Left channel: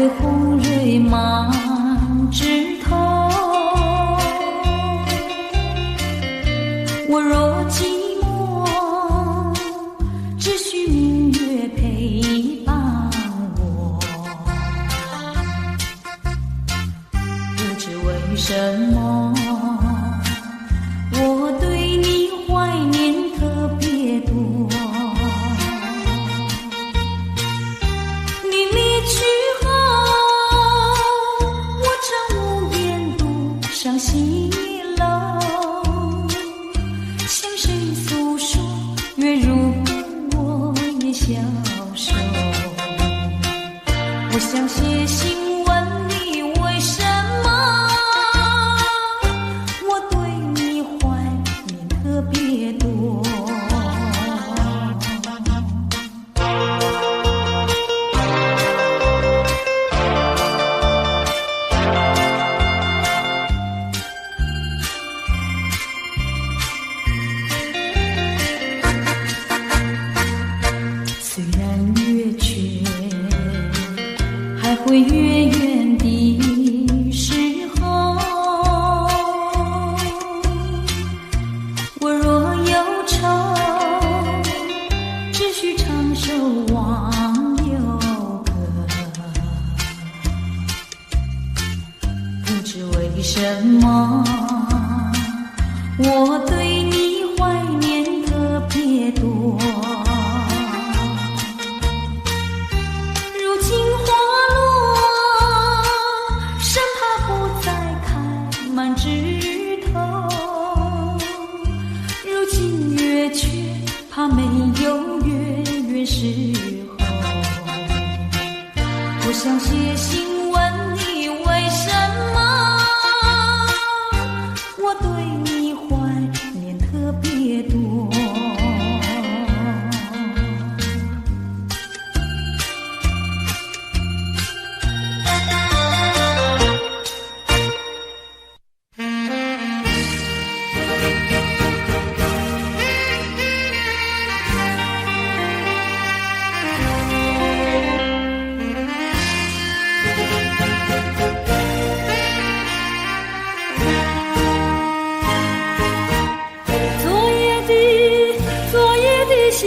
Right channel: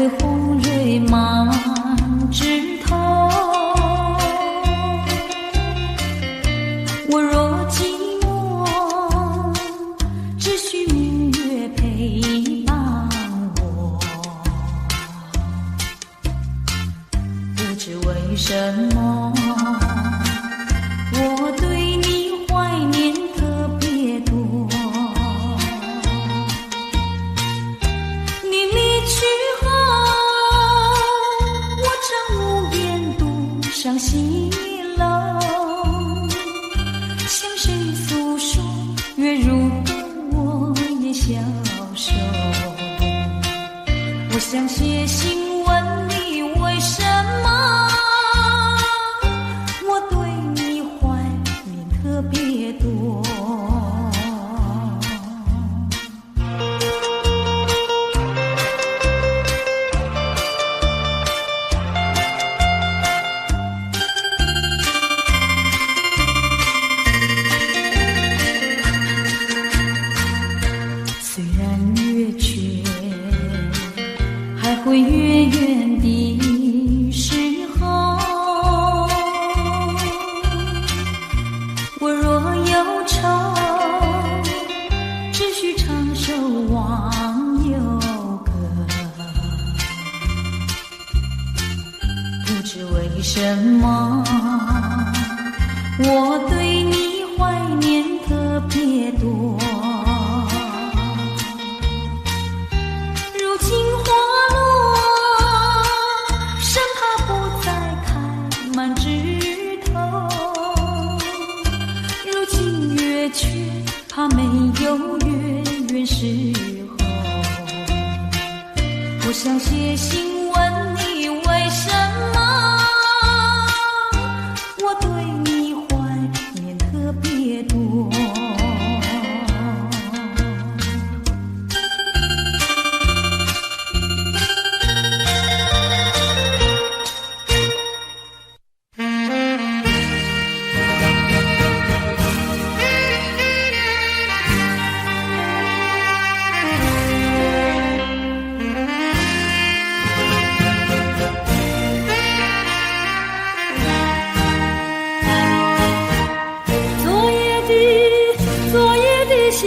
会红蕊满枝头。我若寂寞，只需明月陪伴我。不知为什么，我对你怀念特别多。你离去后，我常无言独上西楼，向谁诉说？月如歌，我也消瘦。我想写信问你，为什么我对你怀念特别多。虽然月缺，还会月圆的时候，我若忧愁，只需唱首忘忧歌。不知为什么，我对你怀念特别多。如今花落，生怕不再开满枝头。如今月缺，怕没有月圆时候。我想写信问你，为什么我对你怀念特别多。昨夜的星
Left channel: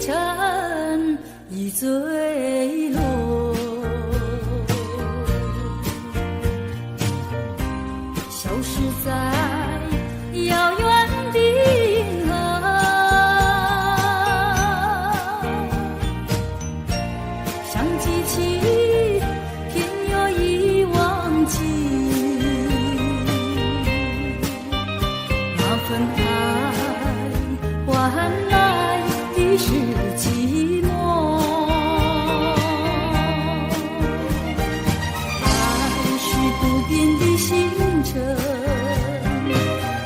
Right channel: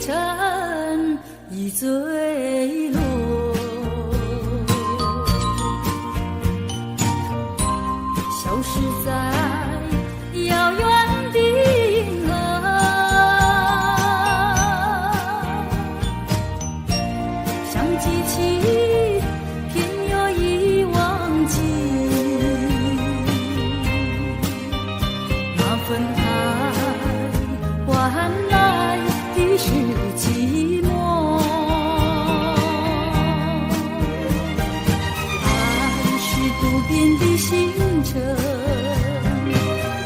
辰已坠落，消失在遥远的银河。想记起，偏又已忘记那份爱，换来的是寂寞。爱是不变的星辰，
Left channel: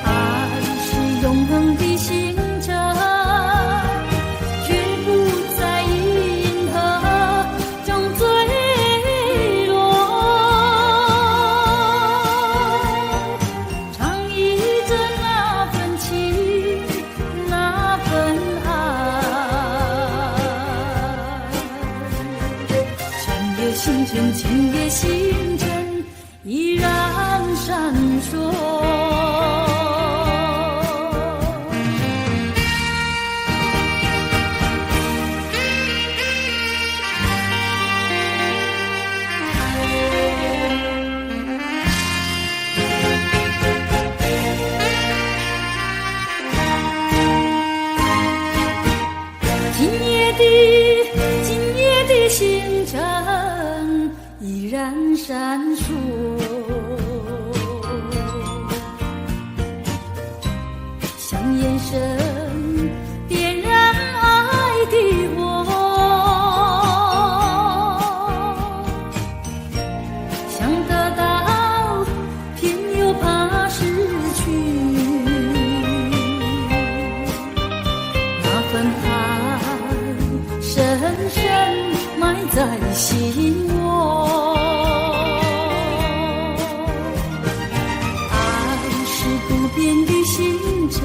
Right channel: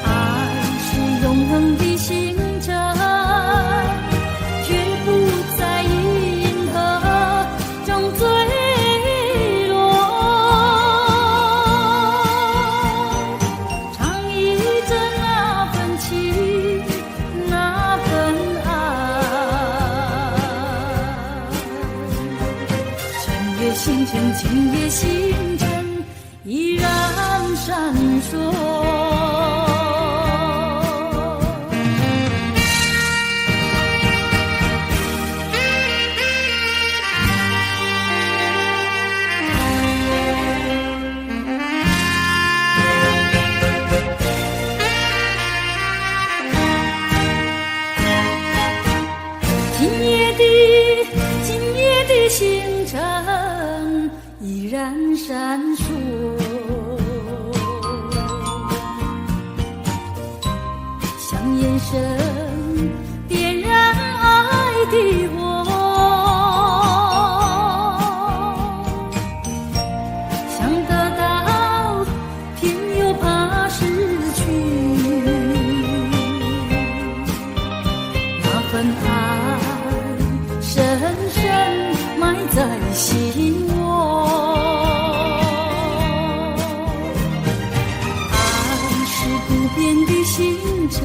爱是永恒的星辰，绝不在银河中坠落。唱忆着那份情，那份爱。千月星辰，千月星辰依然闪烁。今夜的星辰依然闪烁，像眼神点燃爱的火，想得到偏又怕失去，那份爱深深埋在心窝。爱是不变的星辰，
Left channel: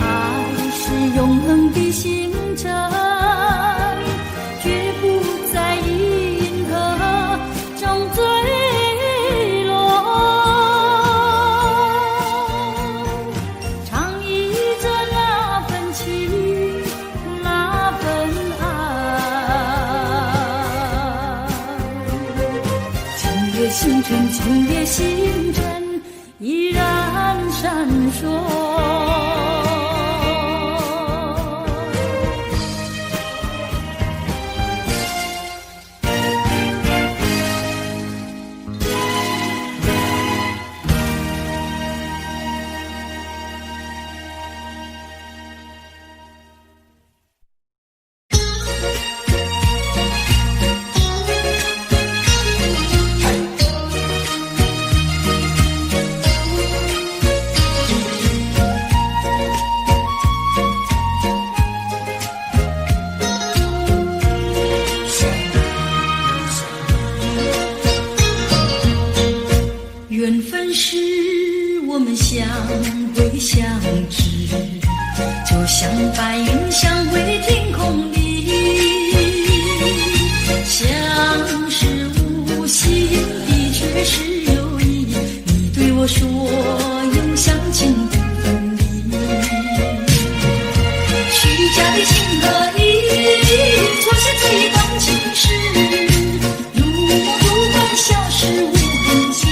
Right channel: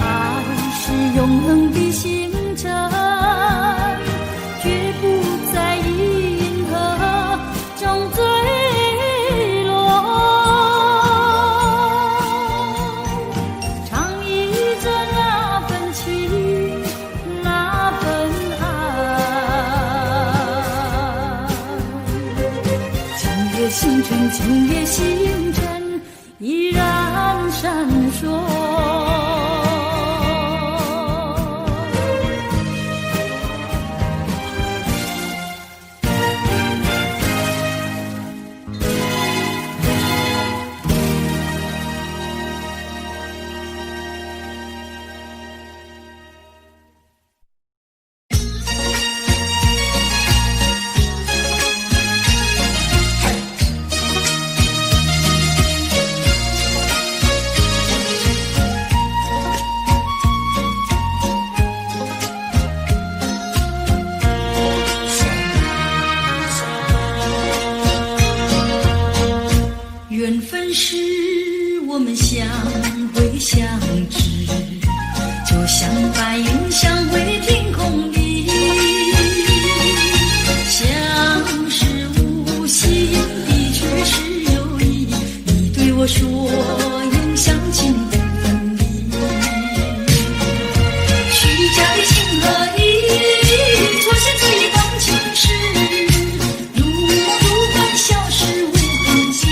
爱是永恒的星辰，绝不在银河夜星辰，今夜星辰依然闪烁。缘分是我们相会相知，就像白云相会天空里，相识无心的却是有意，你对我说永相亲不分离，虚假的情和义，错失这段情事，如梦如幻，消失无痕迹。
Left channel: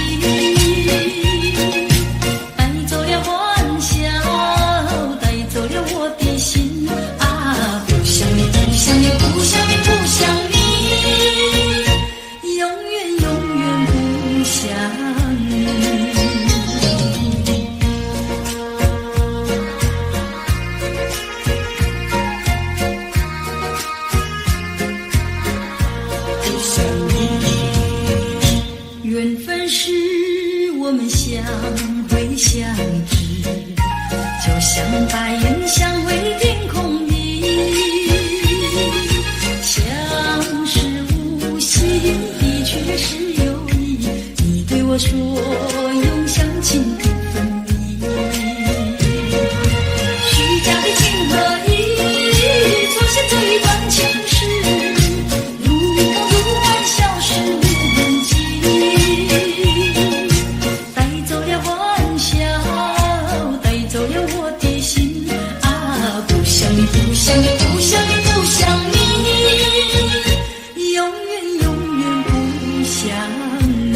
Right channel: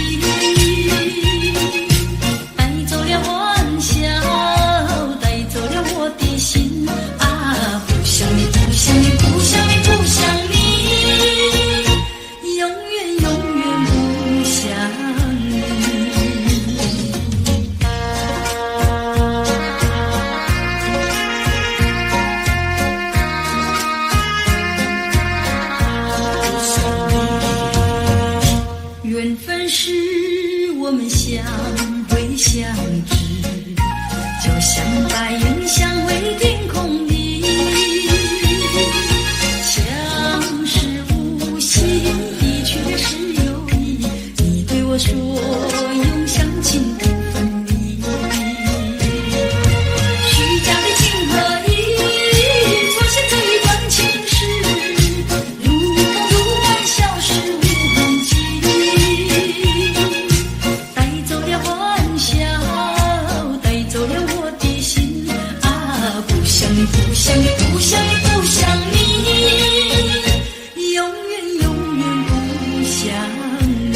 缘分是我们相会相知，就像白云相会天空里，相识无心的却是有意，你对我说永相亲不分离，虚假的情和义，错失这一段情事，如梦如幻，消失无痕迹。不想你，不想你，不想你，永远永远不想你。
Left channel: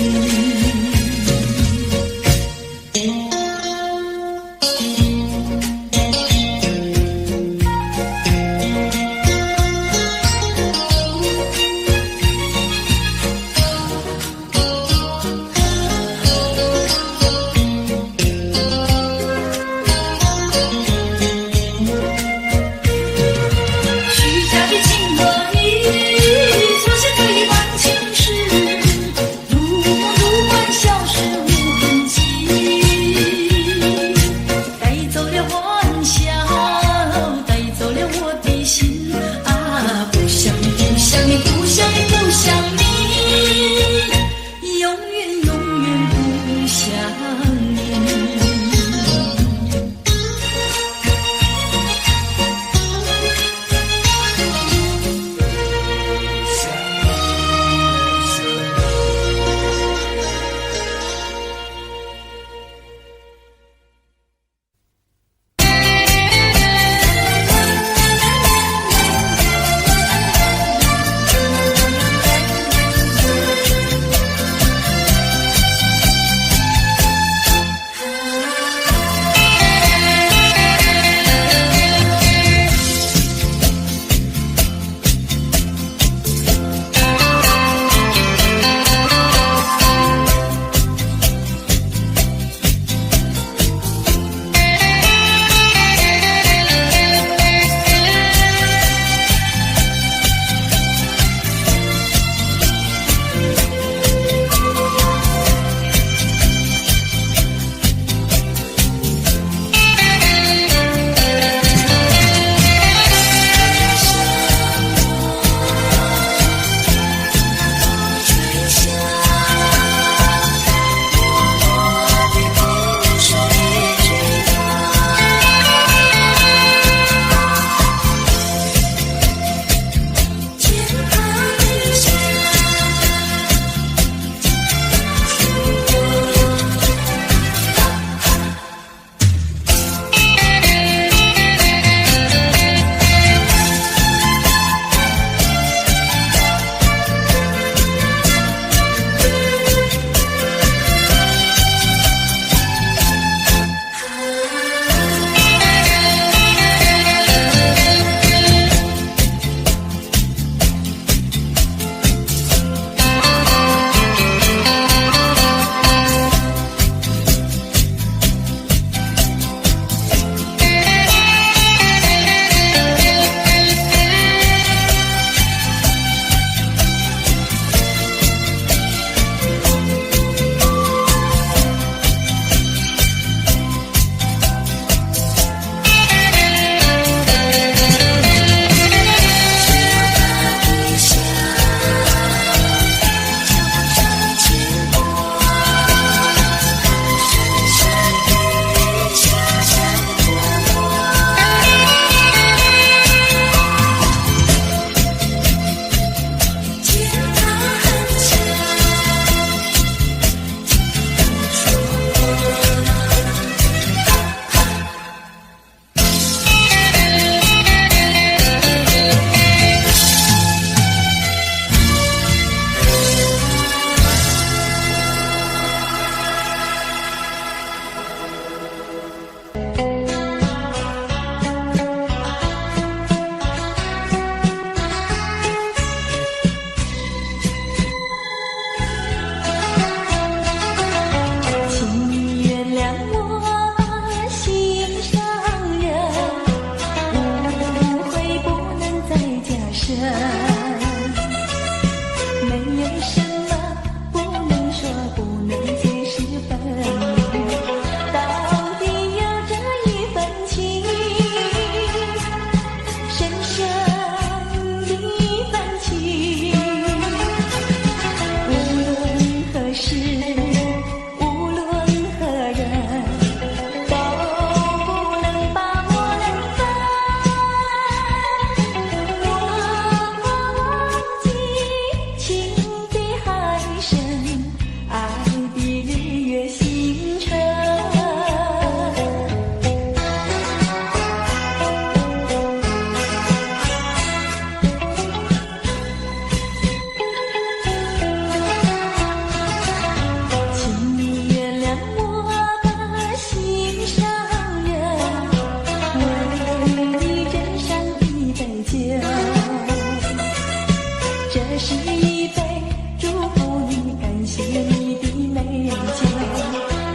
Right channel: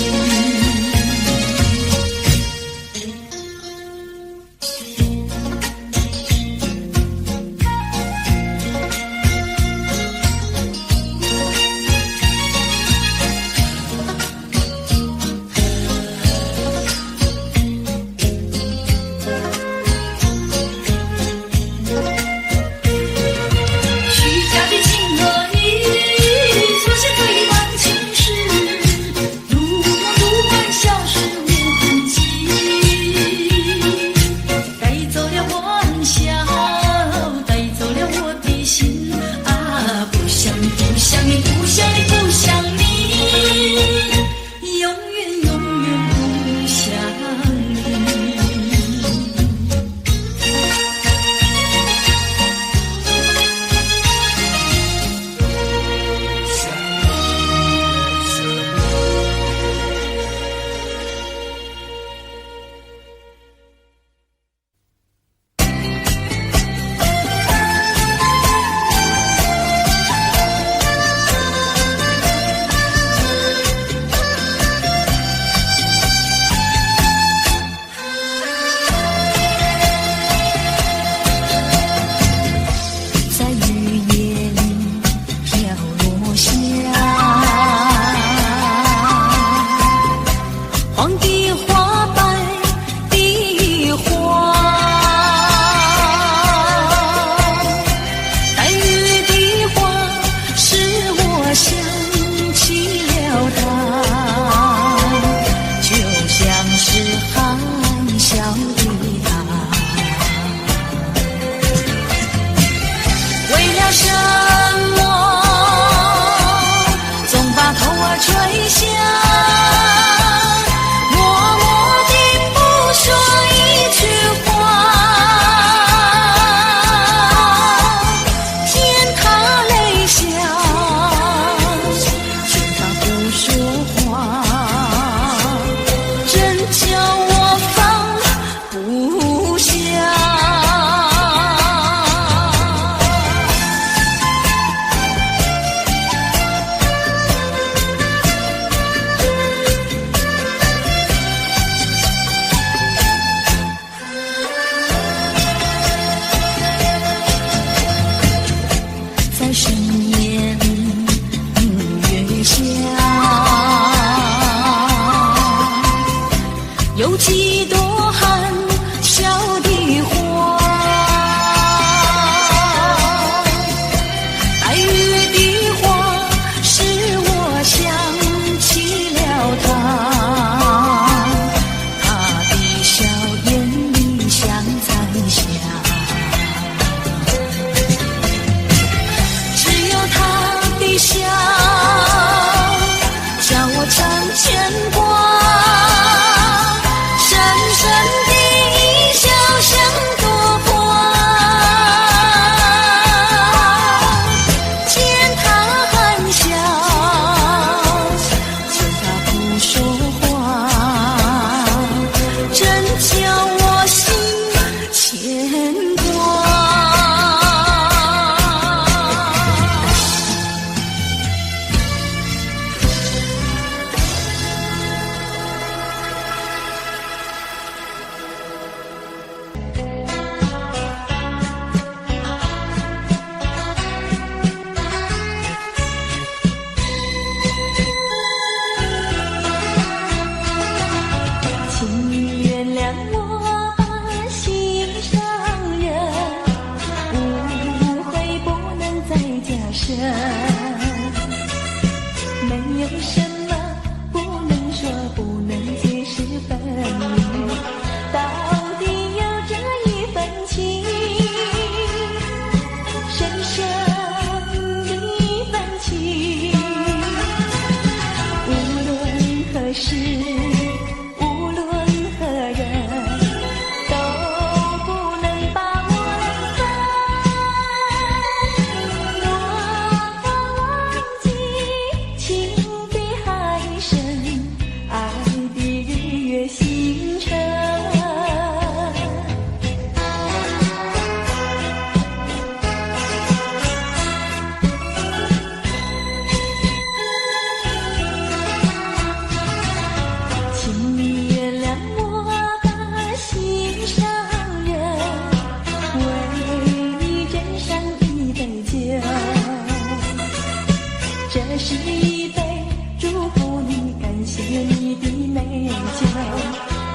谢你的美酒，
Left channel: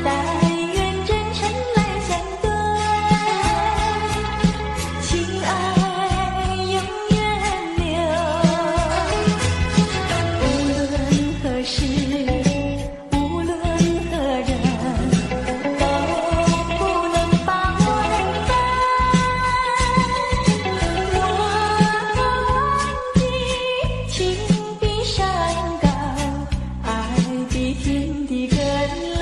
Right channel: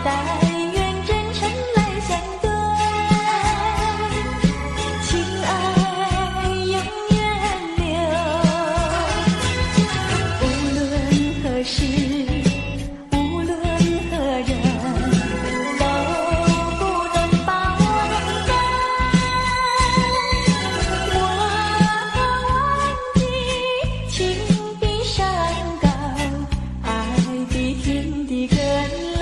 但愿真诚来相对，情爱永远留。无论何时，无论何人，都不能把我冷淡。我可忘记情比山高，爱比天地更老。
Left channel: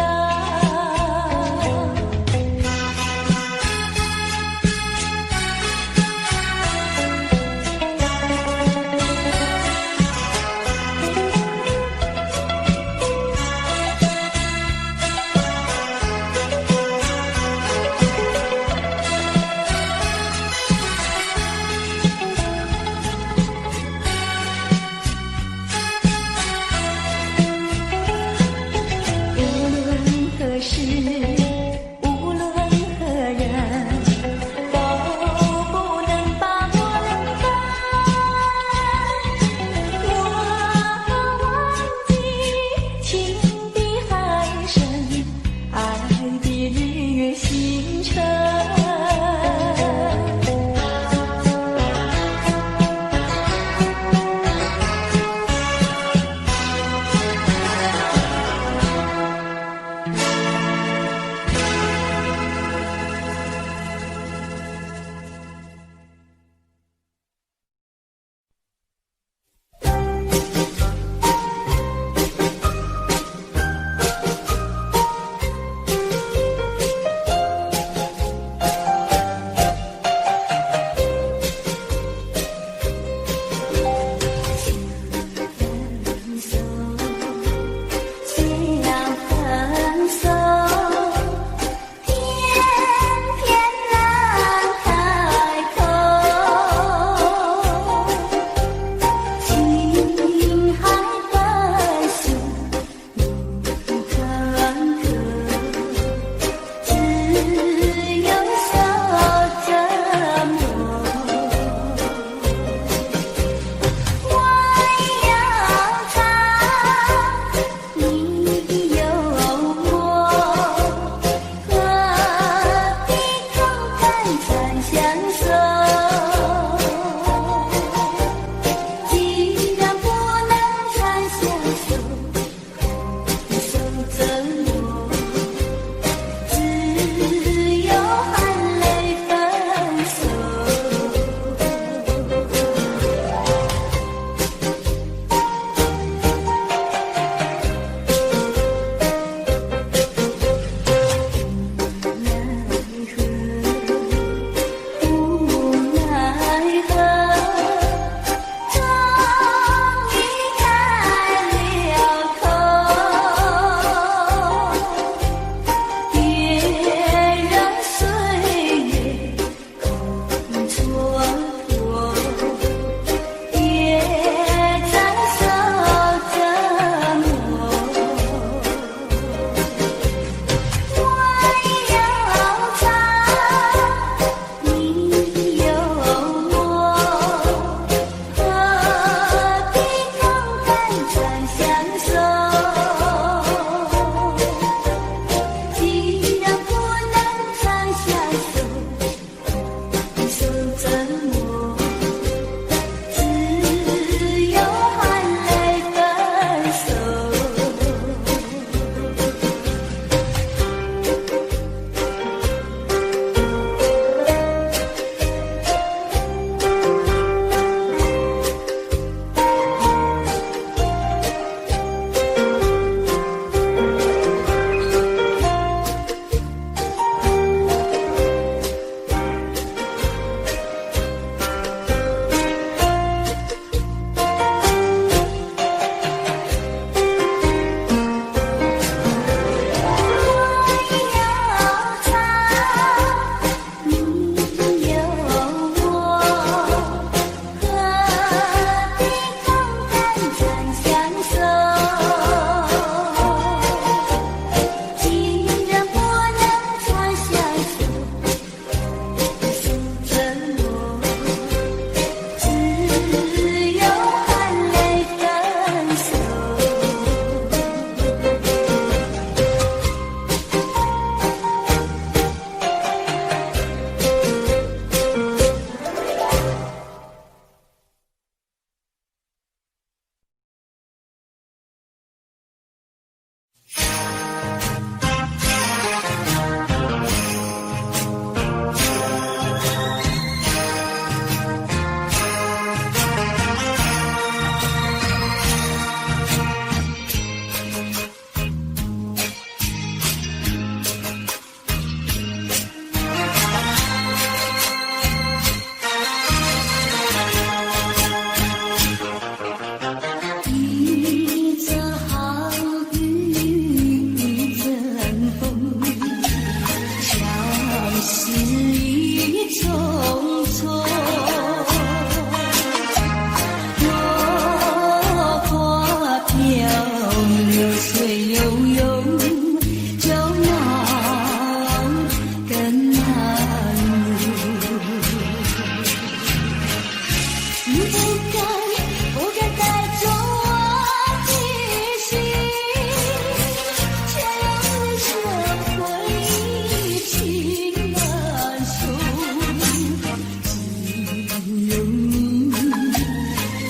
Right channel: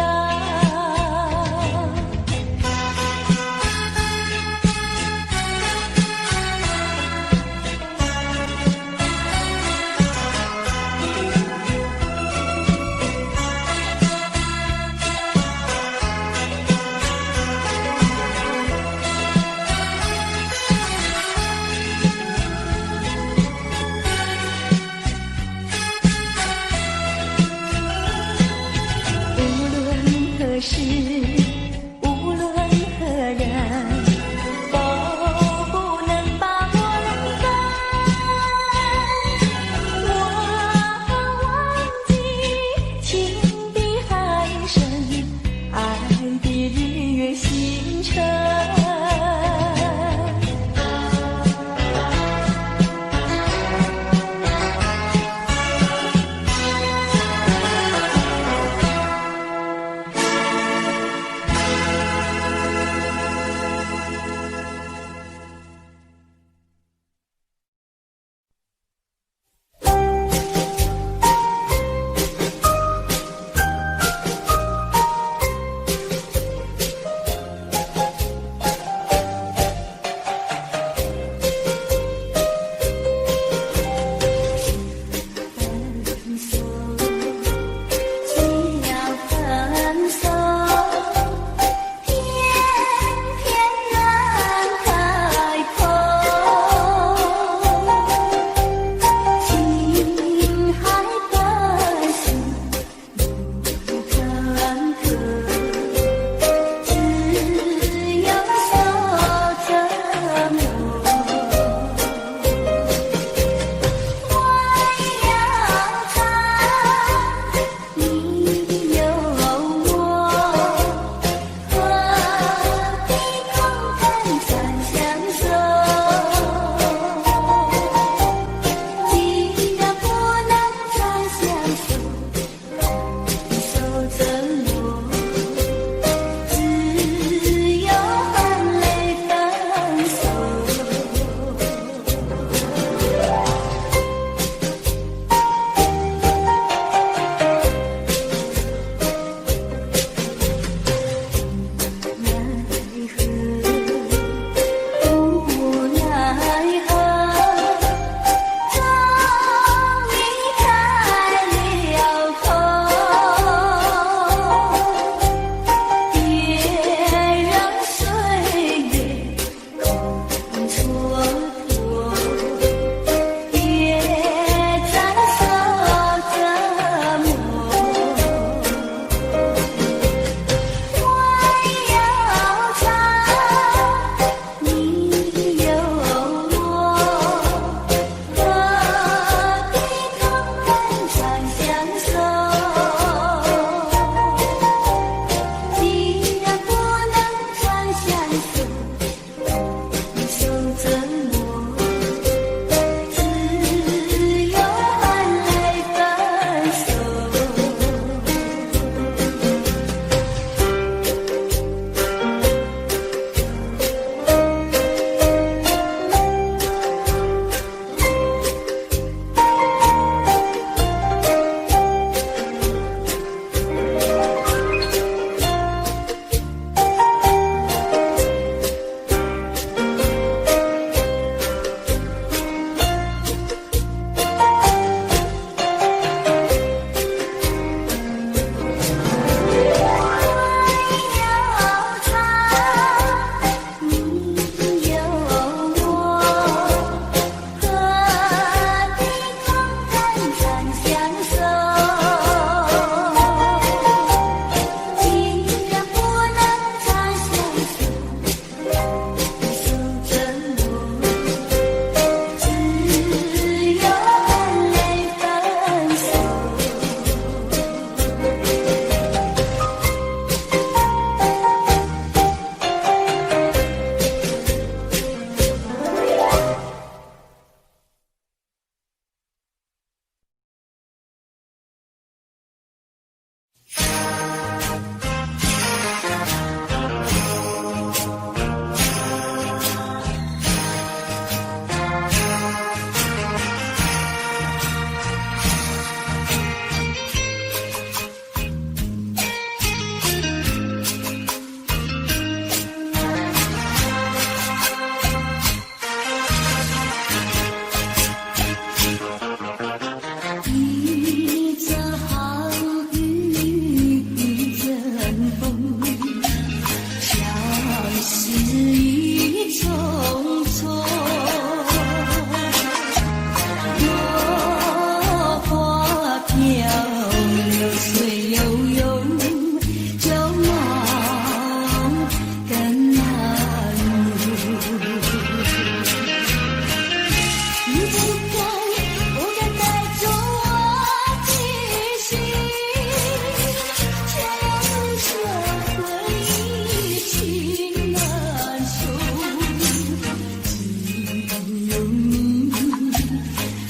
水悠悠，就梦更难入。你不该带走我的心，却让留下回忆情难收。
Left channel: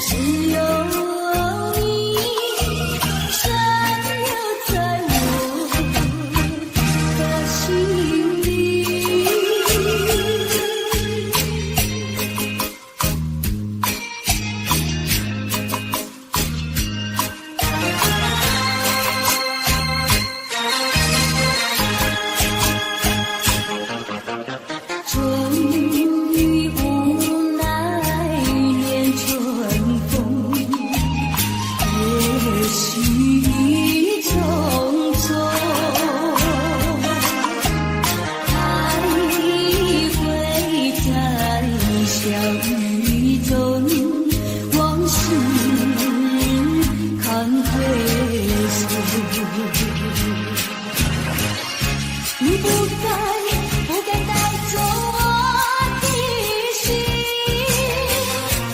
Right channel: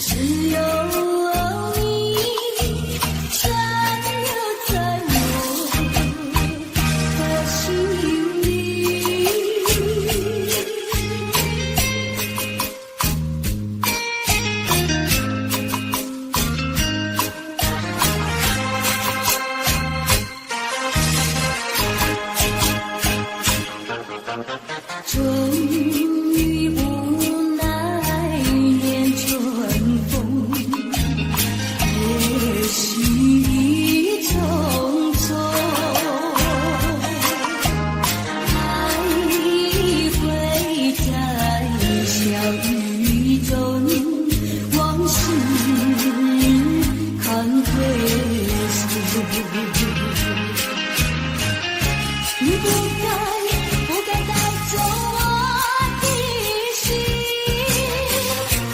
只有你残留在我的心里。终于无奈念春风，也许匆匆，还会在笑语中往事看回溯。你不该带走我的心，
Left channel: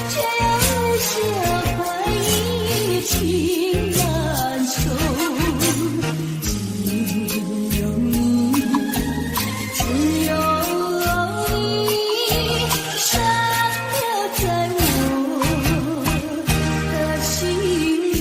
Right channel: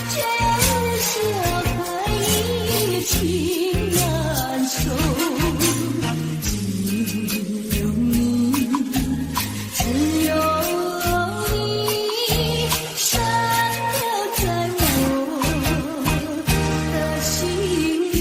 却让留下回忆情难收。只有你残留在我的心里。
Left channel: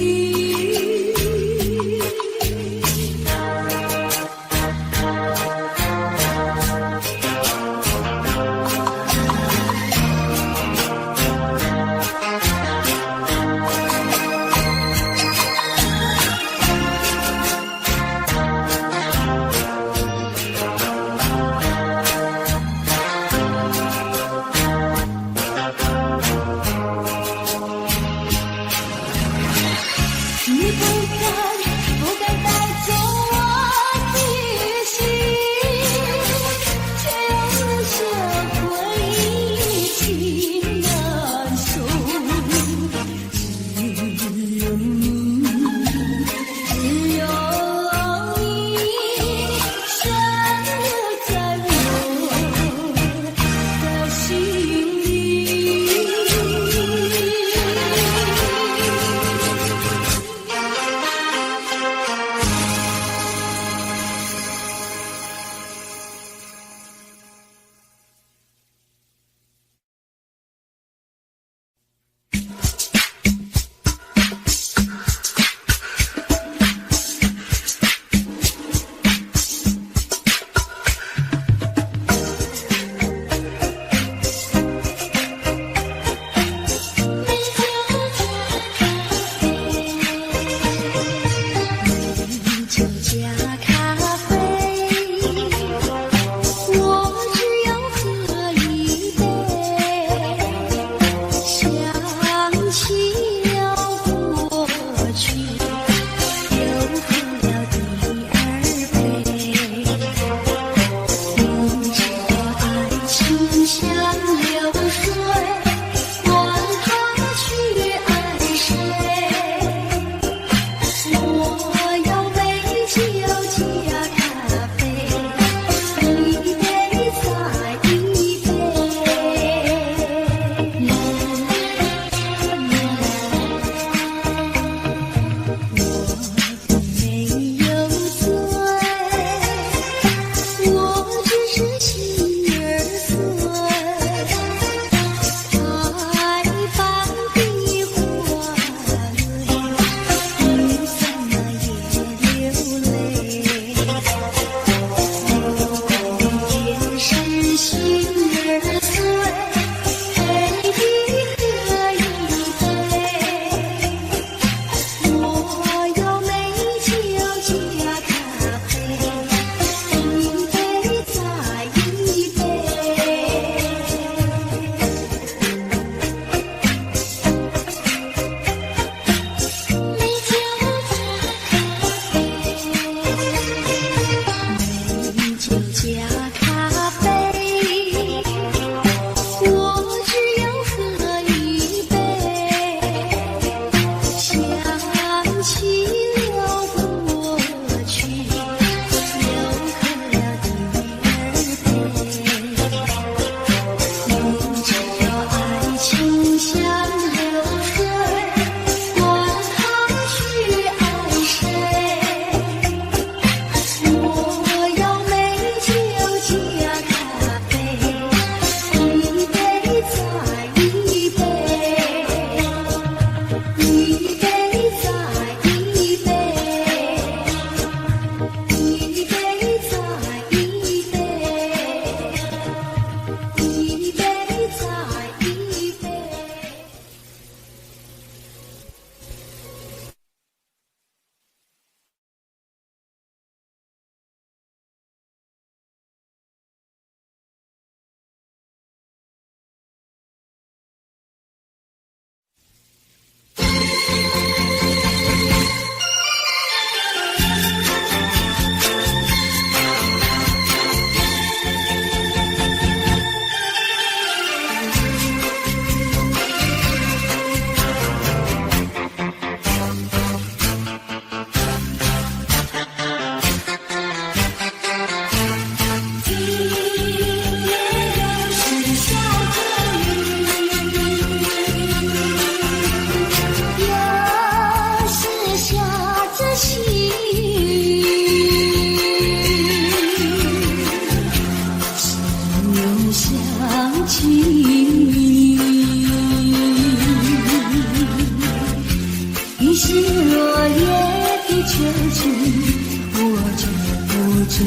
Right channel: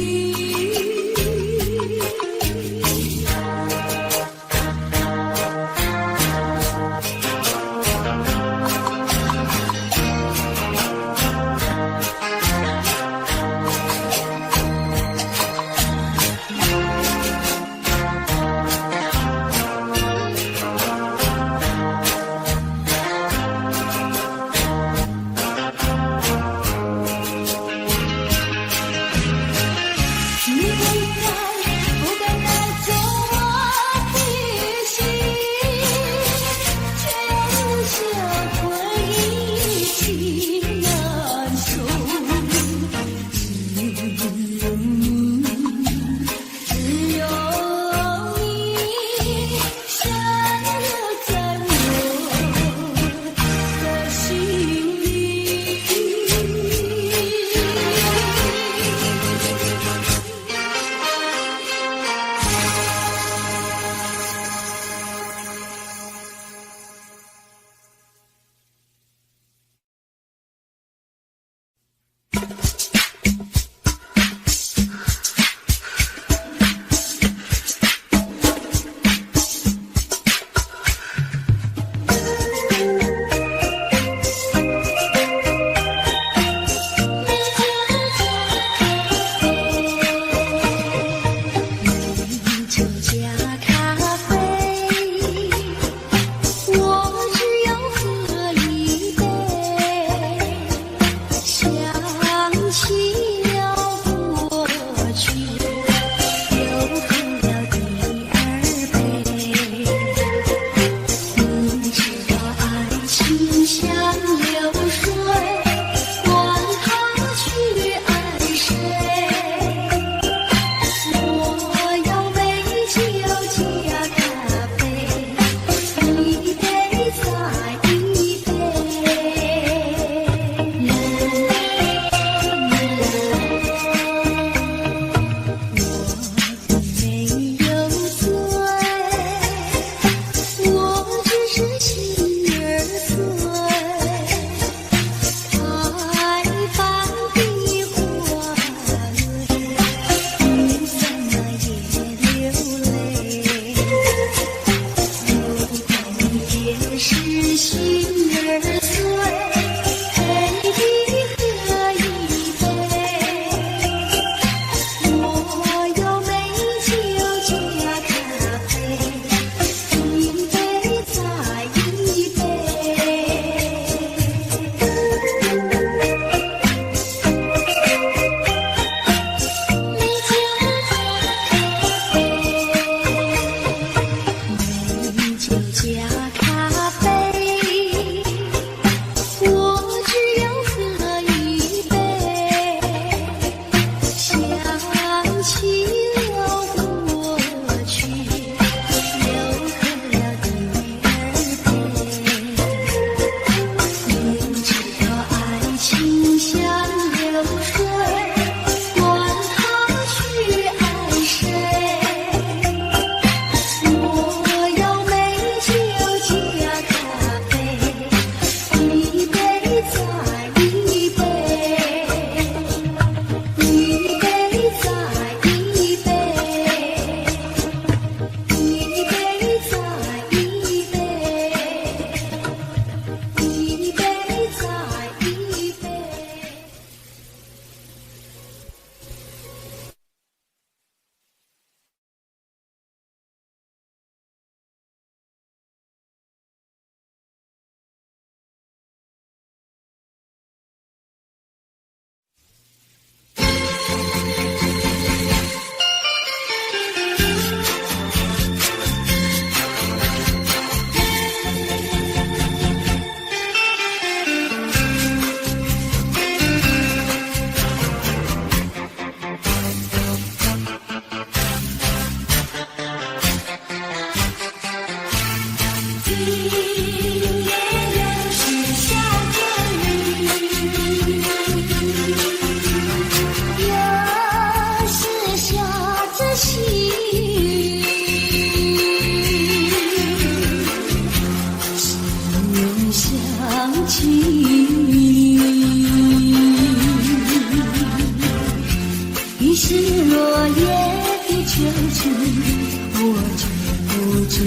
觉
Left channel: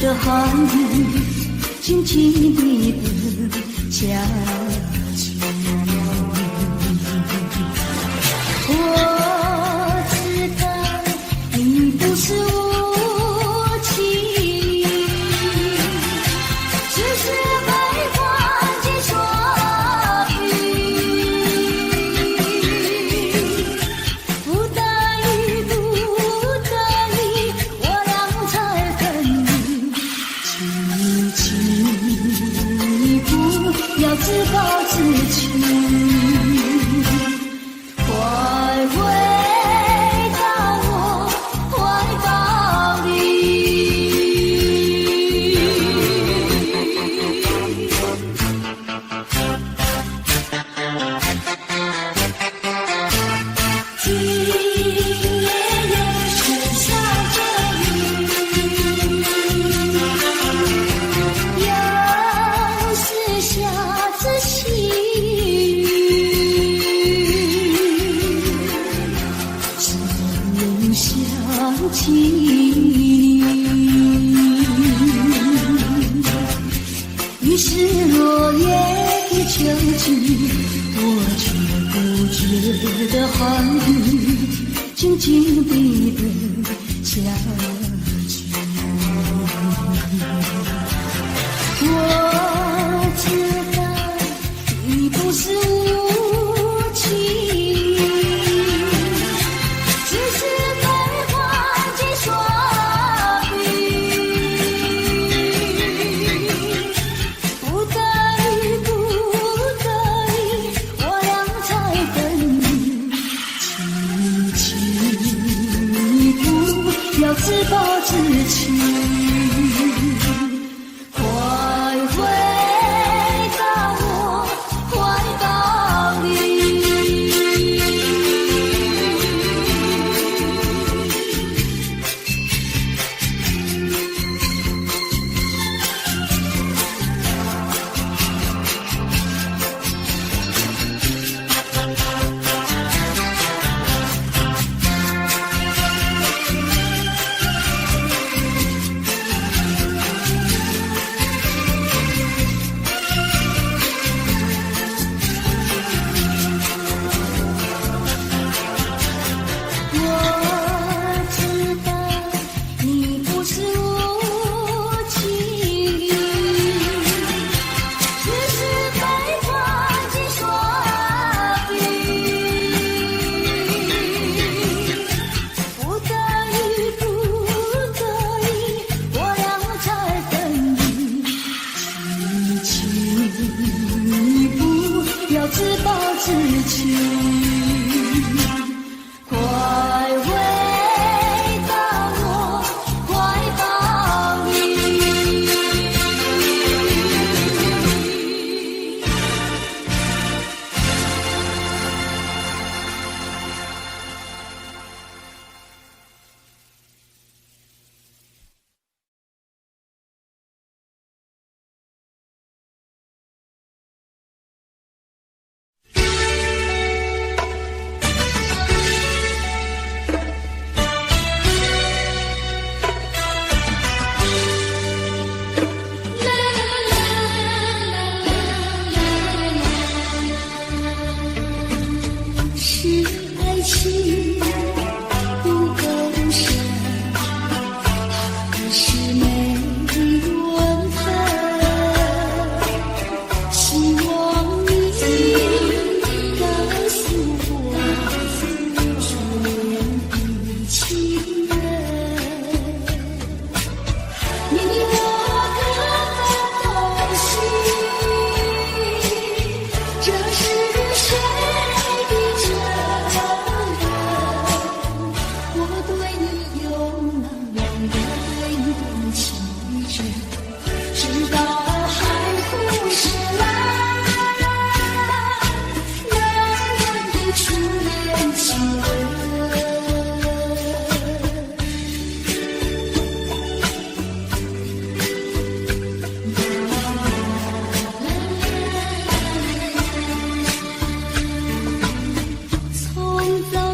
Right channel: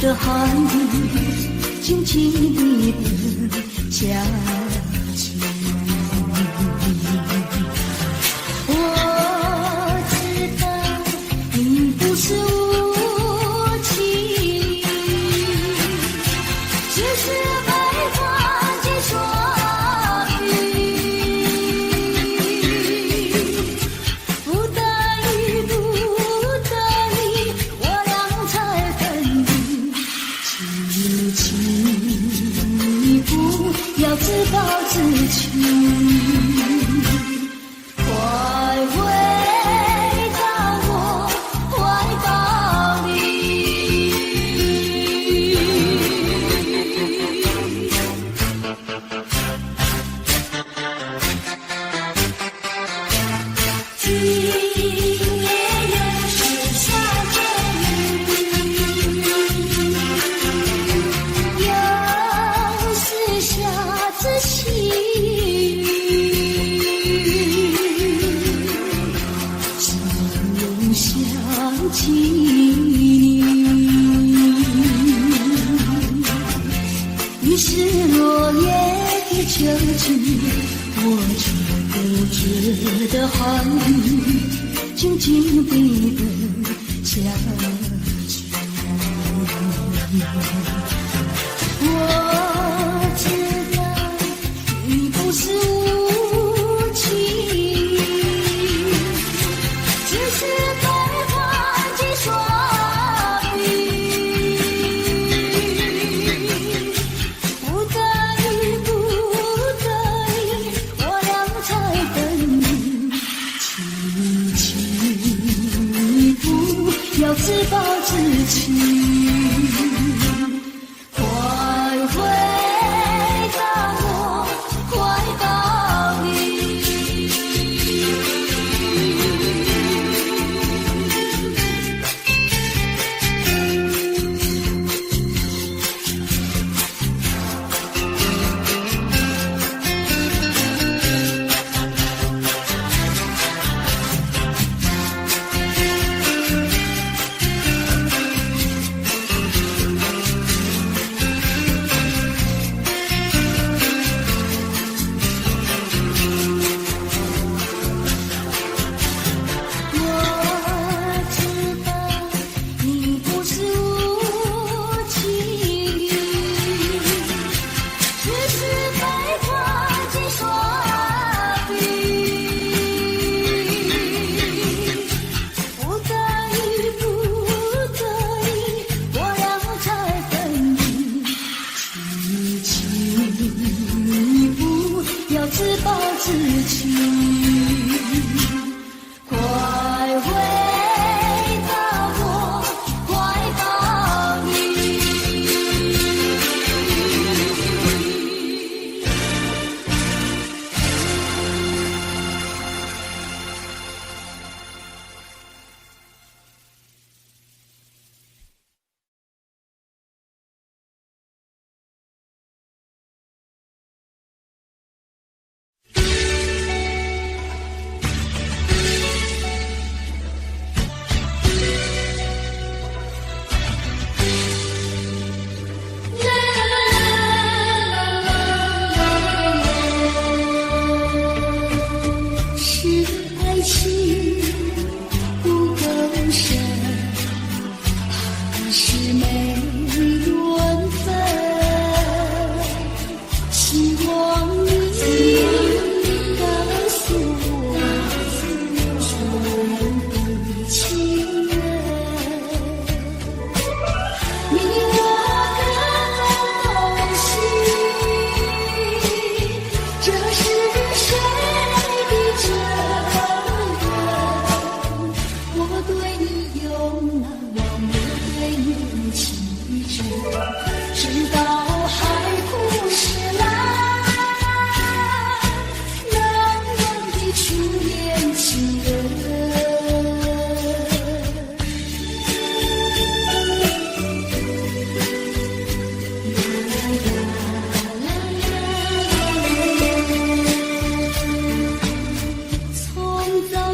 的寒雨静静地等下去。我知道你不是无情，只是被关进双臂。不得已，不得已，我俩才分离。请你不要自暴自弃。快回到我怀抱里。今夜又是下着雨，又是下着细雨。想起你，于是落叶的秋季，我却不觉得寒雨静静地等下去。我知道你不是无情，只是被关进双臂。不得已，不得已，我俩才分离。请你不要自暴自弃。快回到我怀抱里。自暴自弃。快回到我怀抱里。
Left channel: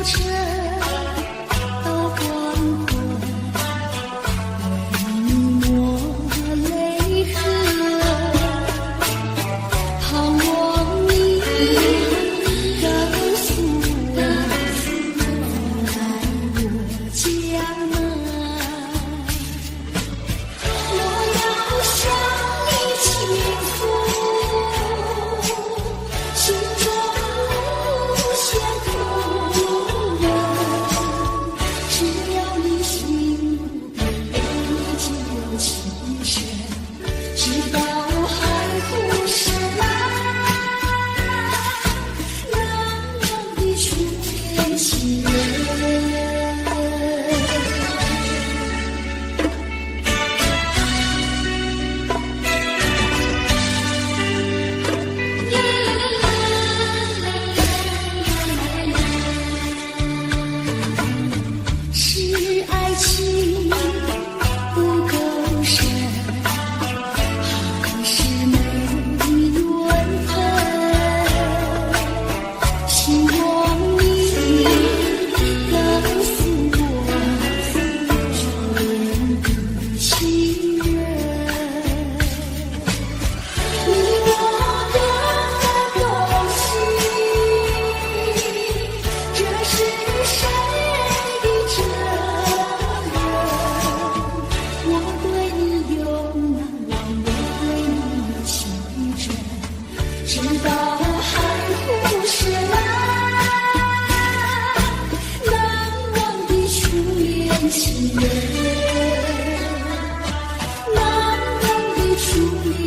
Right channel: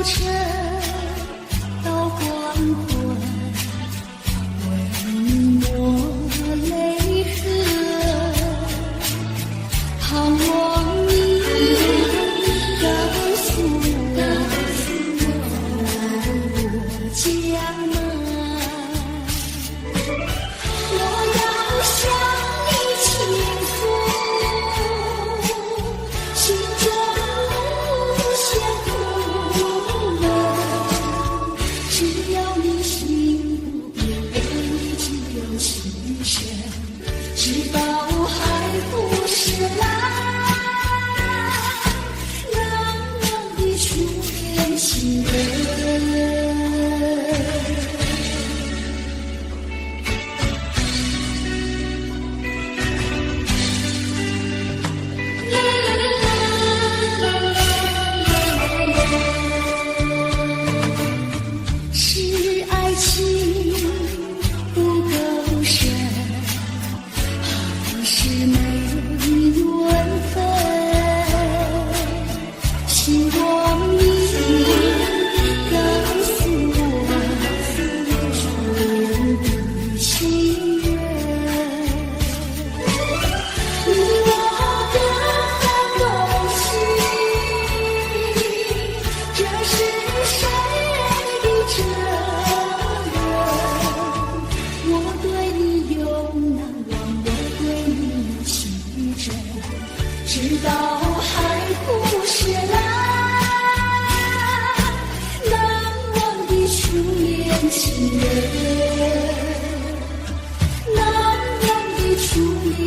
晨到黄昏，为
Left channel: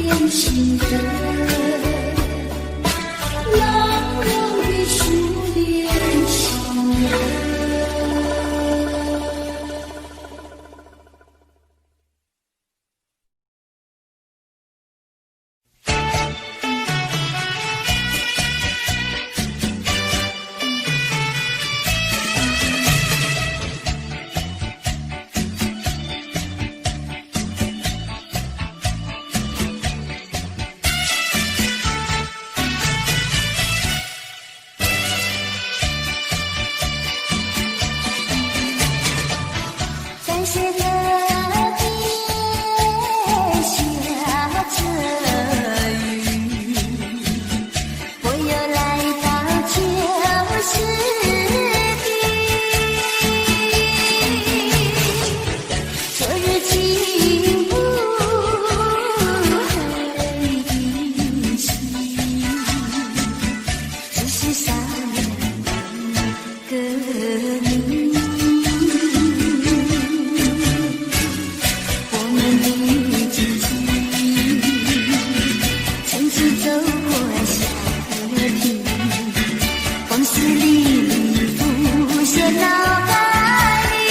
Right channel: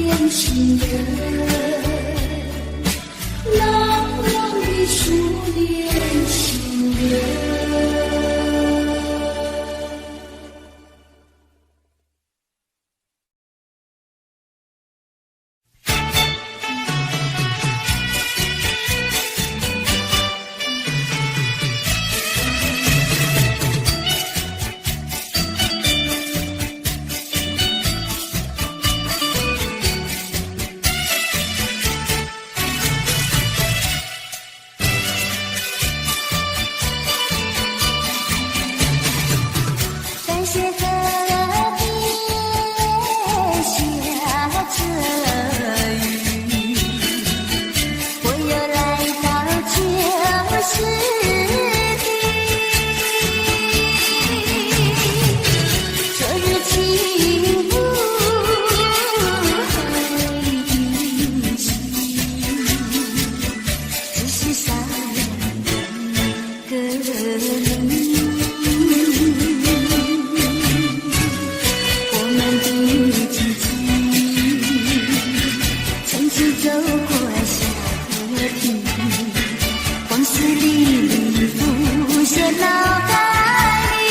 恋情人，朗朗的初恋情人。在雪河边下着雨，我又来到旧时地。昨日情不黑的心，只是少了一个你。走过小河堤，往事历历浮现脑海里，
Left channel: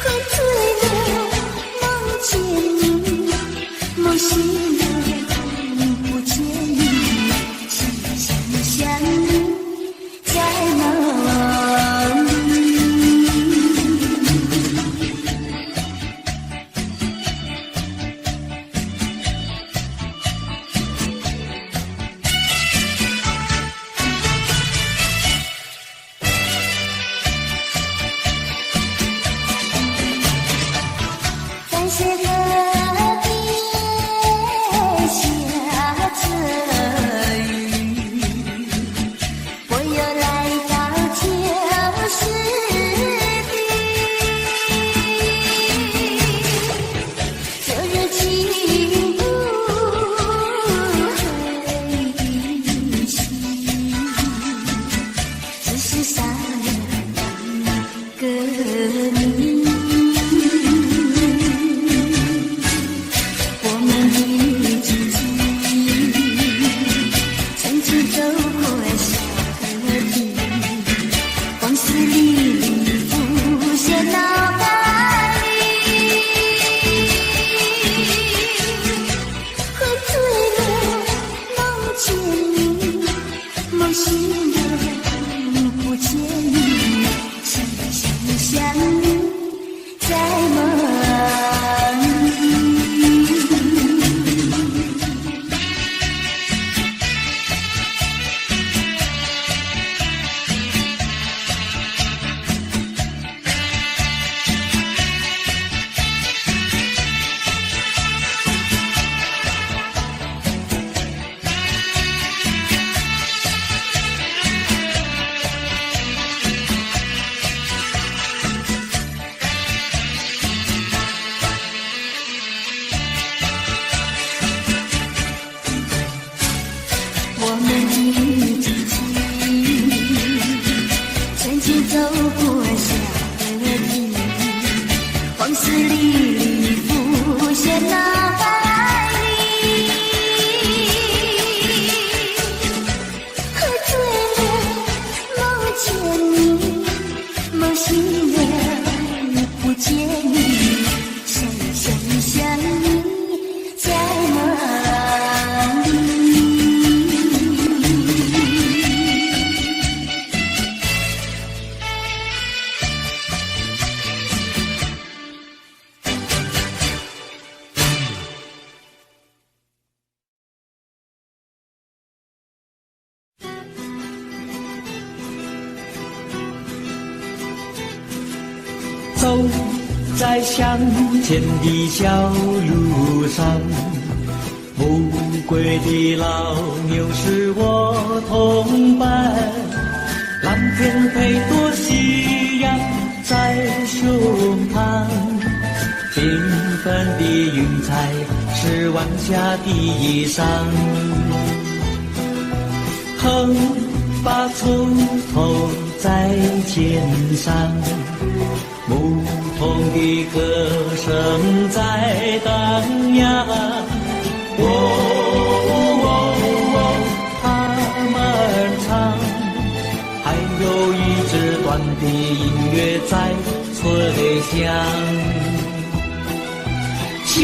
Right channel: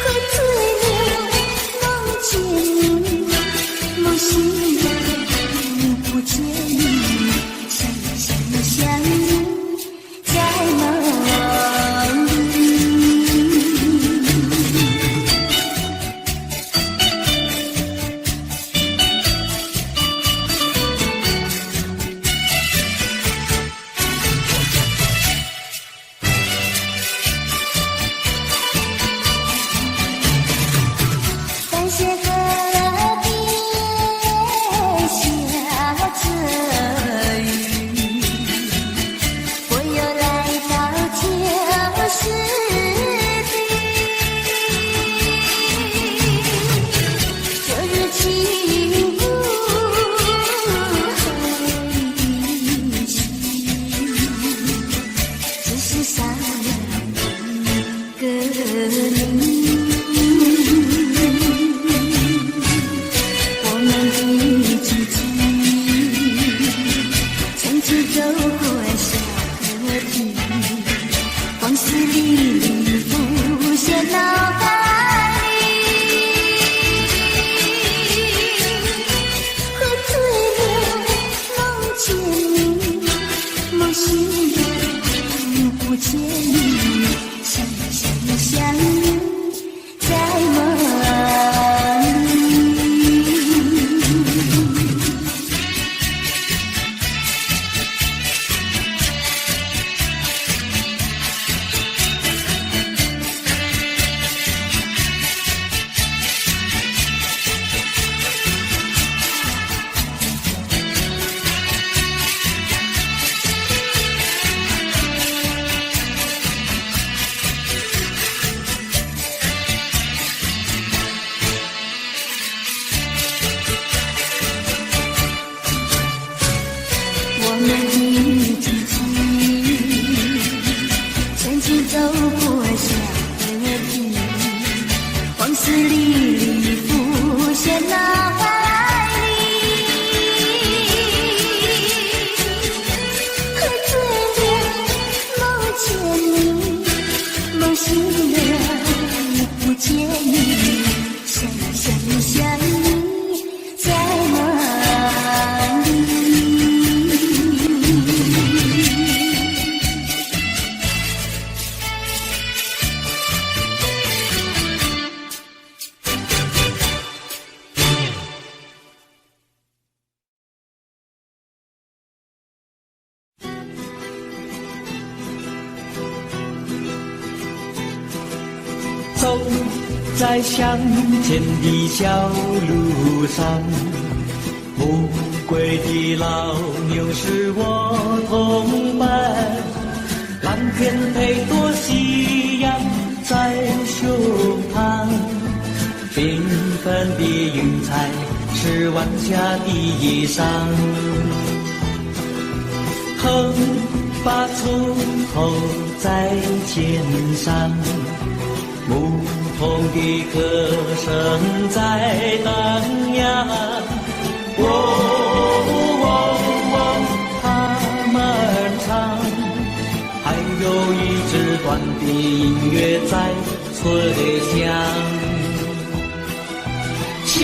喝醉了梦见你，梦醒了不见你，想你在梦里。在雪河边下着雨，我又来到旧时地。昨日情不黑的心，只是少了一个你。我们的知己，曾经走过小河堤，往事历历浮现脑海里，喝醉了梦见你，梦醒了不见你，想你在梦里。我们的知己，曾经走过小河堤，往事历历浮现脑海里，喝醉了梦见你，梦醒了不见你，想你在梦里。走在乡间的小路上，暮归的老牛是我同伴，蓝天配朵夕阳在胸膛，缤纷的云彩是晚霞的衣裳，横把锄头在肩上，牧同的歌声在荡漾。他们唱，还有一支短的音乐在吹响。笑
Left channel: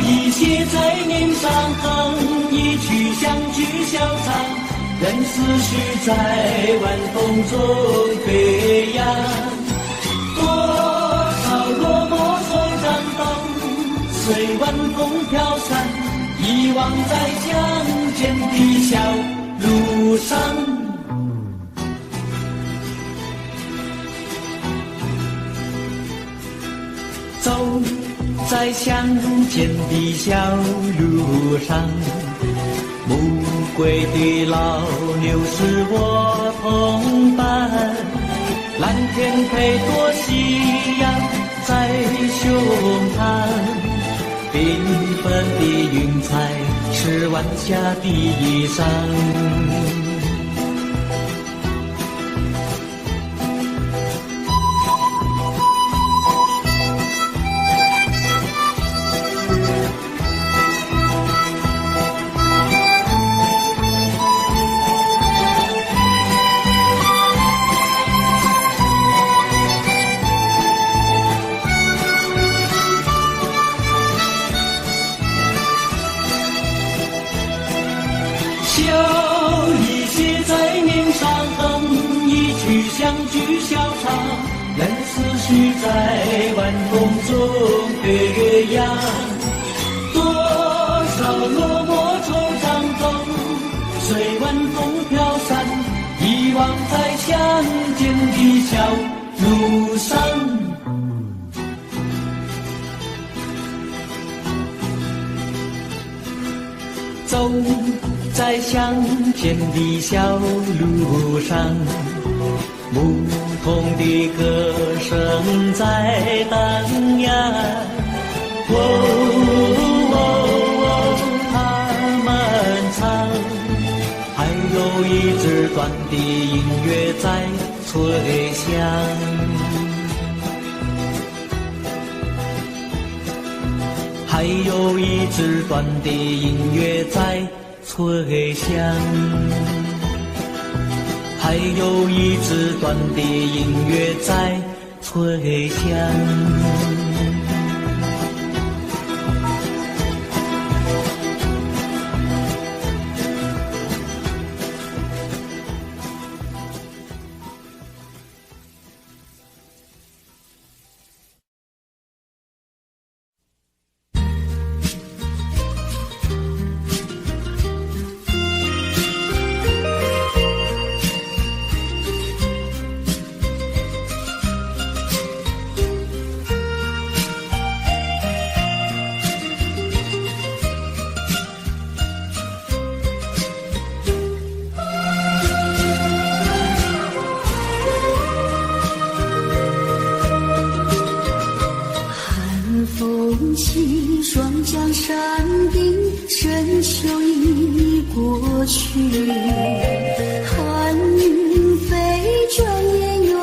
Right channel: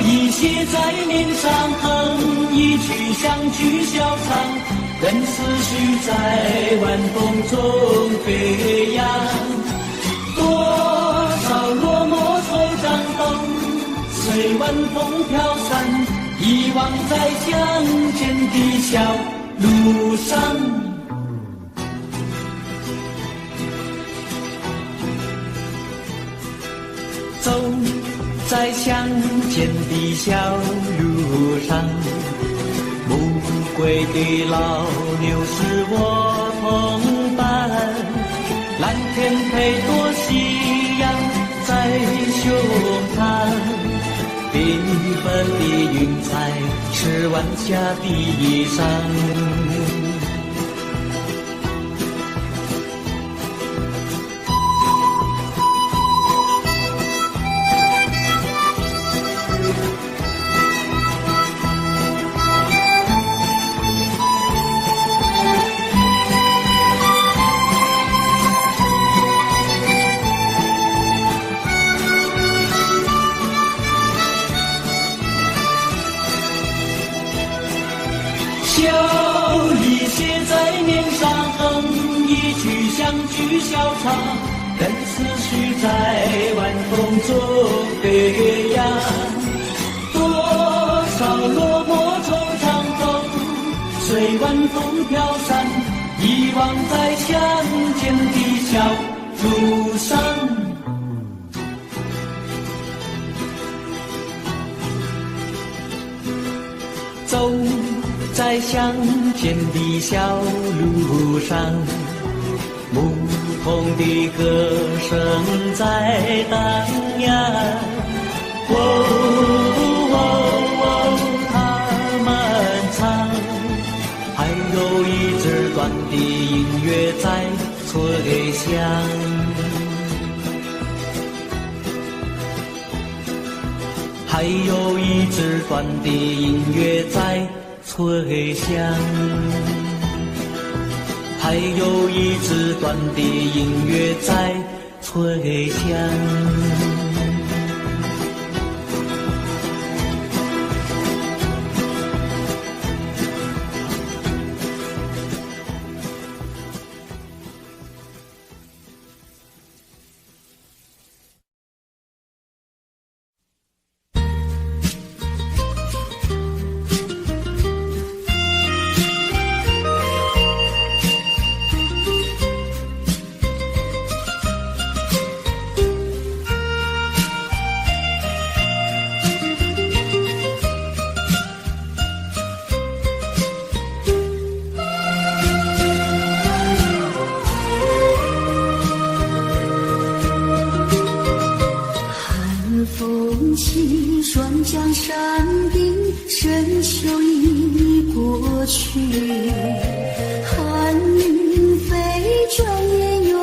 意写在脸上，哼一曲相聚小唱，任思绪在晚风中飞扬。多少落寞惆怅都随晚风飘散，遗忘在乡间的小路上。走在乡间的小路上，暮归的老牛是我同伴，蓝天配朵夕阳在胸膛，缤纷的云彩是晚霞的衣裳。任思绪在晚风中飞扬，多少落寞惆怅都随晚风飘散，遗忘在乡间的小路上。走在乡间的小路上，牧童的歌声在荡漾。他们唱，还有一支短的音乐在吹响。还有一支短的音乐在吹响。还有一支短的音乐在吹响。双江山顶，深秋已过去，寒云飞，转眼远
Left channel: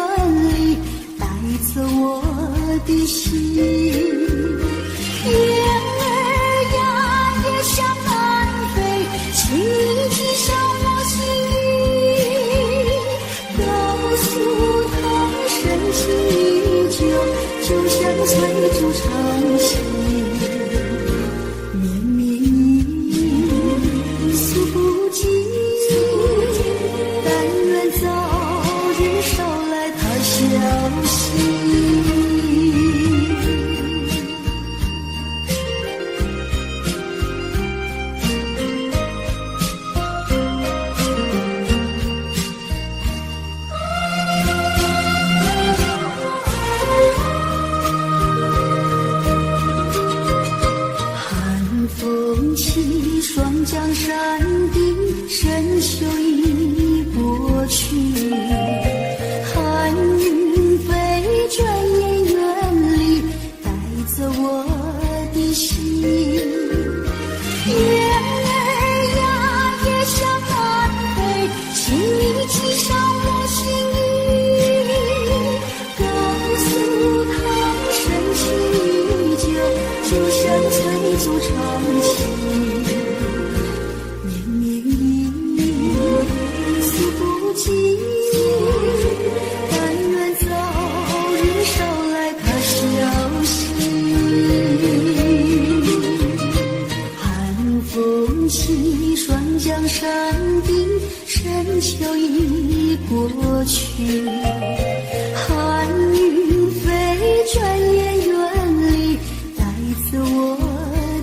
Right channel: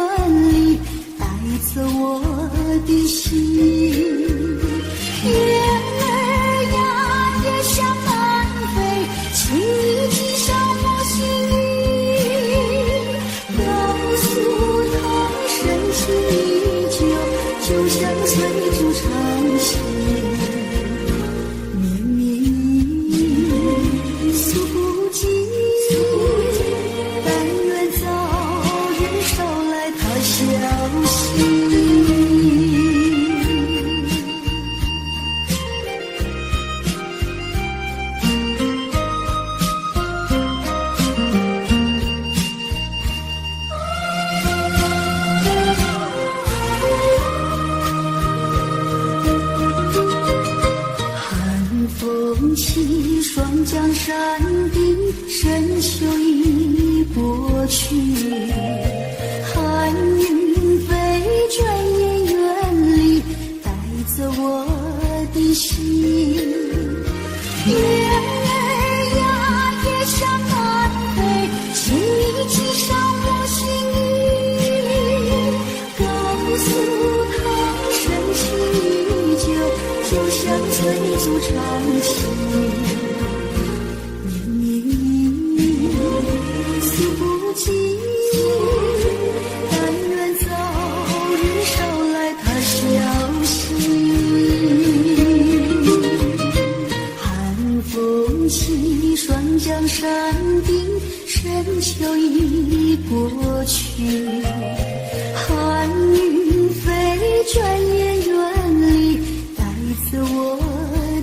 离，带走我的心。雁儿呀，也向南飞，请你系上我心意，告诉他深情依旧，就像随竹长行。双江山顶，深秋已过去，寒云飞，转眼远离，带走我的心。雁儿呀，也向南飞，请你系上我心意，告诉他江山顶，深秋已过去。寒云飞，转眼远离，带走我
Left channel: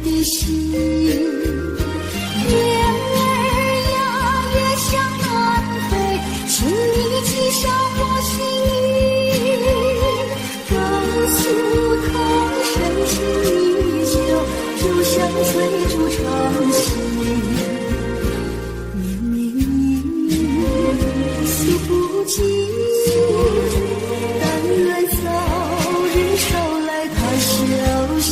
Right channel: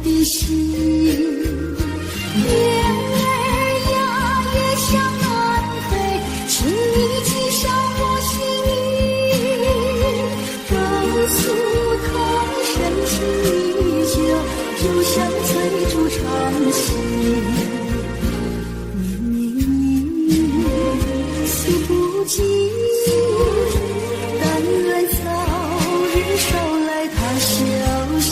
的心。雁儿呀，也向南飞，请你系上我心意，告诉他深情依旧，就像翠竹长青。诉不尽，但愿早日捎来他消息。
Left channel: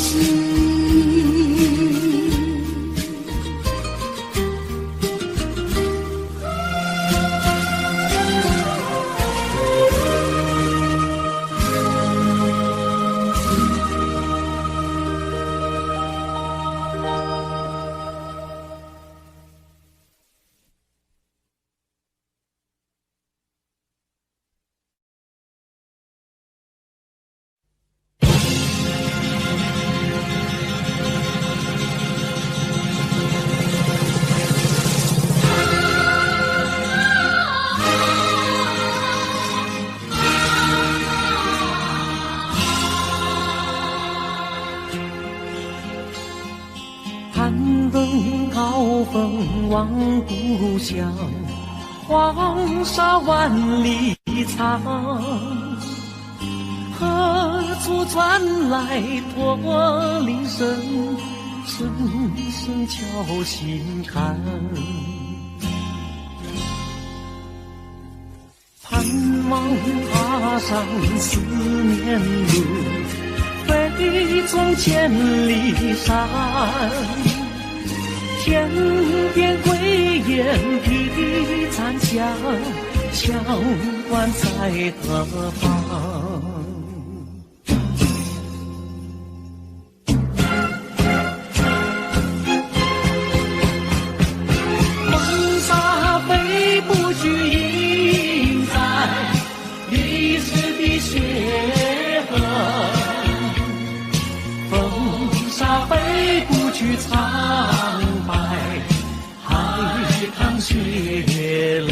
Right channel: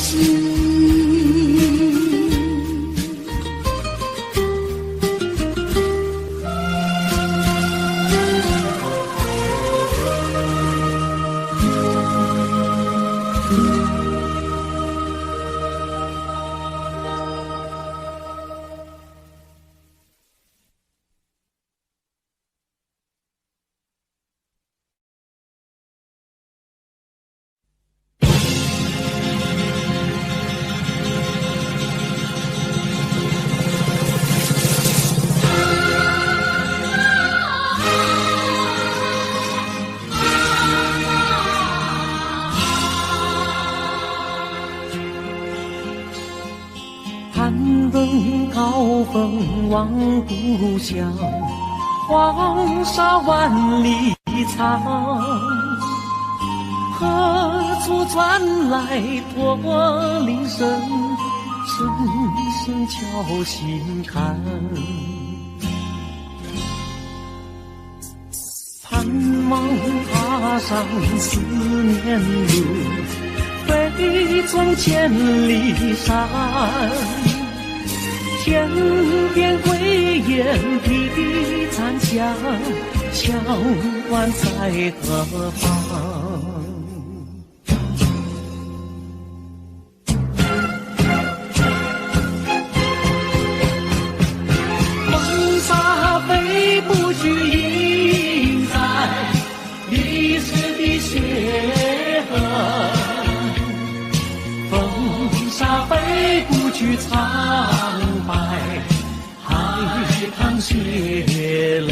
攀登高峰望故乡，黄沙万里长。何处传来驼铃声，声声敲心坎。盼望踏上思念路，飞纵千里山。天边归雁啼残响，羌关在何方？风沙飞不去，印在历史的血痕。风沙飞不去，苍白海棠血泪。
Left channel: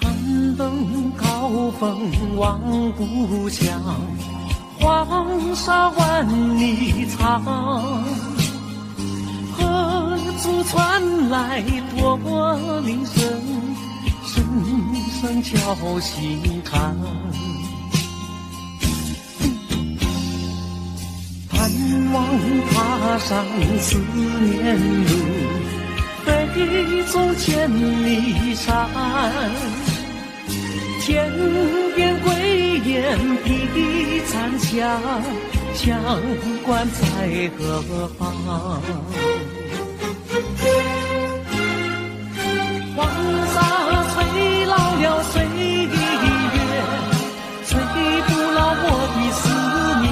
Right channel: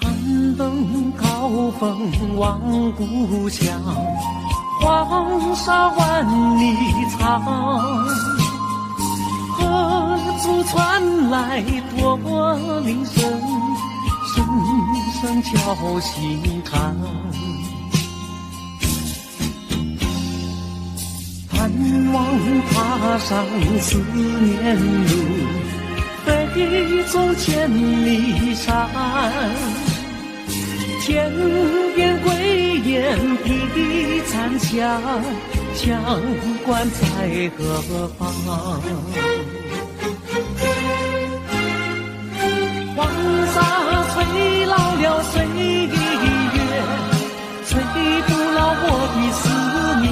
攀登高峰望故乡，黄沙万里长。何处传来驼铃声，声声敲心坎。盼望踏上思念路，飞纵千里山。天边归雁啼残响，羌关在何方？黄沙吹老了岁月，吹不老我的思念。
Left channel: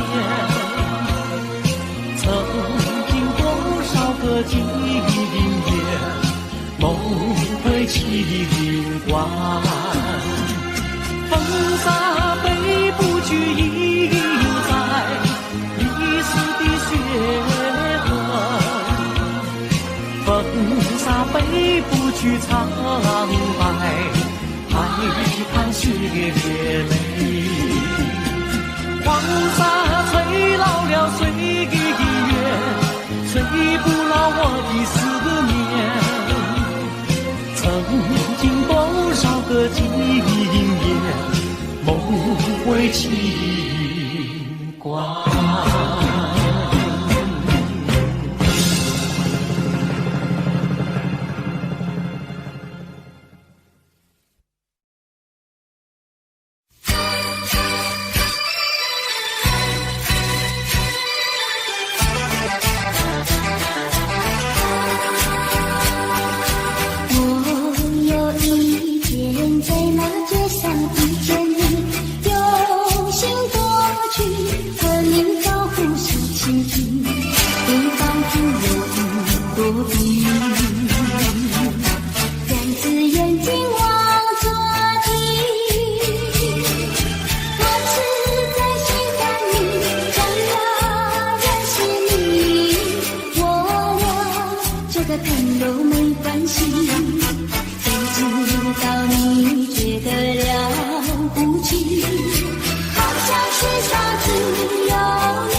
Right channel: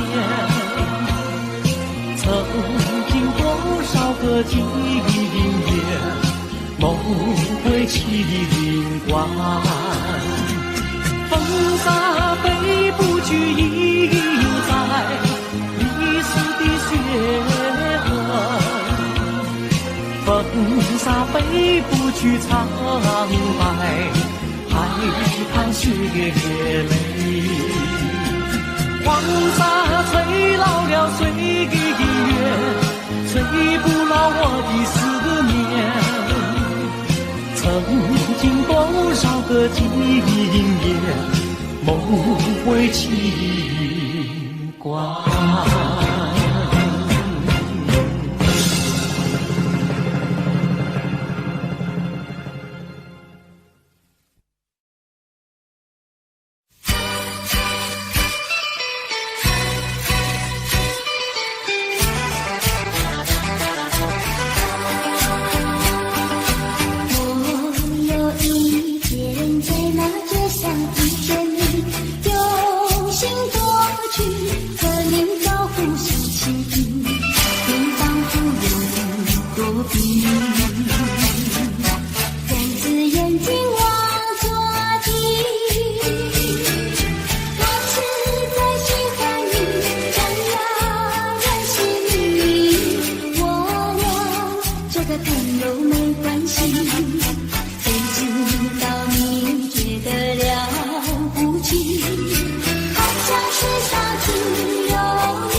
曾经多少个今夜，梦回秦关。风沙飞不去，印在历史的血痕。风沙飞不去，苍白海棠血泪。黄沙吹老了岁月，吹不老我的思念。曾经多少个今夜，梦回秦关。用心多去，和你照顾。关系，谁知道你觉得了不起，好像世上只有你。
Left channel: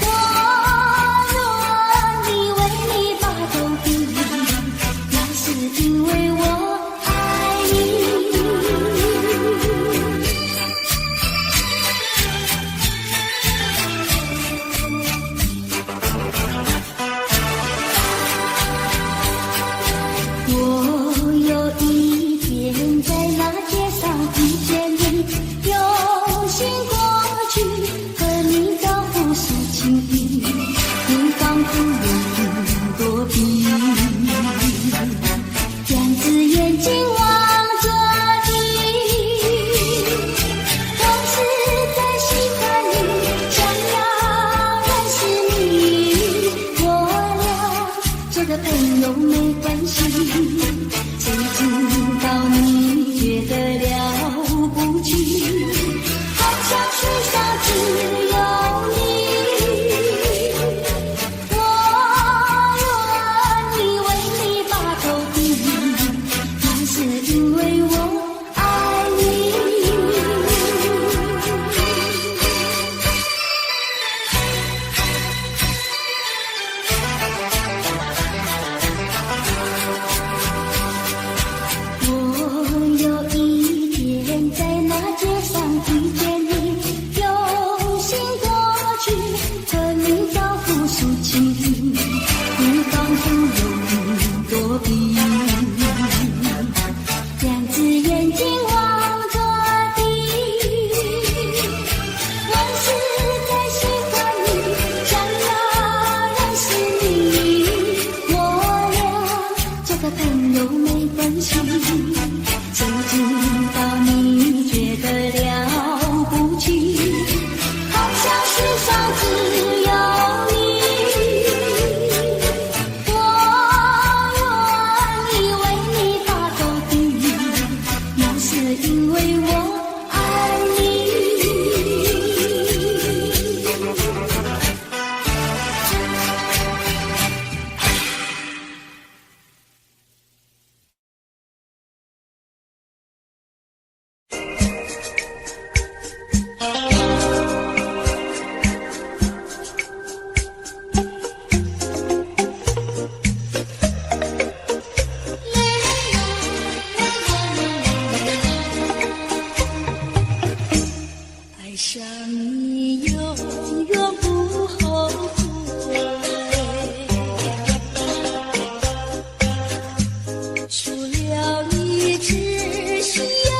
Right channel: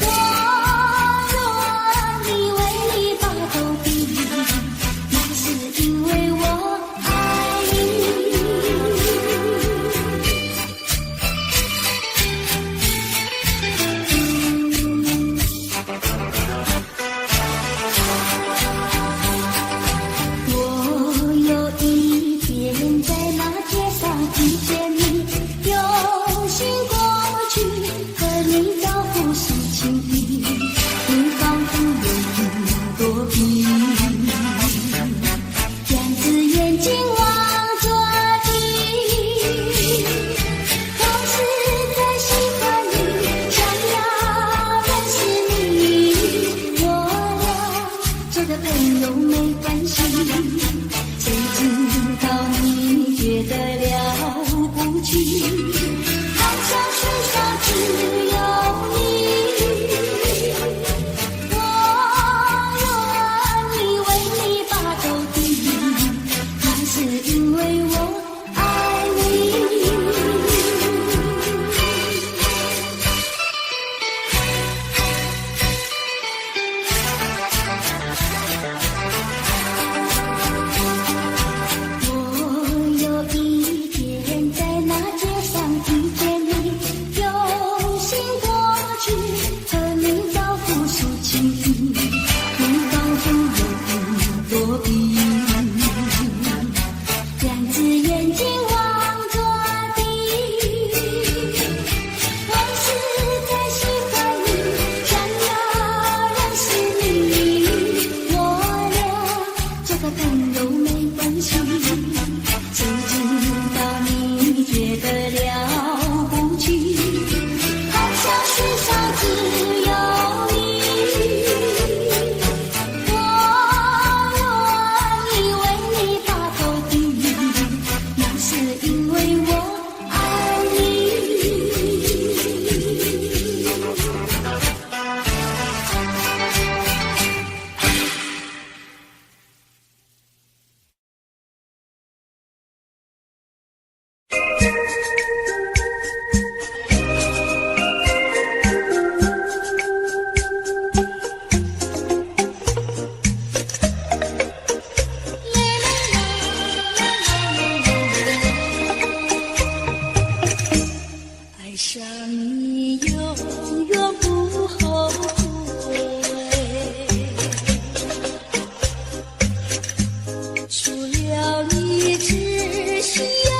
我愿意为你把头低，那是因为我爱你。我有一天在那街上遇见你，用心过去和你招呼诉情意，你仿佛有云躲避，两只眼睛望着你，我实在喜欢你，想要认识你，我俩做个朋友没关系，谁知道你觉得了不起，好像世上只有你。我愿意为你把头低，那是因为我爱你。我有一天在那街上遇见你，用心过去和你招呼诉情意，你仿佛有云躲避，两只眼睛望着你，我实在喜欢你，想要认识你，我俩做个朋友没关系，谁知道你觉得了不起，好像世上只有你。我愿意为你把头低，那是因为我爱你。爱上你永远不后悔，除了你知心又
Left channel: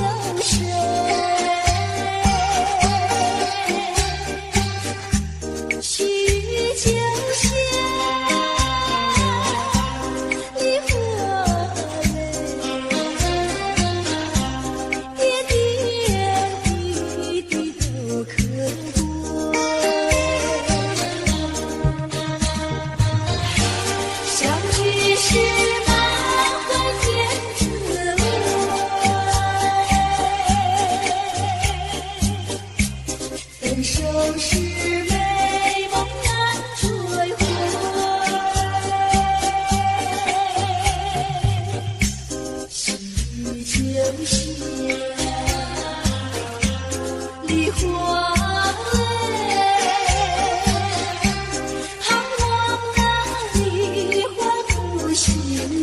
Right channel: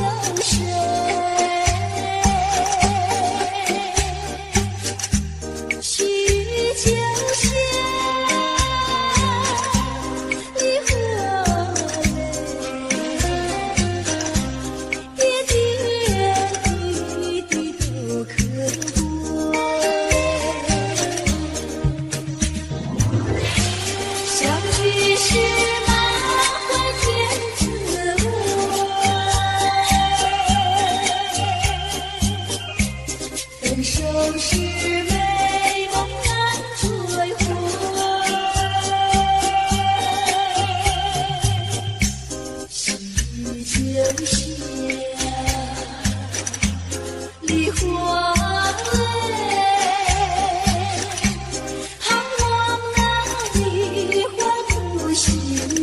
有谁？须臾就现离合泪，点点滴滴都可贵。相聚时满怀甜滋味，分手时美梦难追回。须臾就现梨花泪，盼望那梨花不心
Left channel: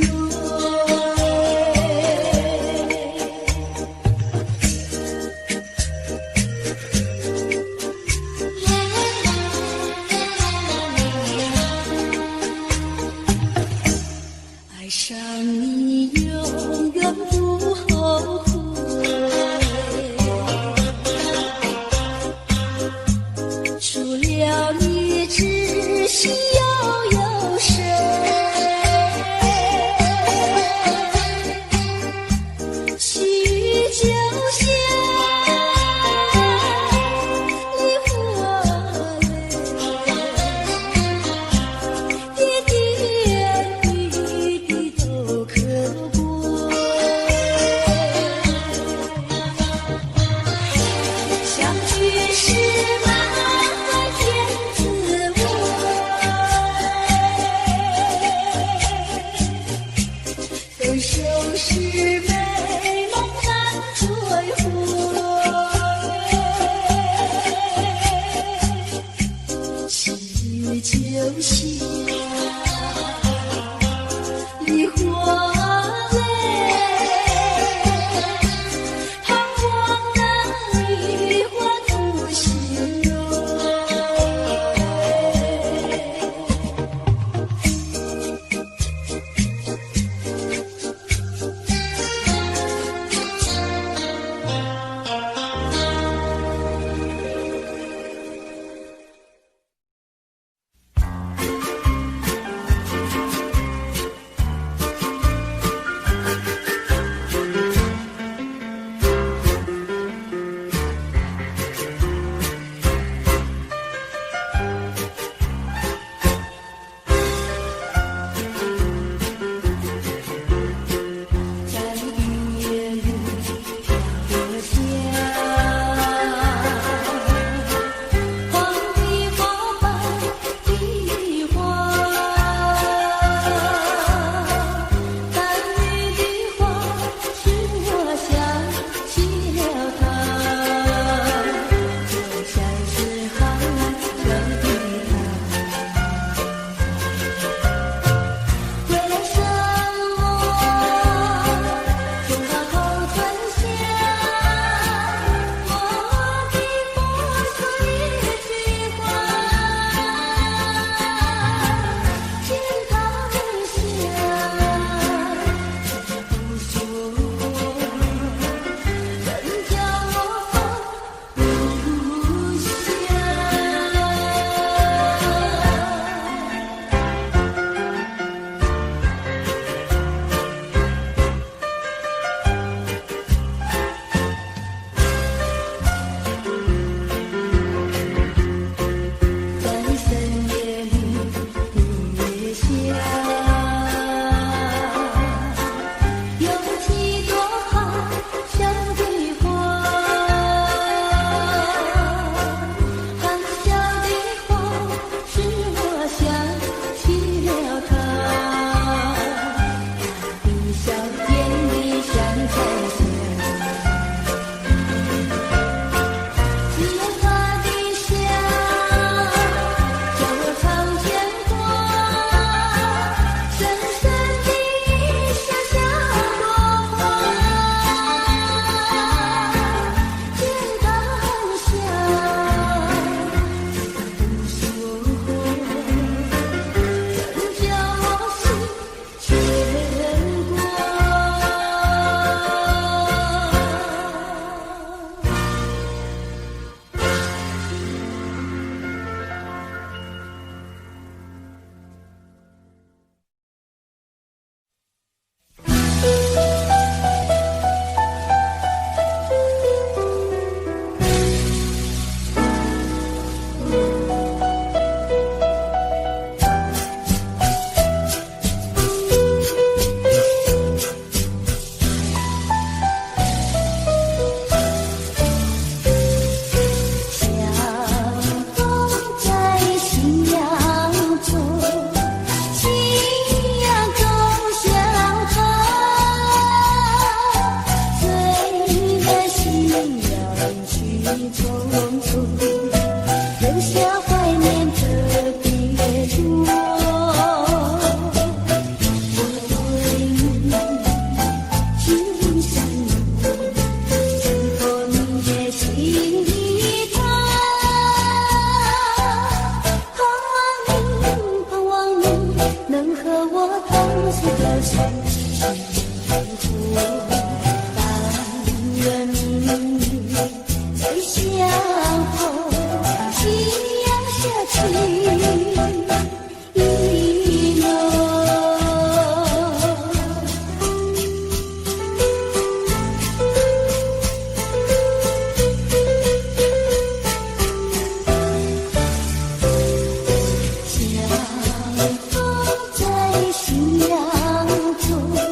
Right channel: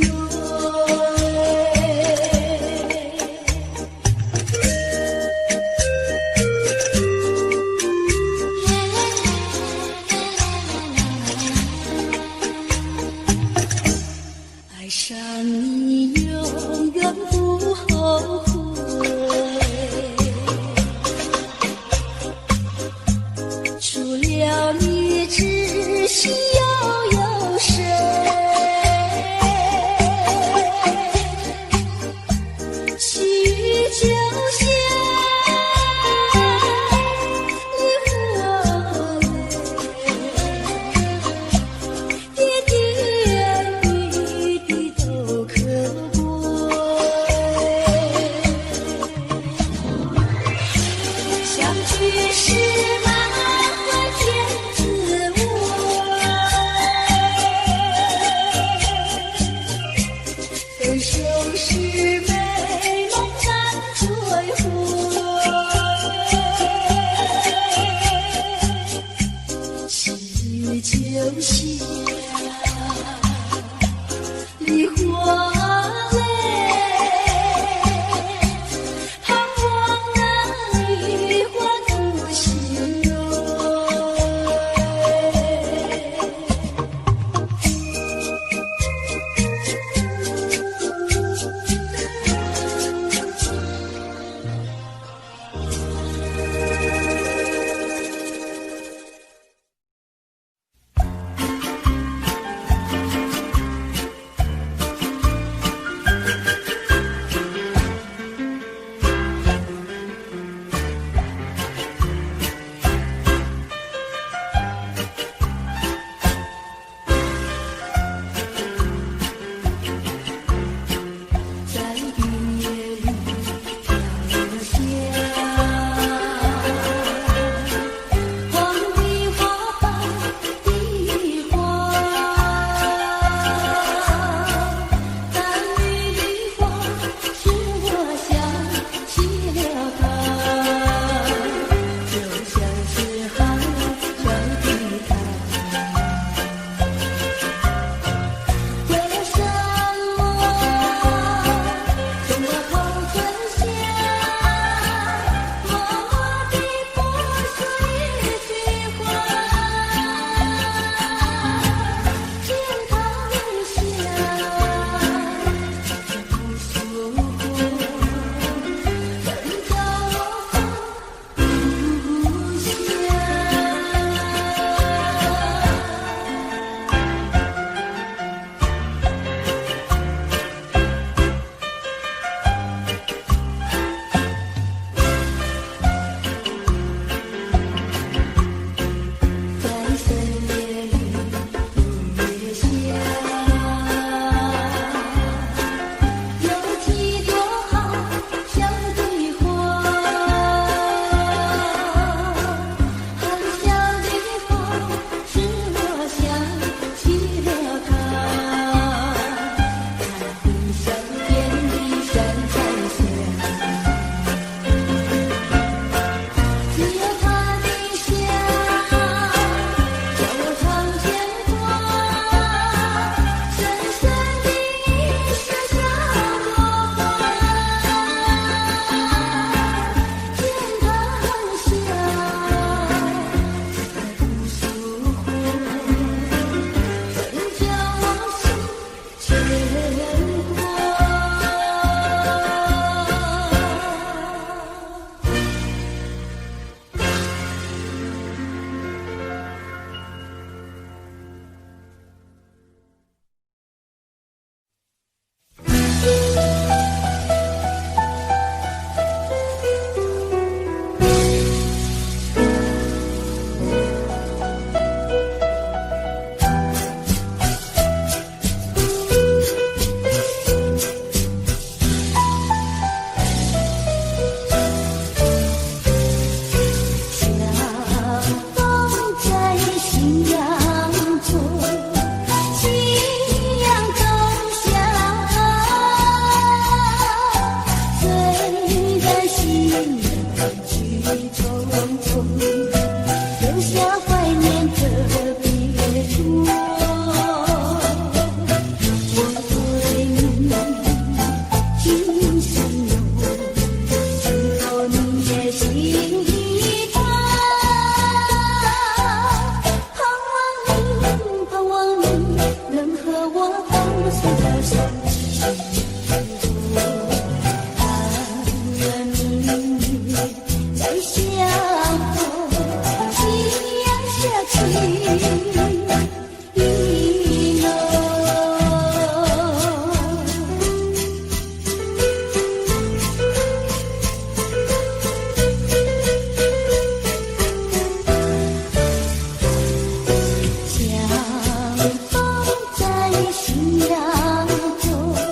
蕊。爱上你永远不后悔，除了你知心又有谁？须臾就现离合泪，点点滴滴都可贵。手是美梦难追回，是秋夏梨花泪，盼望那梨花吐心蕊。相逢在夕阳中。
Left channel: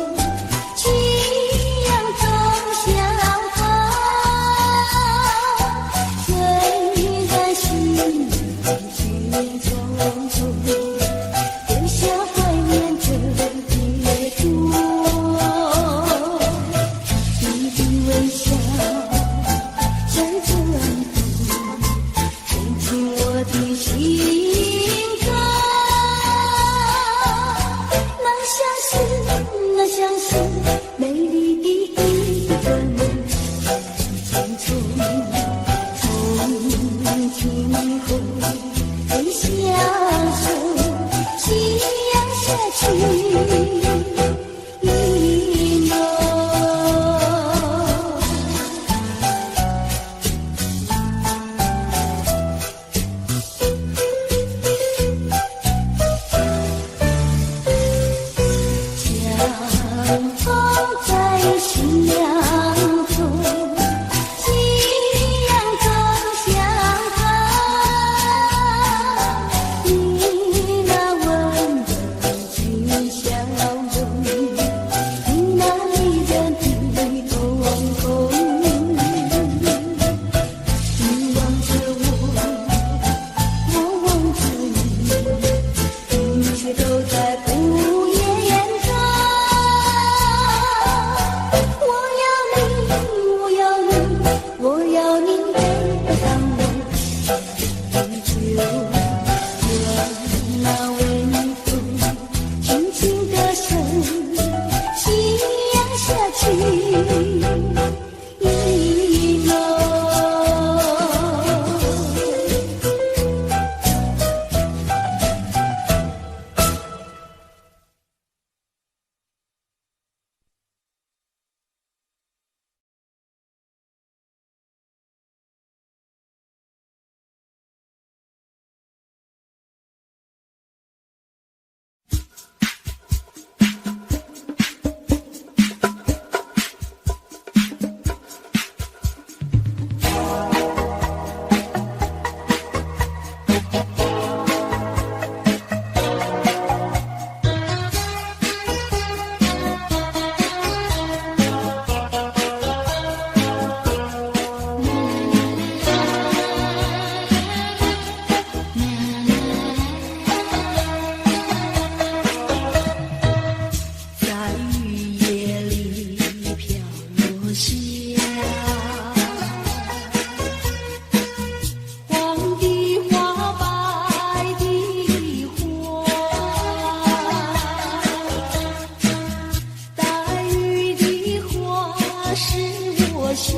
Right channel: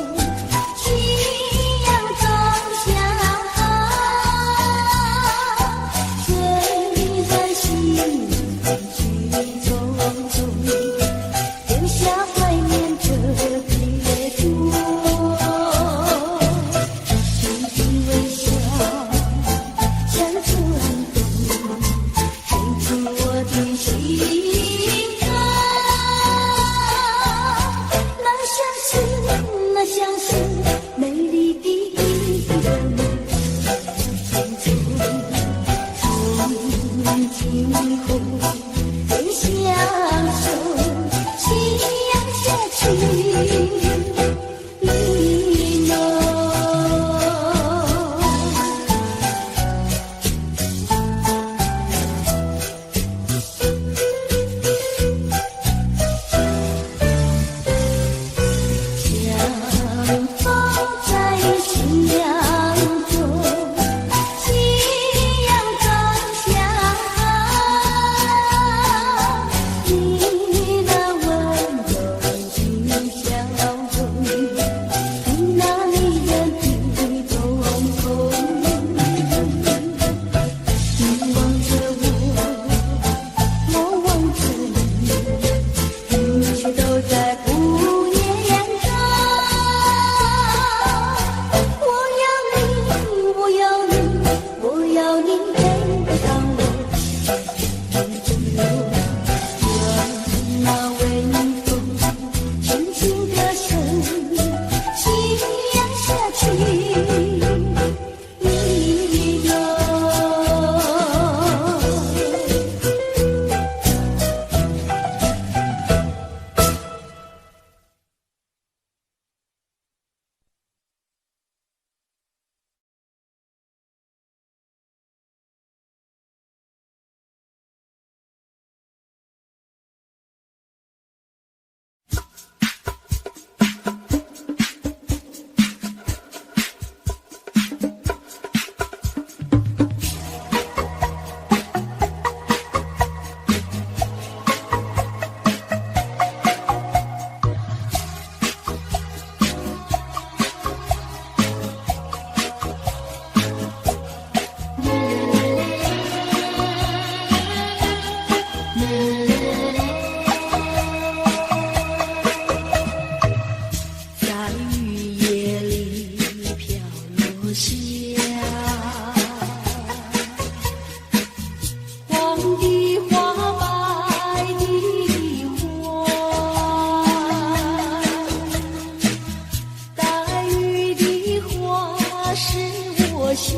想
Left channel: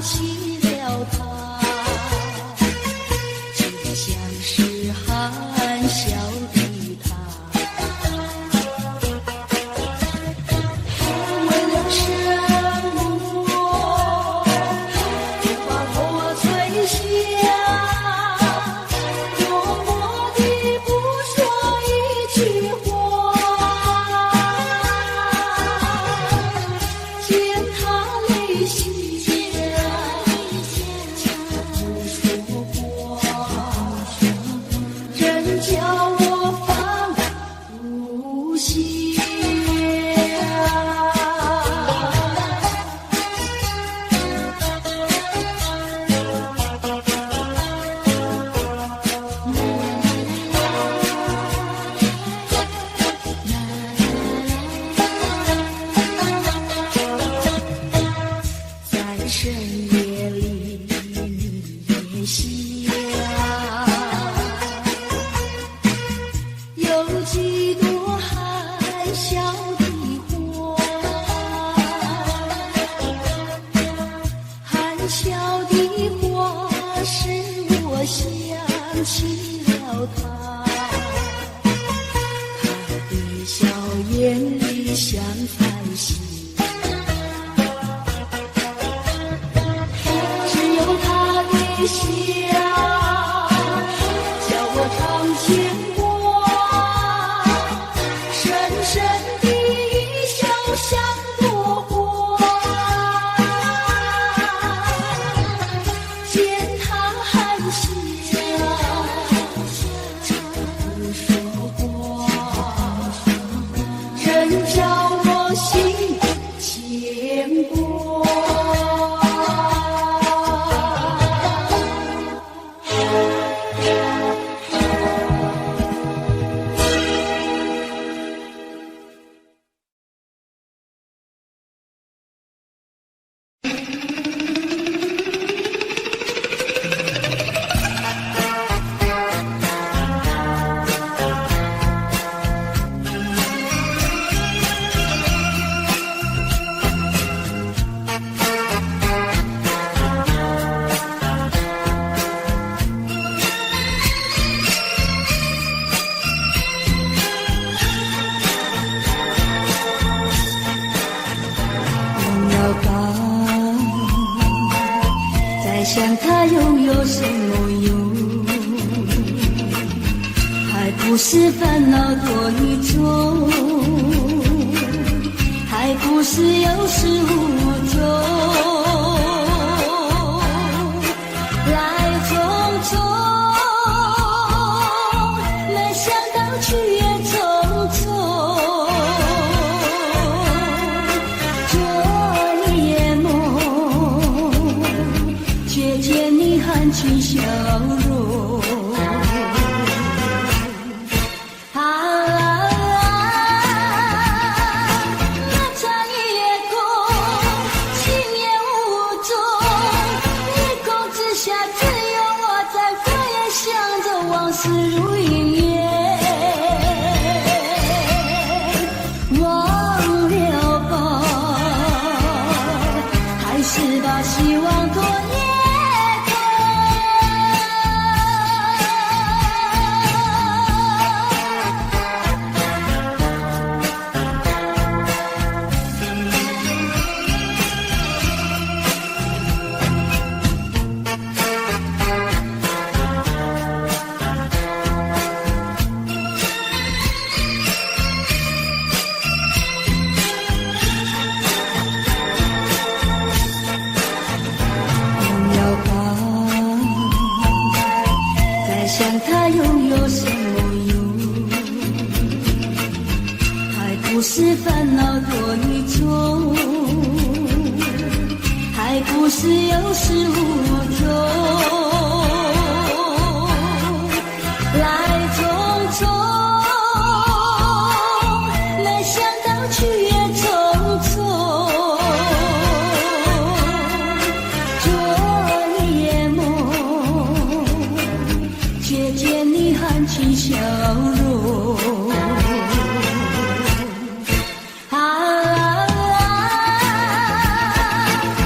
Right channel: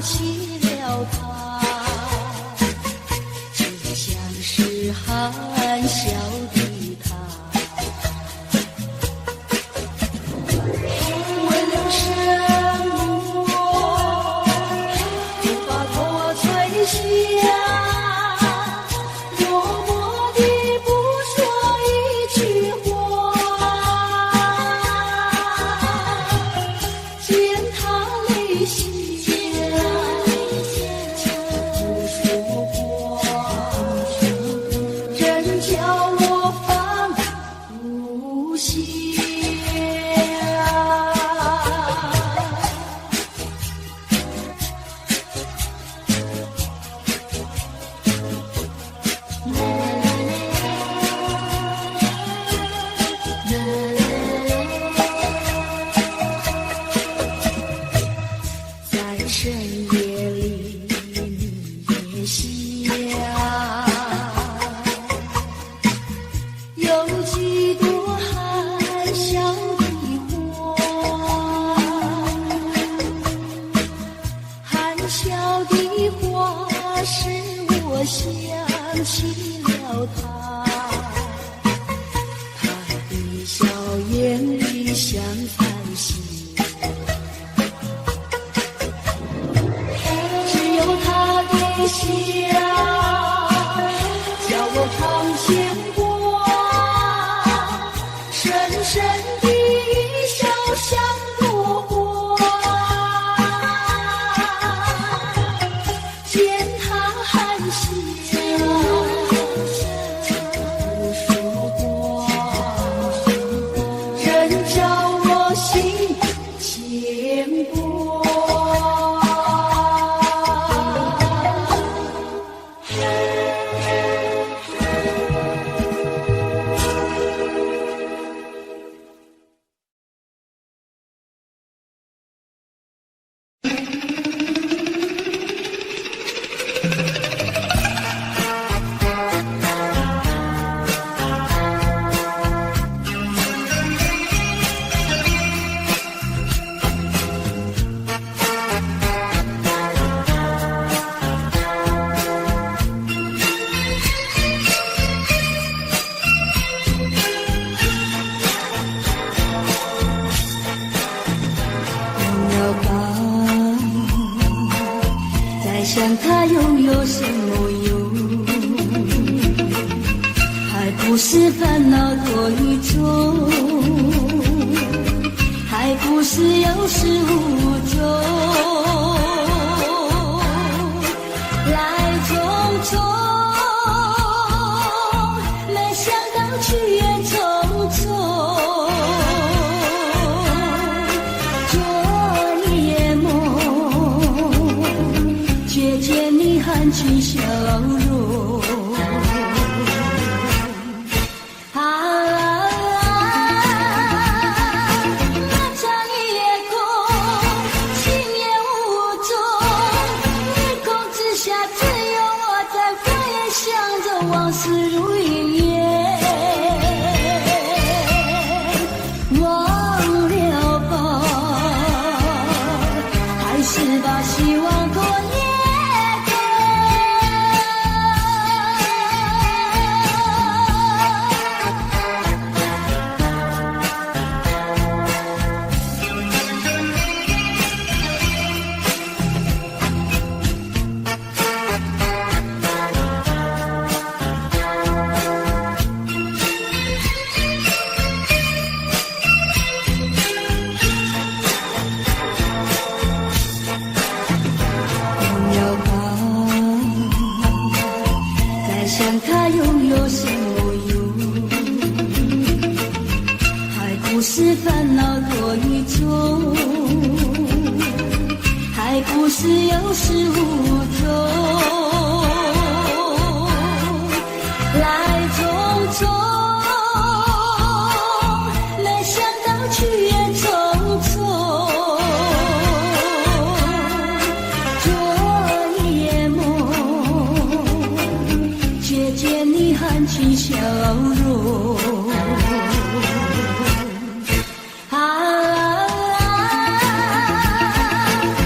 起了他，就像是含笑的他，为了生活无法脱垂下，默默地不说一句话，见他泪下不说话，真叫我放不下。在深夜里你也想，有几朵含笑的花，含笑的花使我想起了他，他的笑眼里像彩星，只有他的笑叫我常牵挂，深深的笑像朵花，见他含笑不说话，真叫我心牵挂。在想他拥有什么用，还不是烦恼多一种，还不是有始无终，来匆匆，没想到去也匆匆，昨夜梦，却见你含情笑容。那场夜空，星夜无踪，夜空之下只有我在花园想着往事如云烟，忘了吧，还是把希望拖延。想他拥有什么用，还不是烦恼多一种，还不是有始无终，来匆匆，没想到去也匆匆，昨夜梦，却见你含情笑容。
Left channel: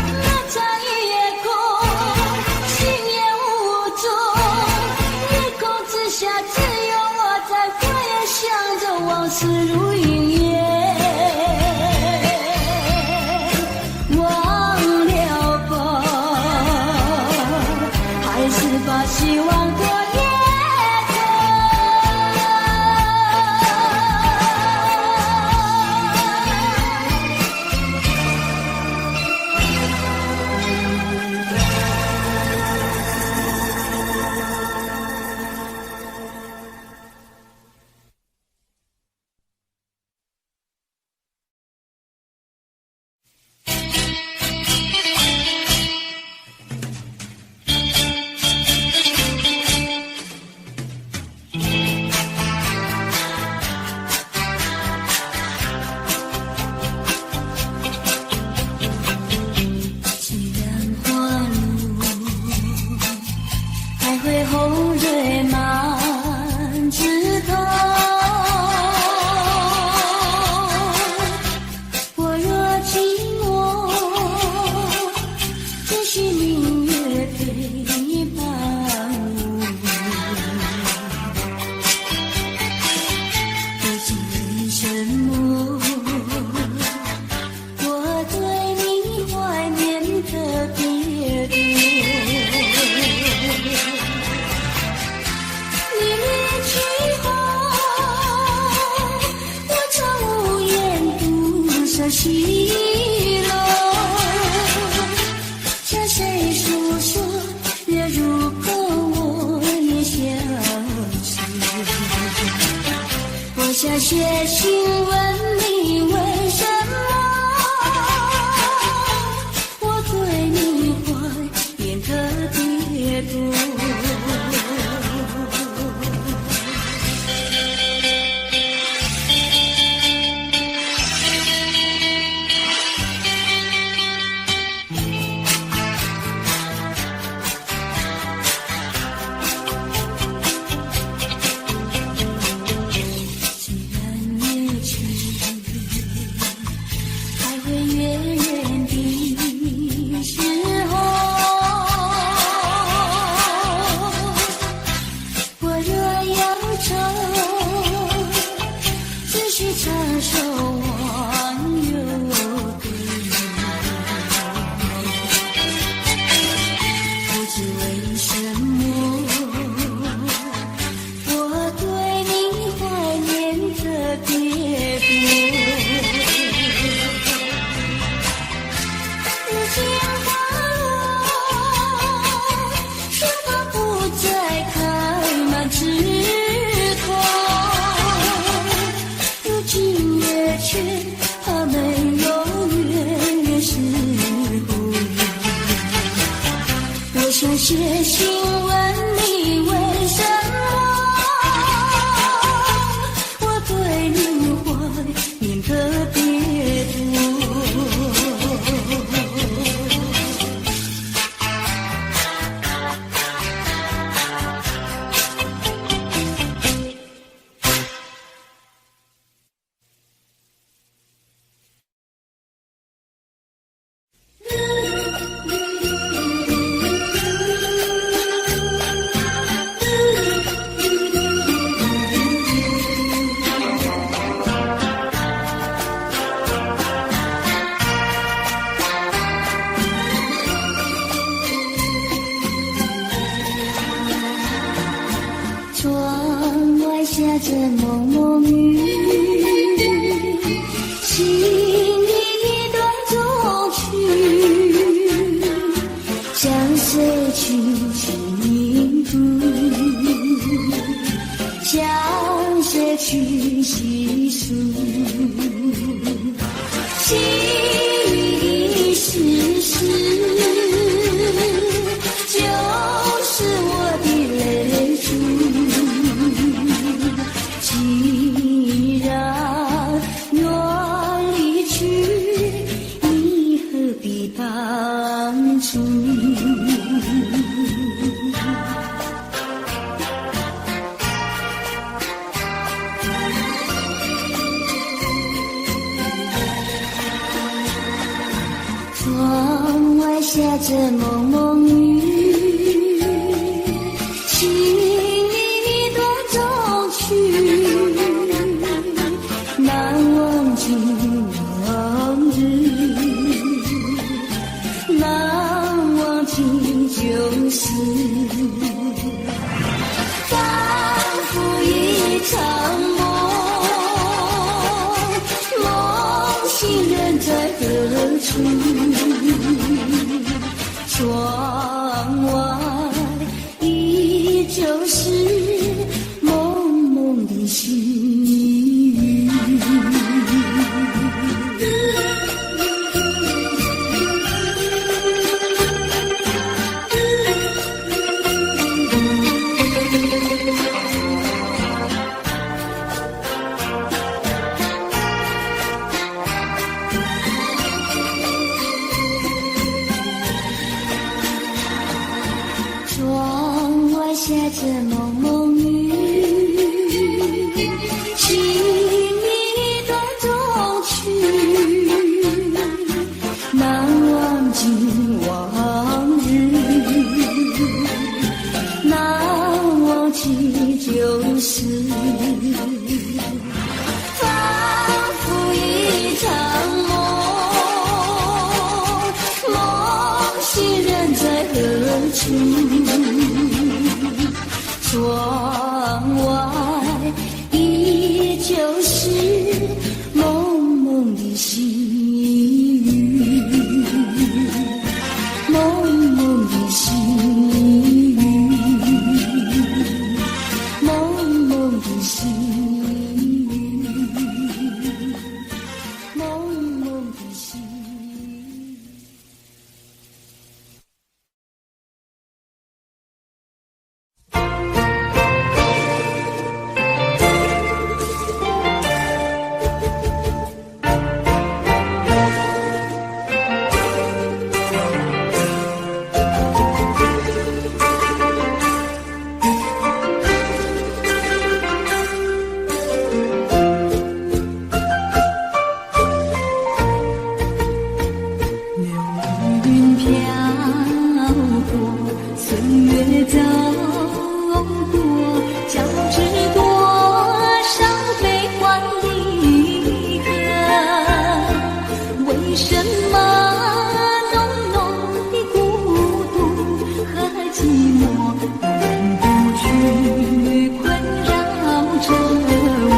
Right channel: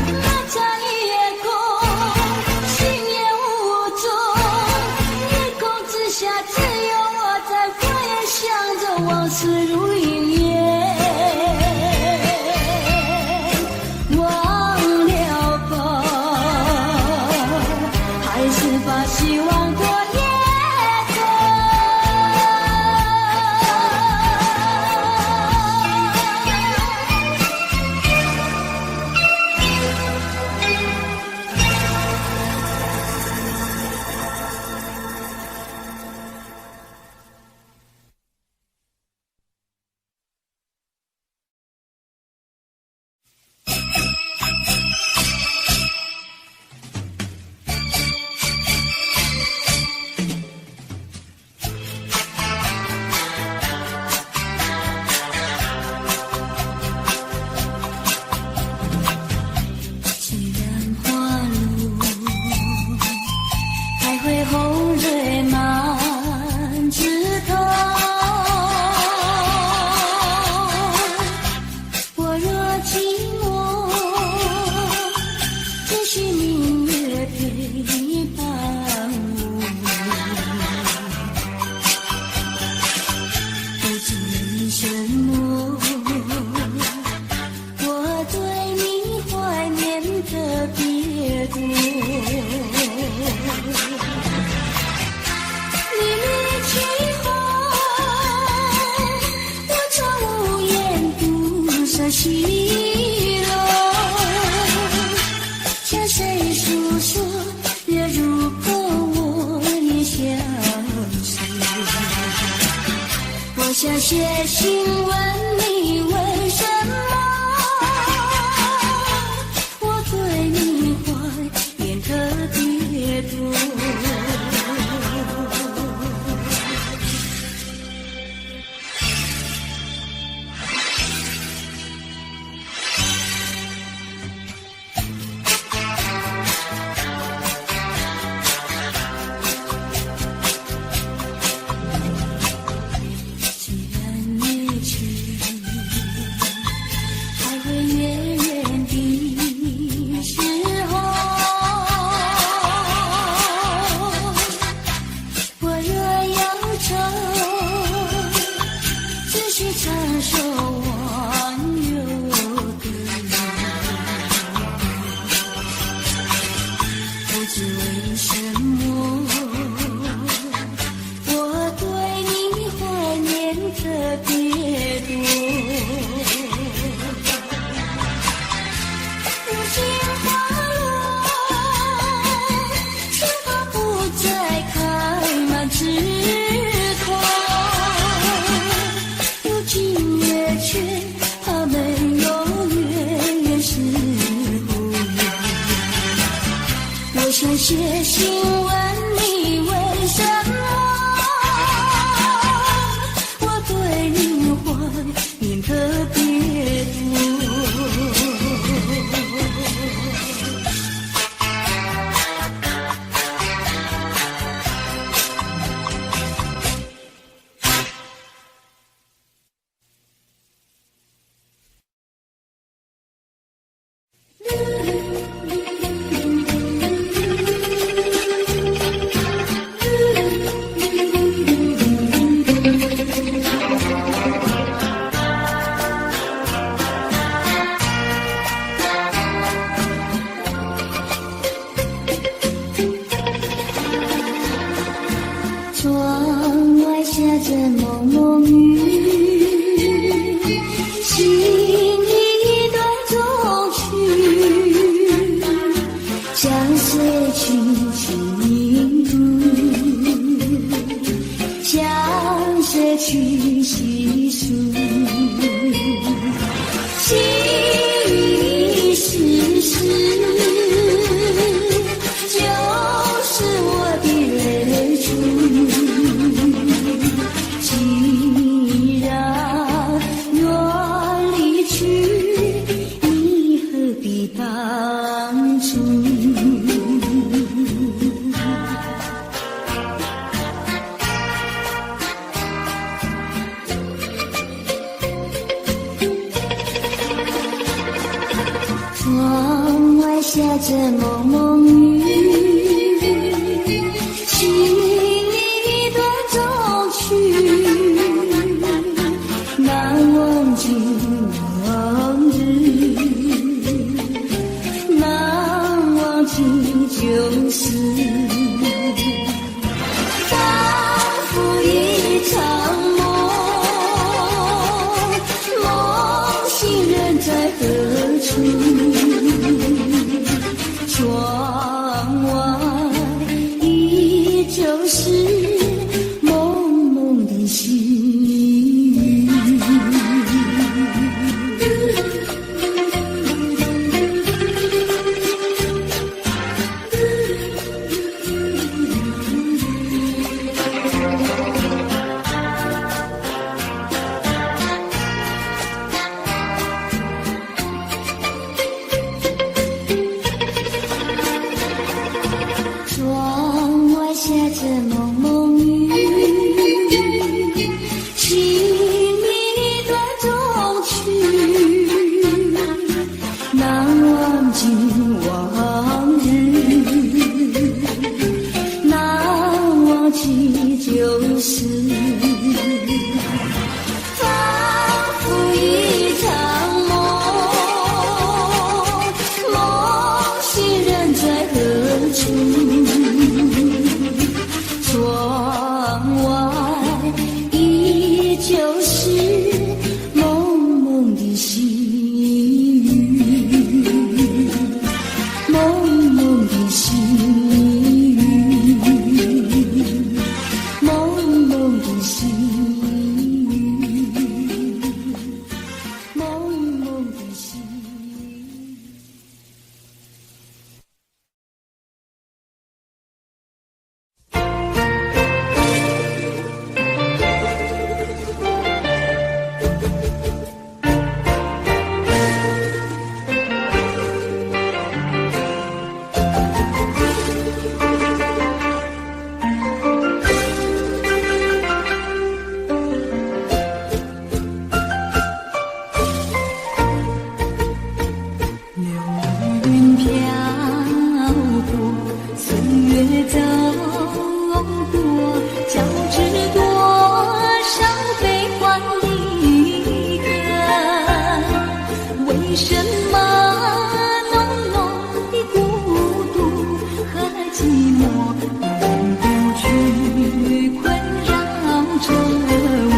那场的西楼，向谁诉说月如钩，我也相思。我想写信问你为什么我对你怀念特别多。唱首忘忧歌，不知为什么我对你怀念特别多。如今花落，春花不再开满枝头，却怕没有月时候，我想写信问你为什么我对你怀念特别多。窗外下着蒙蒙雨，心一段衷曲，向谁去倾吐，向谁去细数，细雨丝丝，就是我的泪珠。既然愿离去，你何必当初？窗外下着蒙蒙雨，心一段衷曲，难忘尽往日，难忘尽旧事，仿佛一场梦，梦醒人在何处？窗外依旧是蒙蒙的细雨。岁月走过，交织多少悲欢离合？为什么浓浓的孤独和寂寞永不去困扰着我？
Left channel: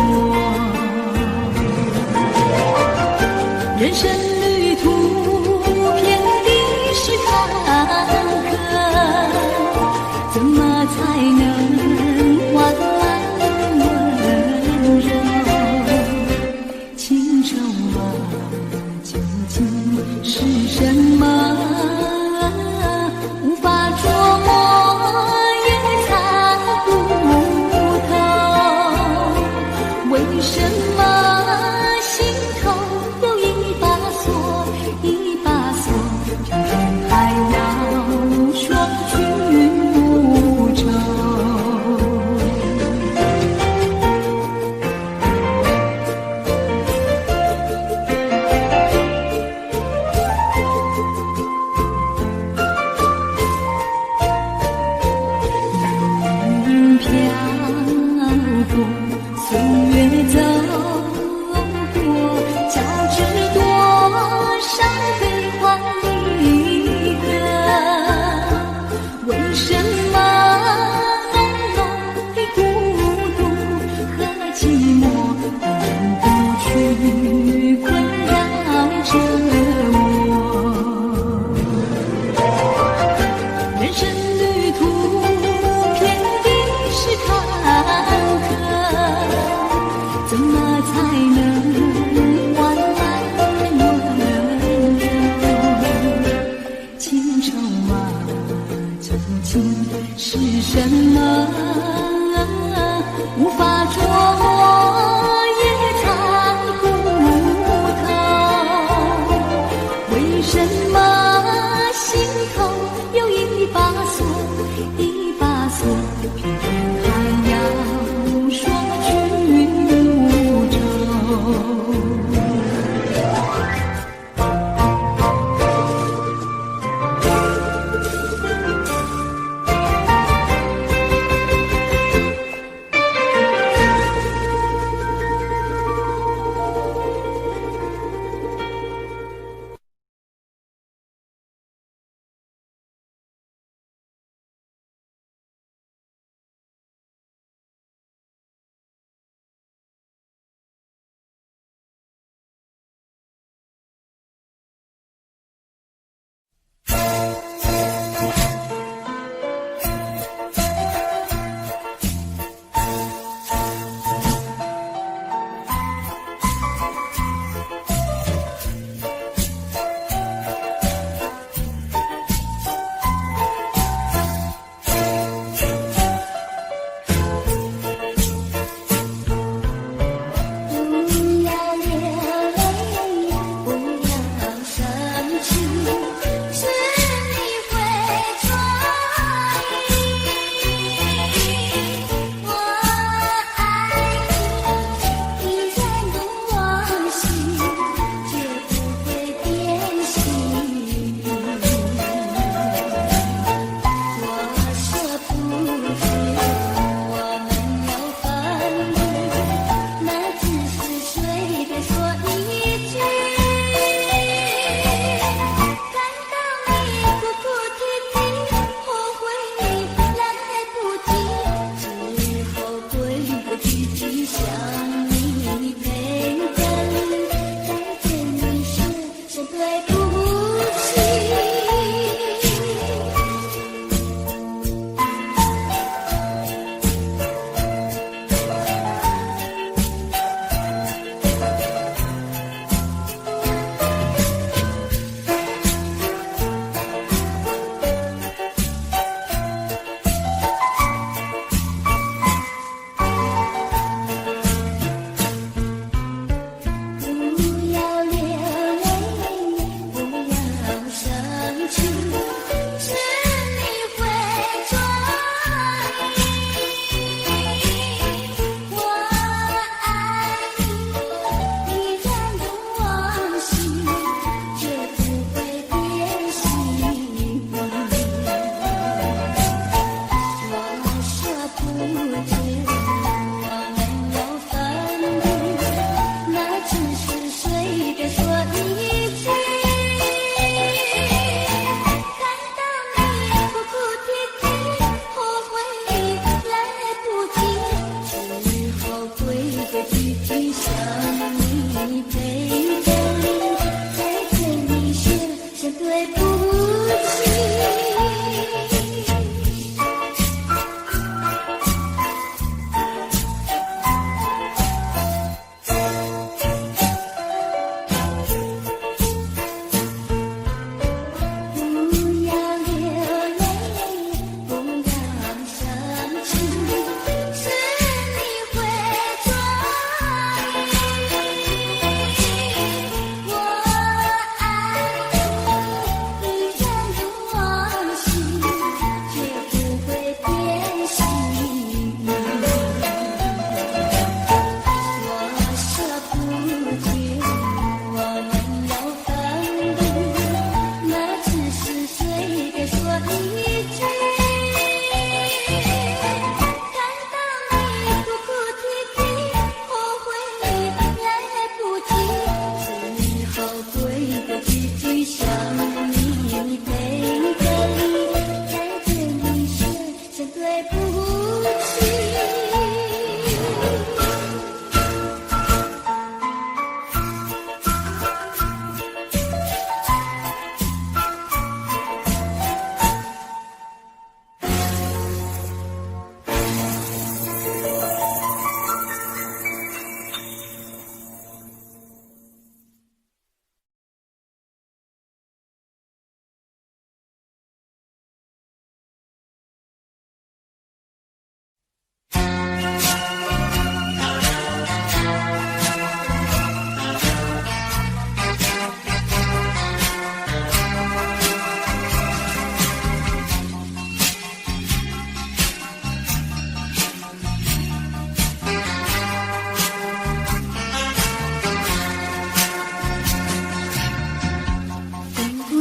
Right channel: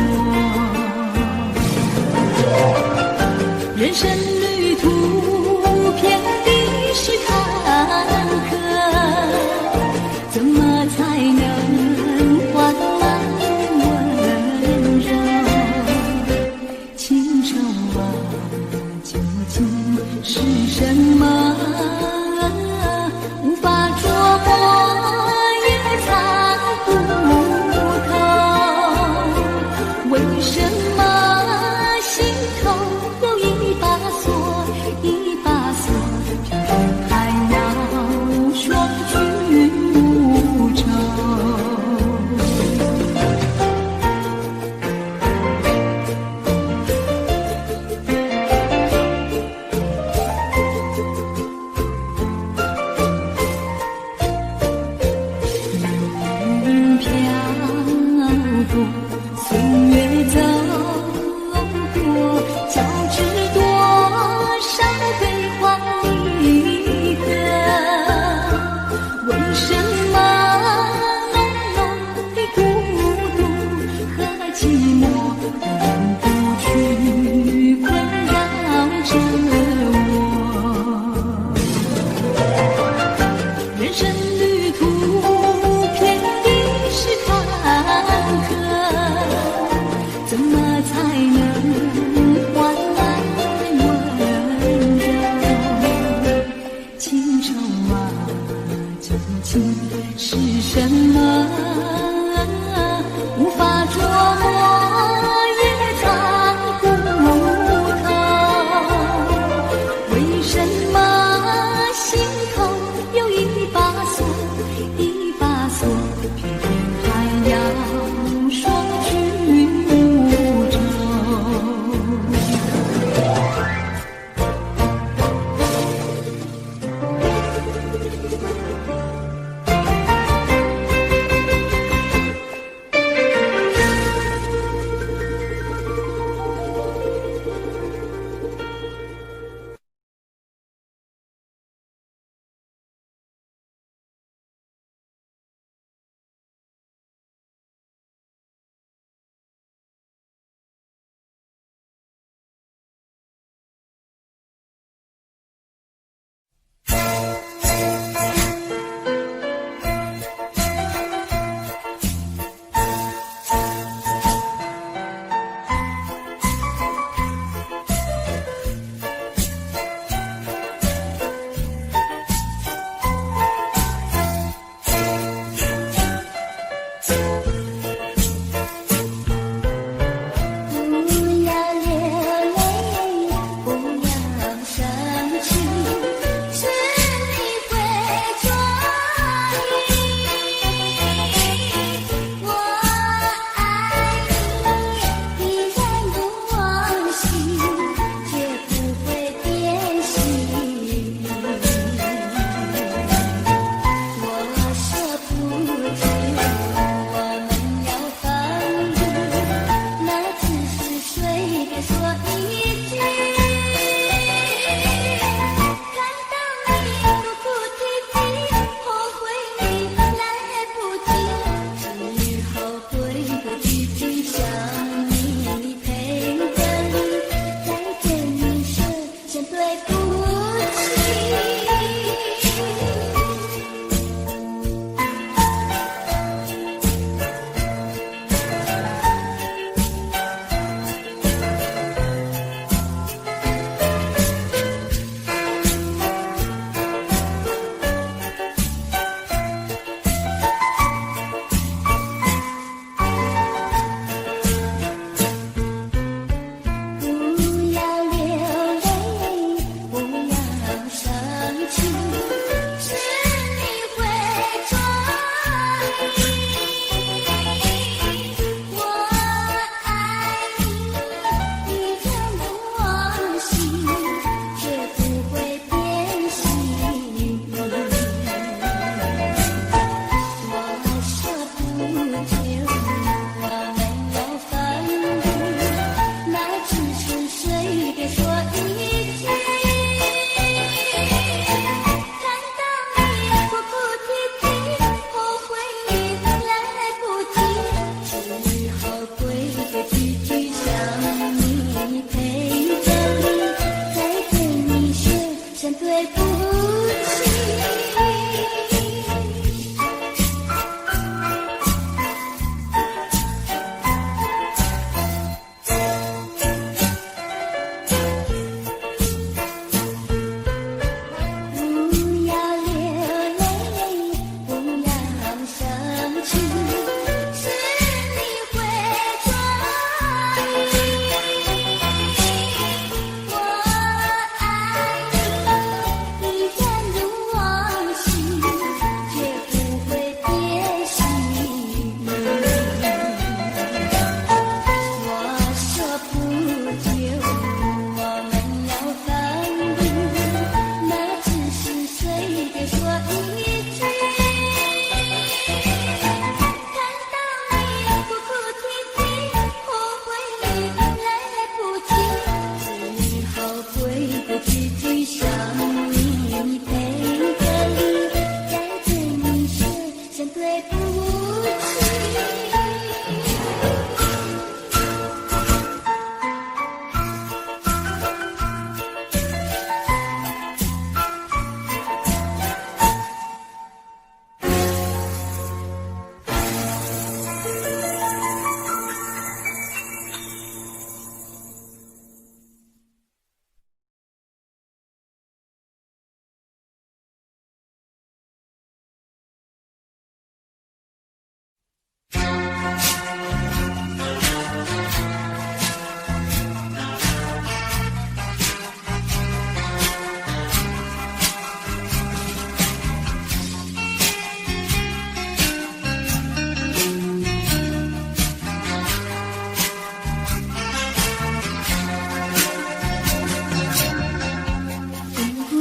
人生旅途遍地是坎坷，怎么才能换来温柔？情愁啊，究竟是什么？无法捉摸，也猜不透。为什么心头有一把锁，一把锁，偏偏还要双君无仇？云飘过，岁月走过，交织多少悲欢离合？为什么浓浓的孤独和寂寞永不去困扰着我？人生旅途遍地是坎坷，怎么才能换来温柔？情愁啊，究竟是什么？无法捉摸，也猜不透。为什么心头有一把锁，一把锁，偏偏还要双君无仇？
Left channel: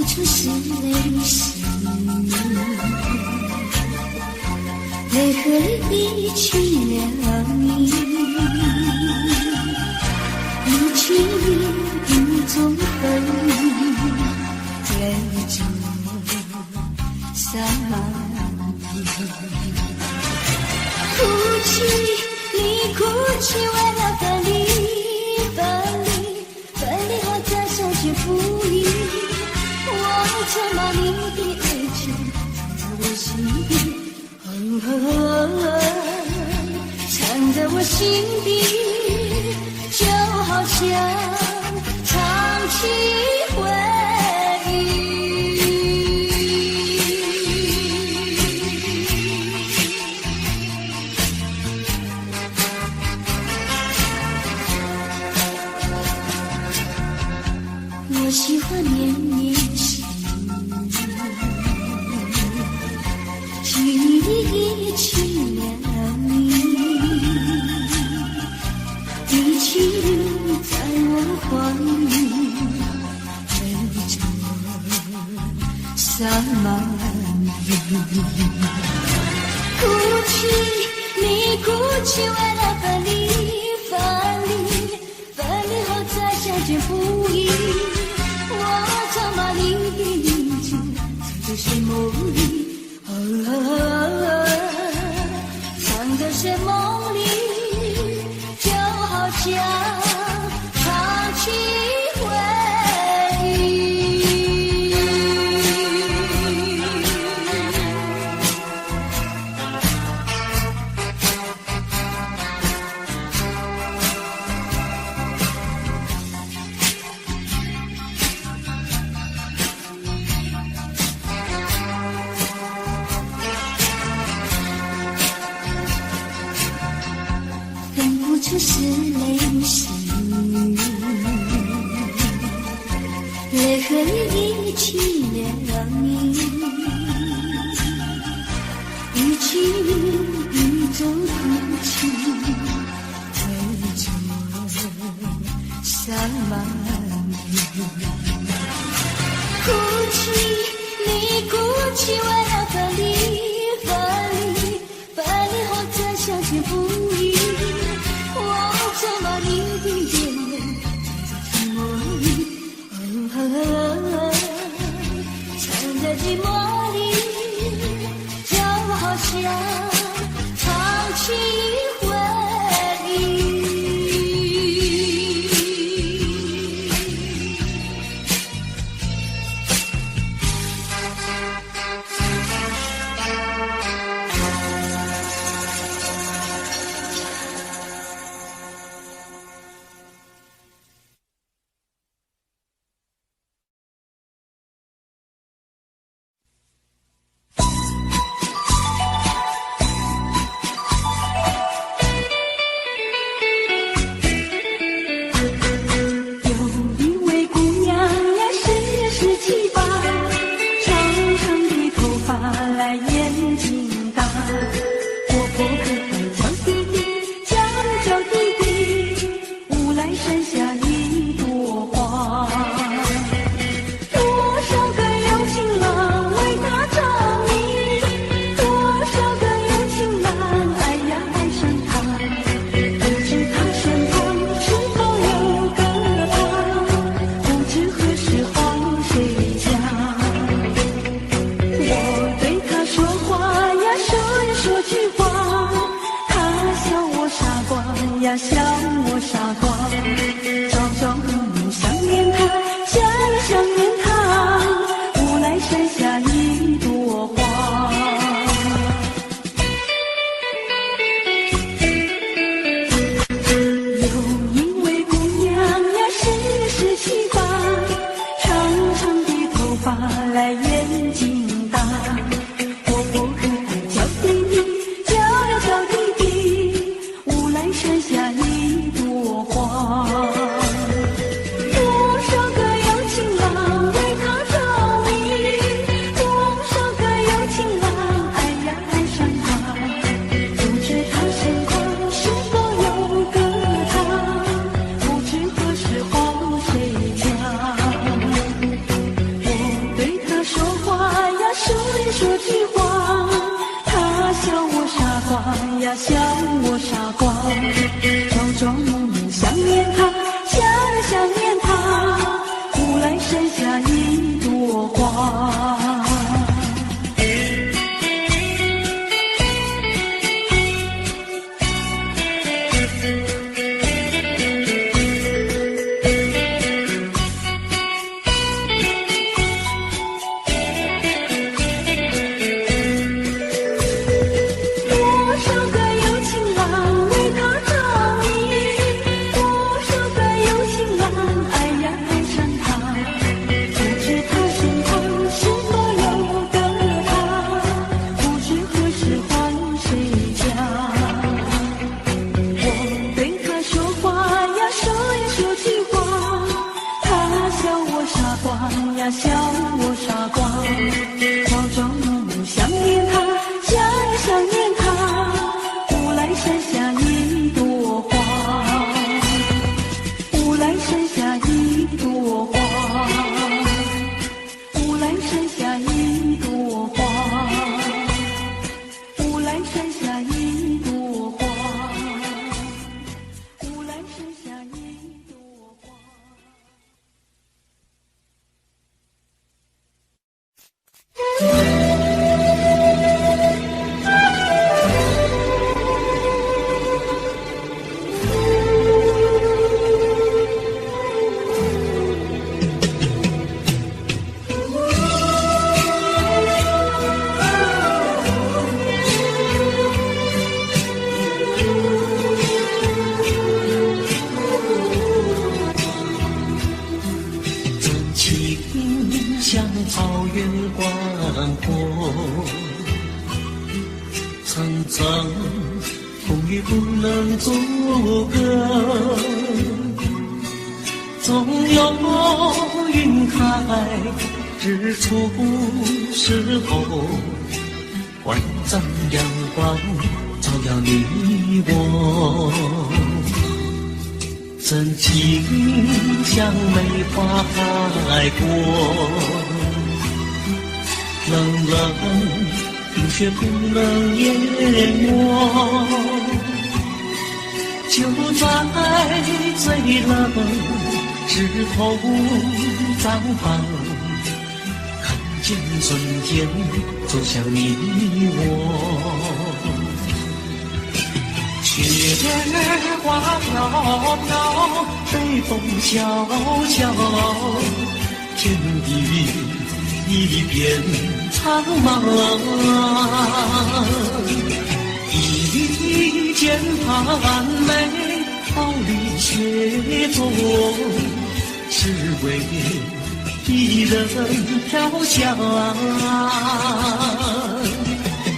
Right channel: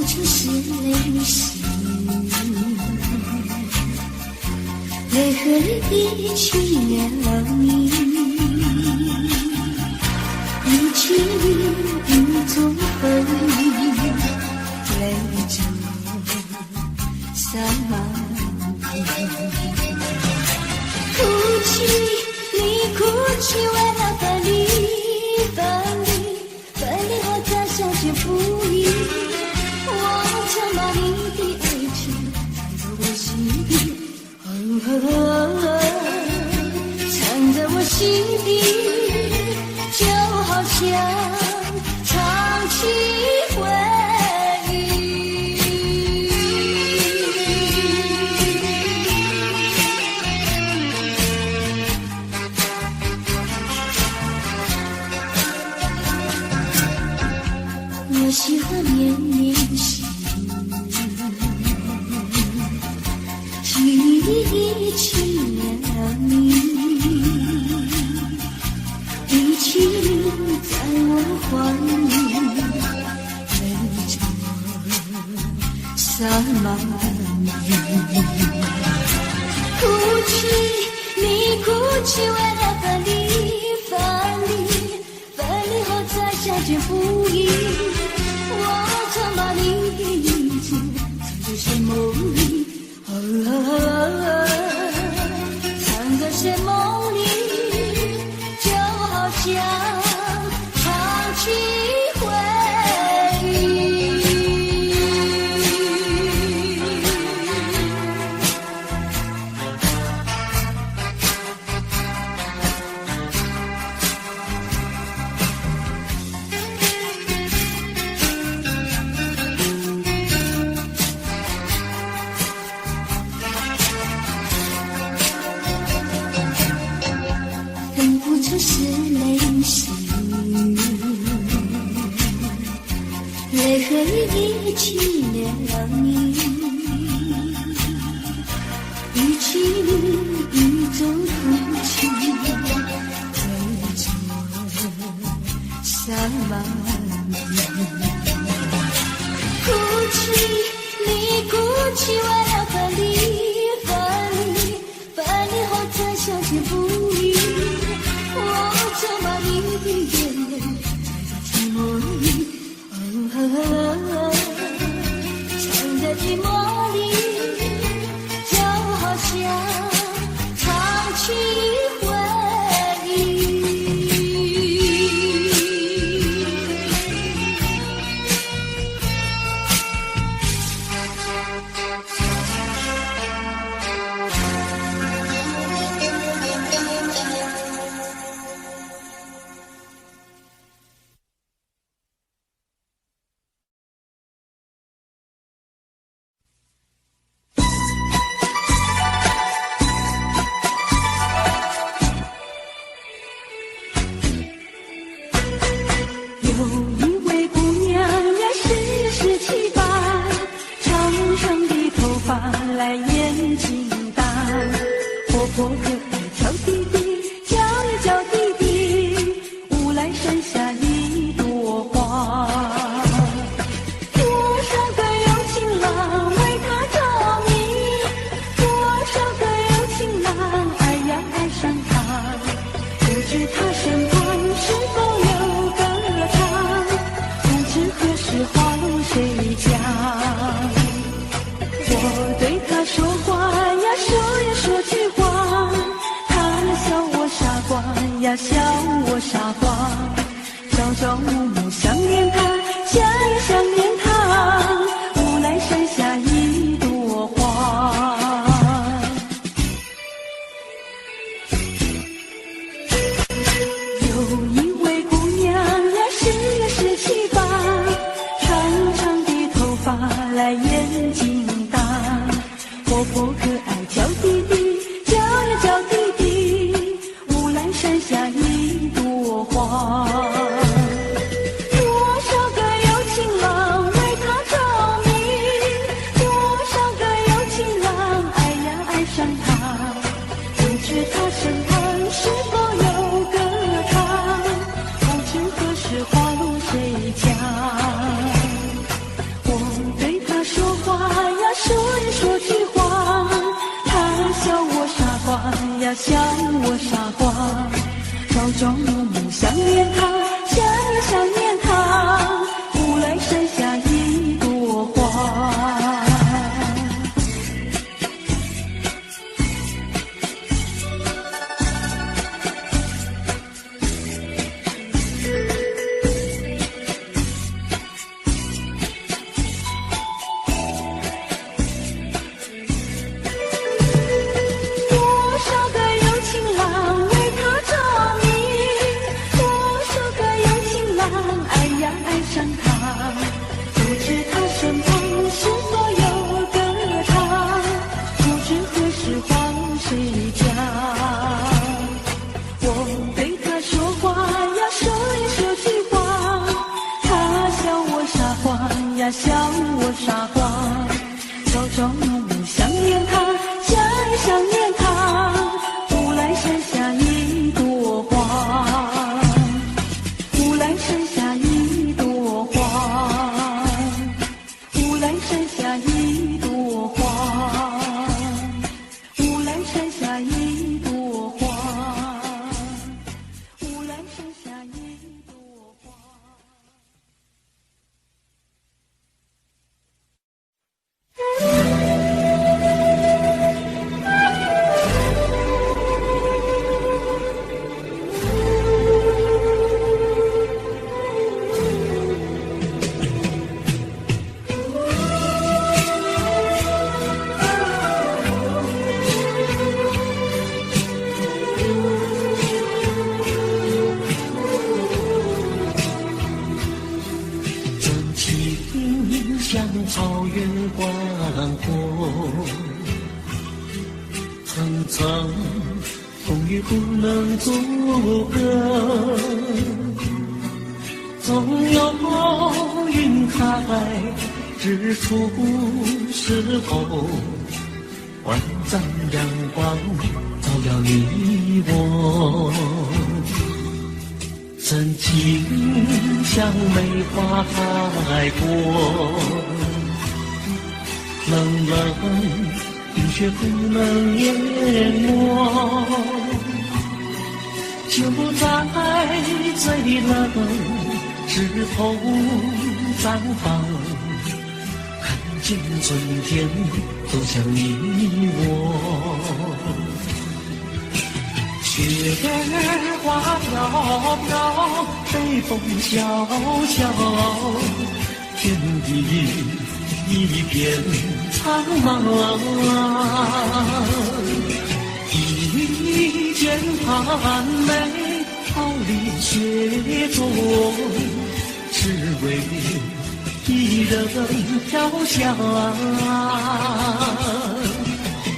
出是泪水，泪河里比去了你，一去雨中分离，泪中洒满地。哭泣，你哭泣，为了分离，分离，分离后再相见不易。我曾把你的爱情藏在我心底，藏在我心底，就好像唱起回忆。我喜欢绵绵细雨，距离去了你，一起在我怀里，泪中洒满地。哭泣，你哭泣，为了分离，分离，分离后再相见不易。我曾把你的名字藏在睡梦里，藏在睡梦里，就好像唱起回忆。出是泪水，泪河里去了你，一起雨中哭泣，泪中洒满地。哭泣，你哭泣，为了分离，分离，分离后再相见不易。我曾把你的眼泪藏在寂寞里，藏在寂寞里，就好像唱起回忆。呀，笑我傻瓜，朝朝暮暮想念他，想呀想念他，无奈剩下一朵花。有一位姑娘呀，是17、8，长长的头发来眼睛大，活泼可爱叫弟弟，叫呀叫弟弟，无奈剩下一朵花。多少个有情郎为她着迷，多少个有情郎爱呀爱上她，不知他身旁是否有个他，不知何时黄谁家。我对呀笑我傻瓜，朝朝暮暮想念他，想呀想念他。乌来山下一朵花，乌来山下一朵花，乌来山下一朵花，乌来山下一朵花，乌来山下一朵花。真情像草原广阔，层层风雨不能阻隔，总有云开日出时候，万丈阳光照耀你我。真情像梅花开过，冷冷冰雪不能淹没，就在最冷枝头绽放，看见春天走向你我。雪儿花飘飘，北风萧萧，天地一片苍茫。一剑寒梅，傲立雪中，只为一人飘香。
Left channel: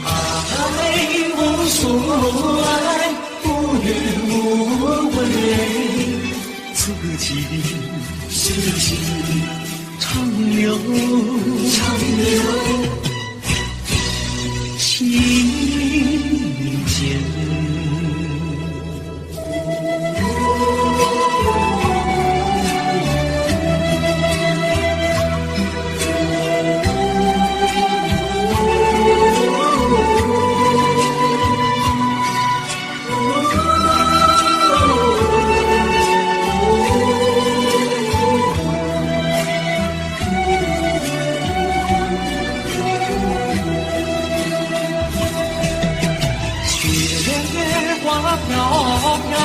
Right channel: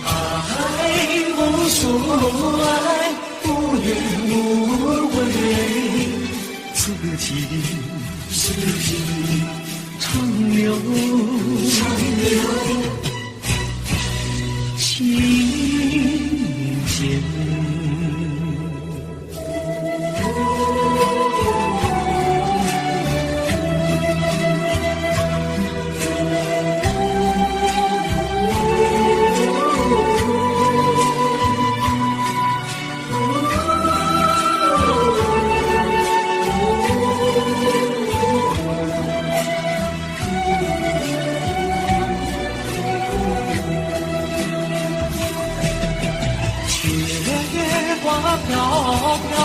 爱无所爱，无怨无悔，此情长留，心间。花飘飘，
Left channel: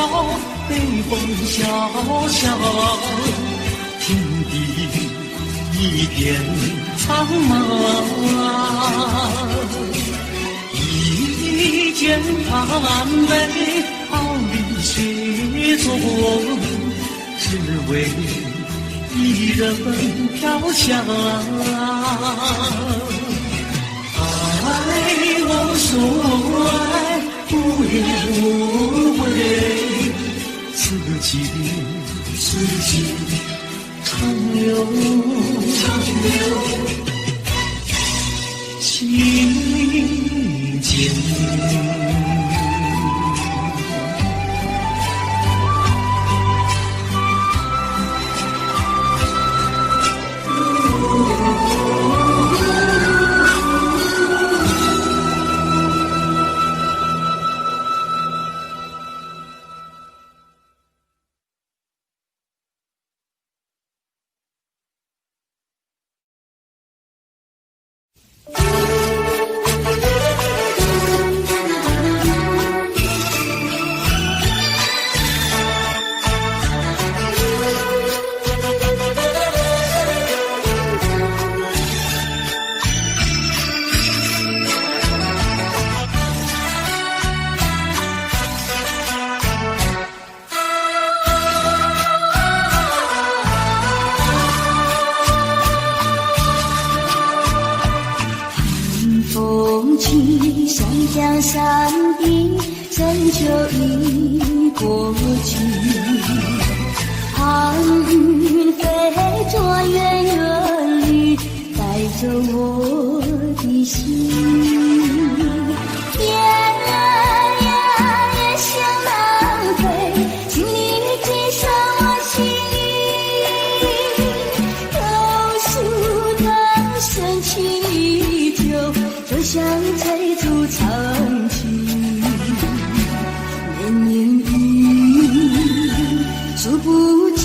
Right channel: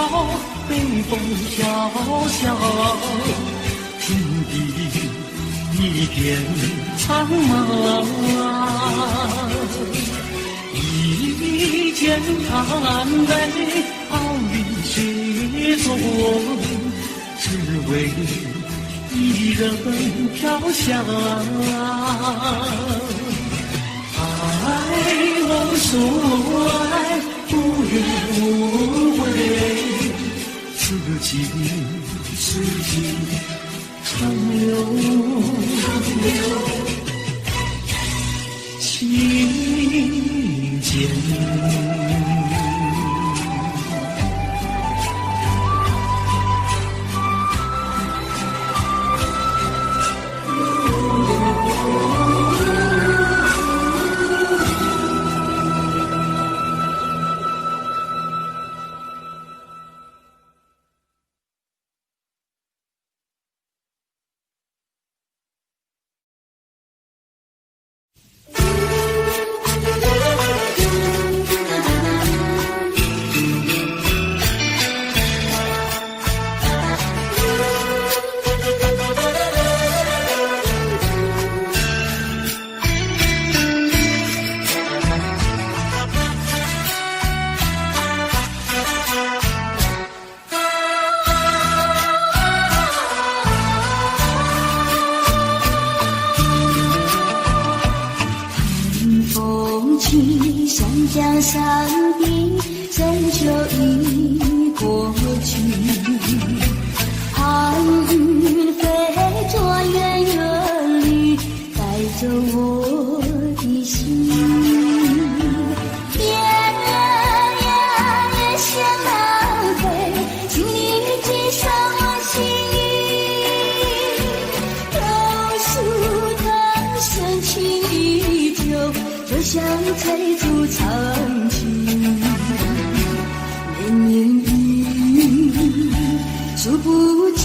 北风萧萧，天地一片苍茫。一剑寒梅，傲立雪中，只为一人飘香。爱无所爱，无怨无悔，此情长留，心间。像江山的深秋已过去，寒云飞着远远离。走我的心。夜想浪费，请你寄上我心意。榕树藤深情依旧，就像翠竹长青。绵绵雨数不尽，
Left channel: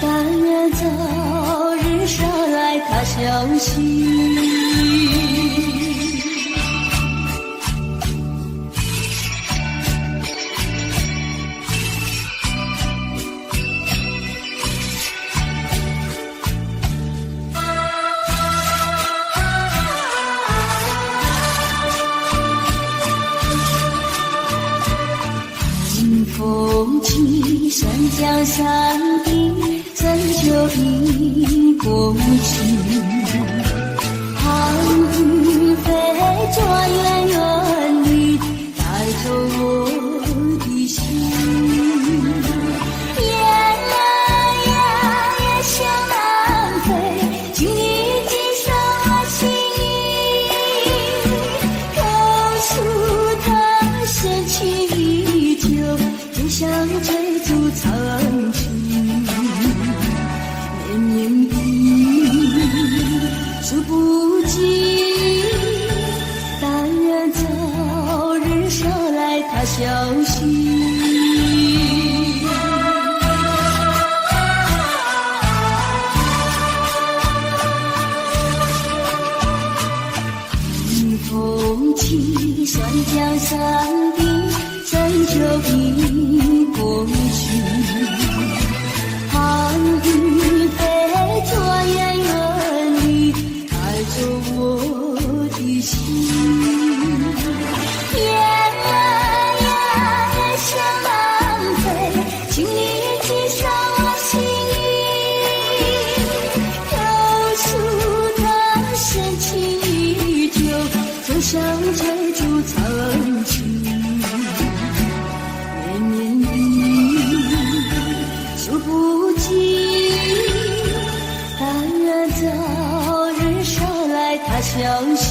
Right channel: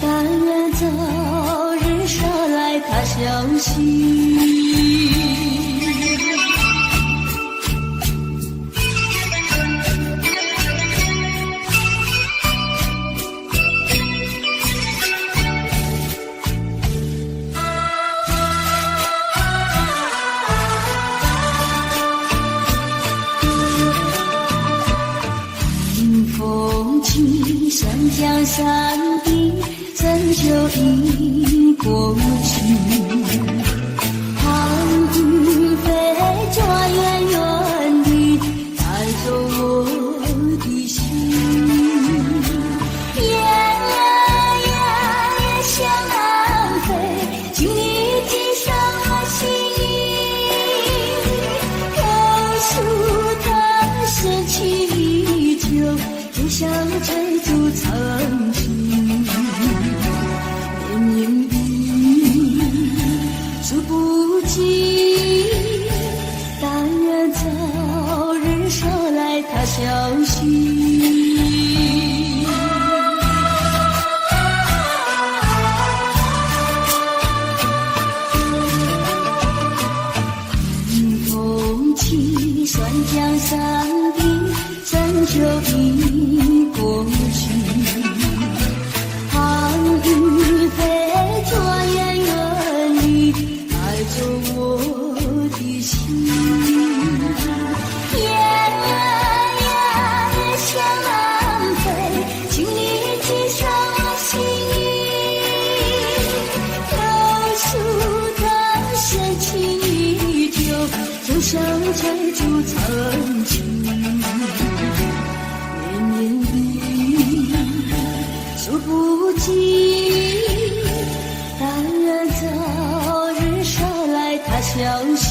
但愿早日捎来他消息。风起山江山顶，怎就已过去？寒云飞转远远地，带走我的心。夜想浪费，请你寄上我心意。榕树藤深情依旧，就像翠竹长青。绵绵雨数不尽，但愿早日捎来他消息。风起山江山顶，怎就已过去？寒云飞转远远地，带走我的心。夜想浪费，请你寄上我心意。榕树藤深情依旧，就像翠竹长青。绵绵雨数不尽，但愿早日捎来他消息。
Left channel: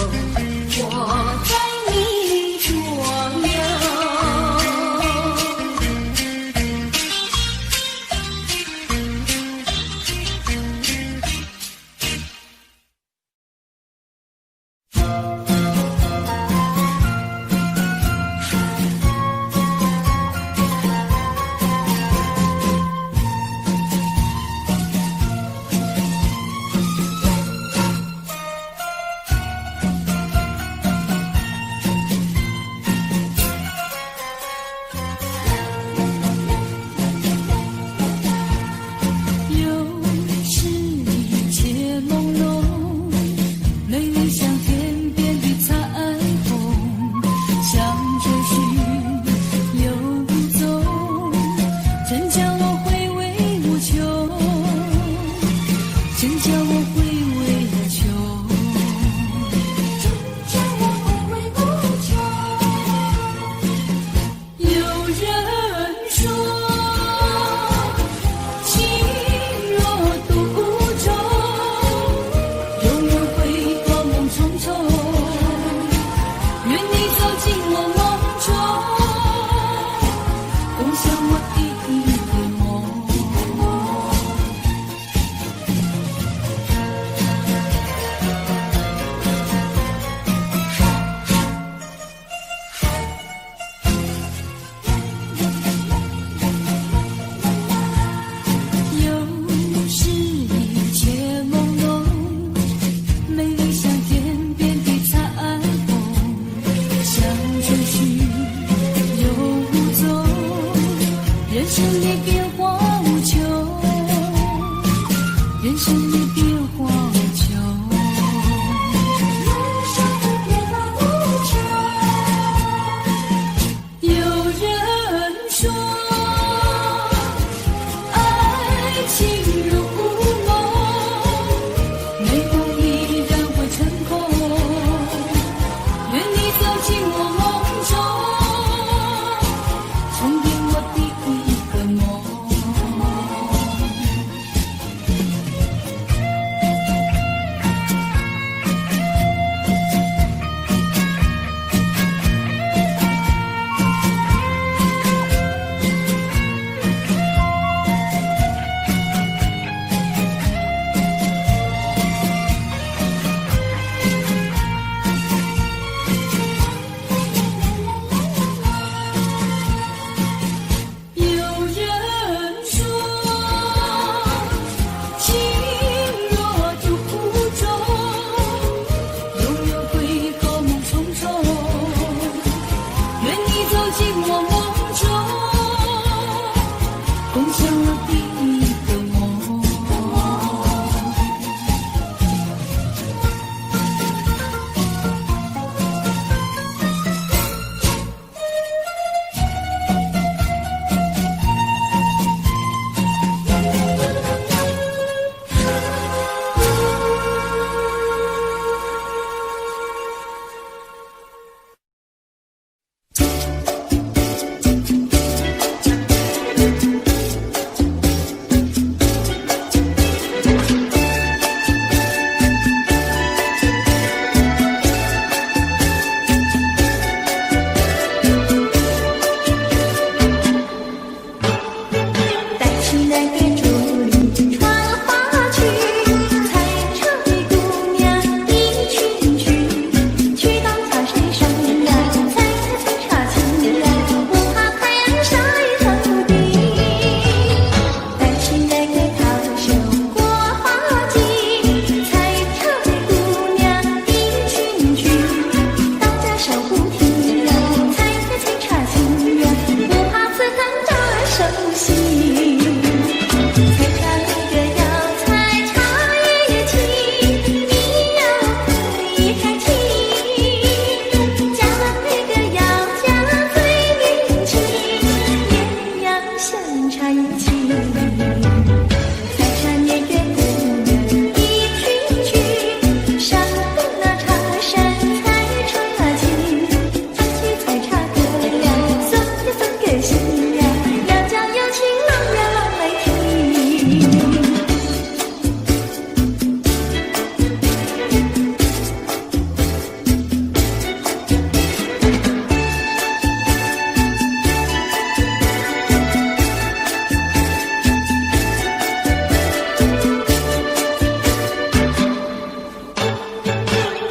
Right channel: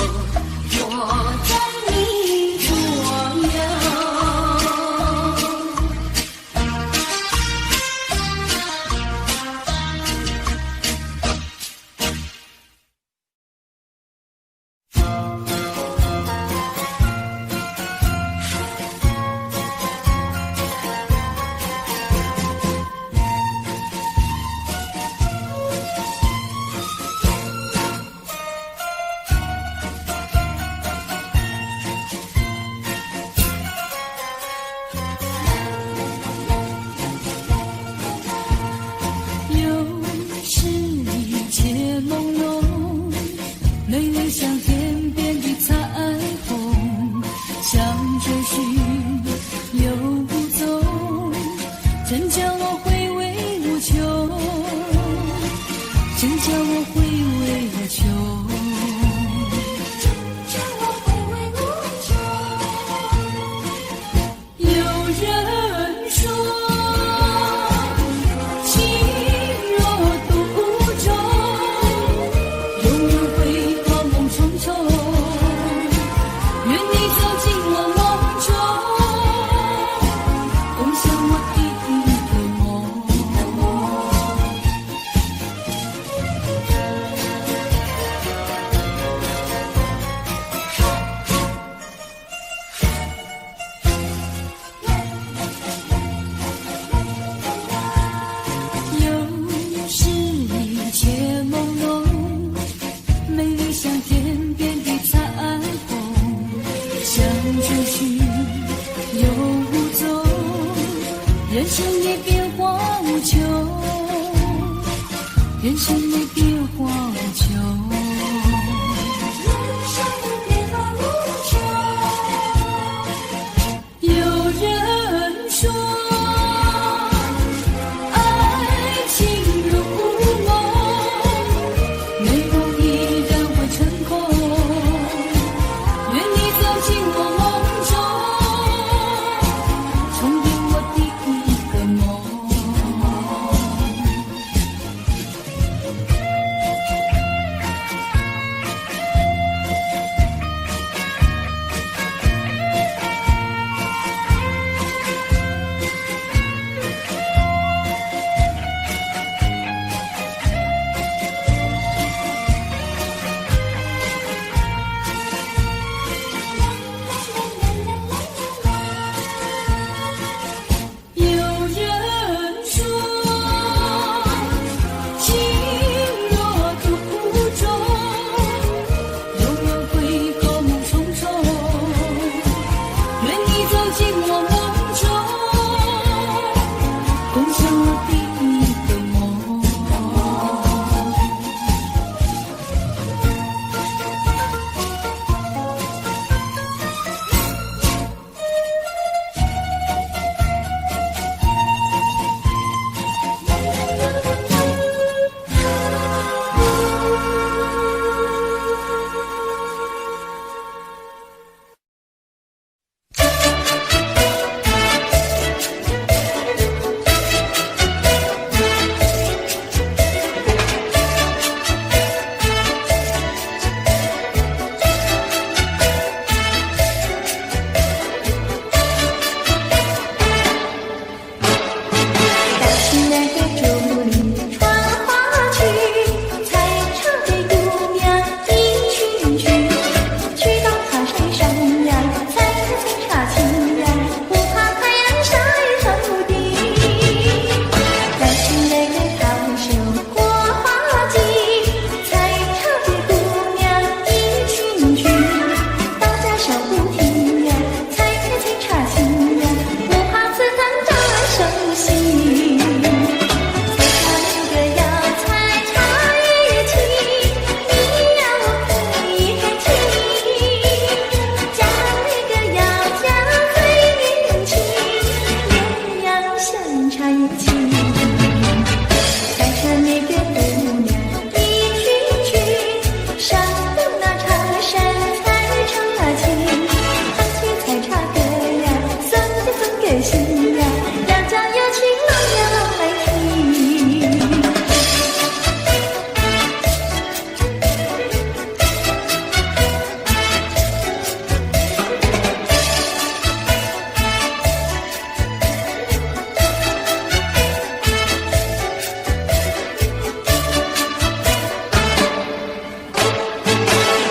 候，我在你左右。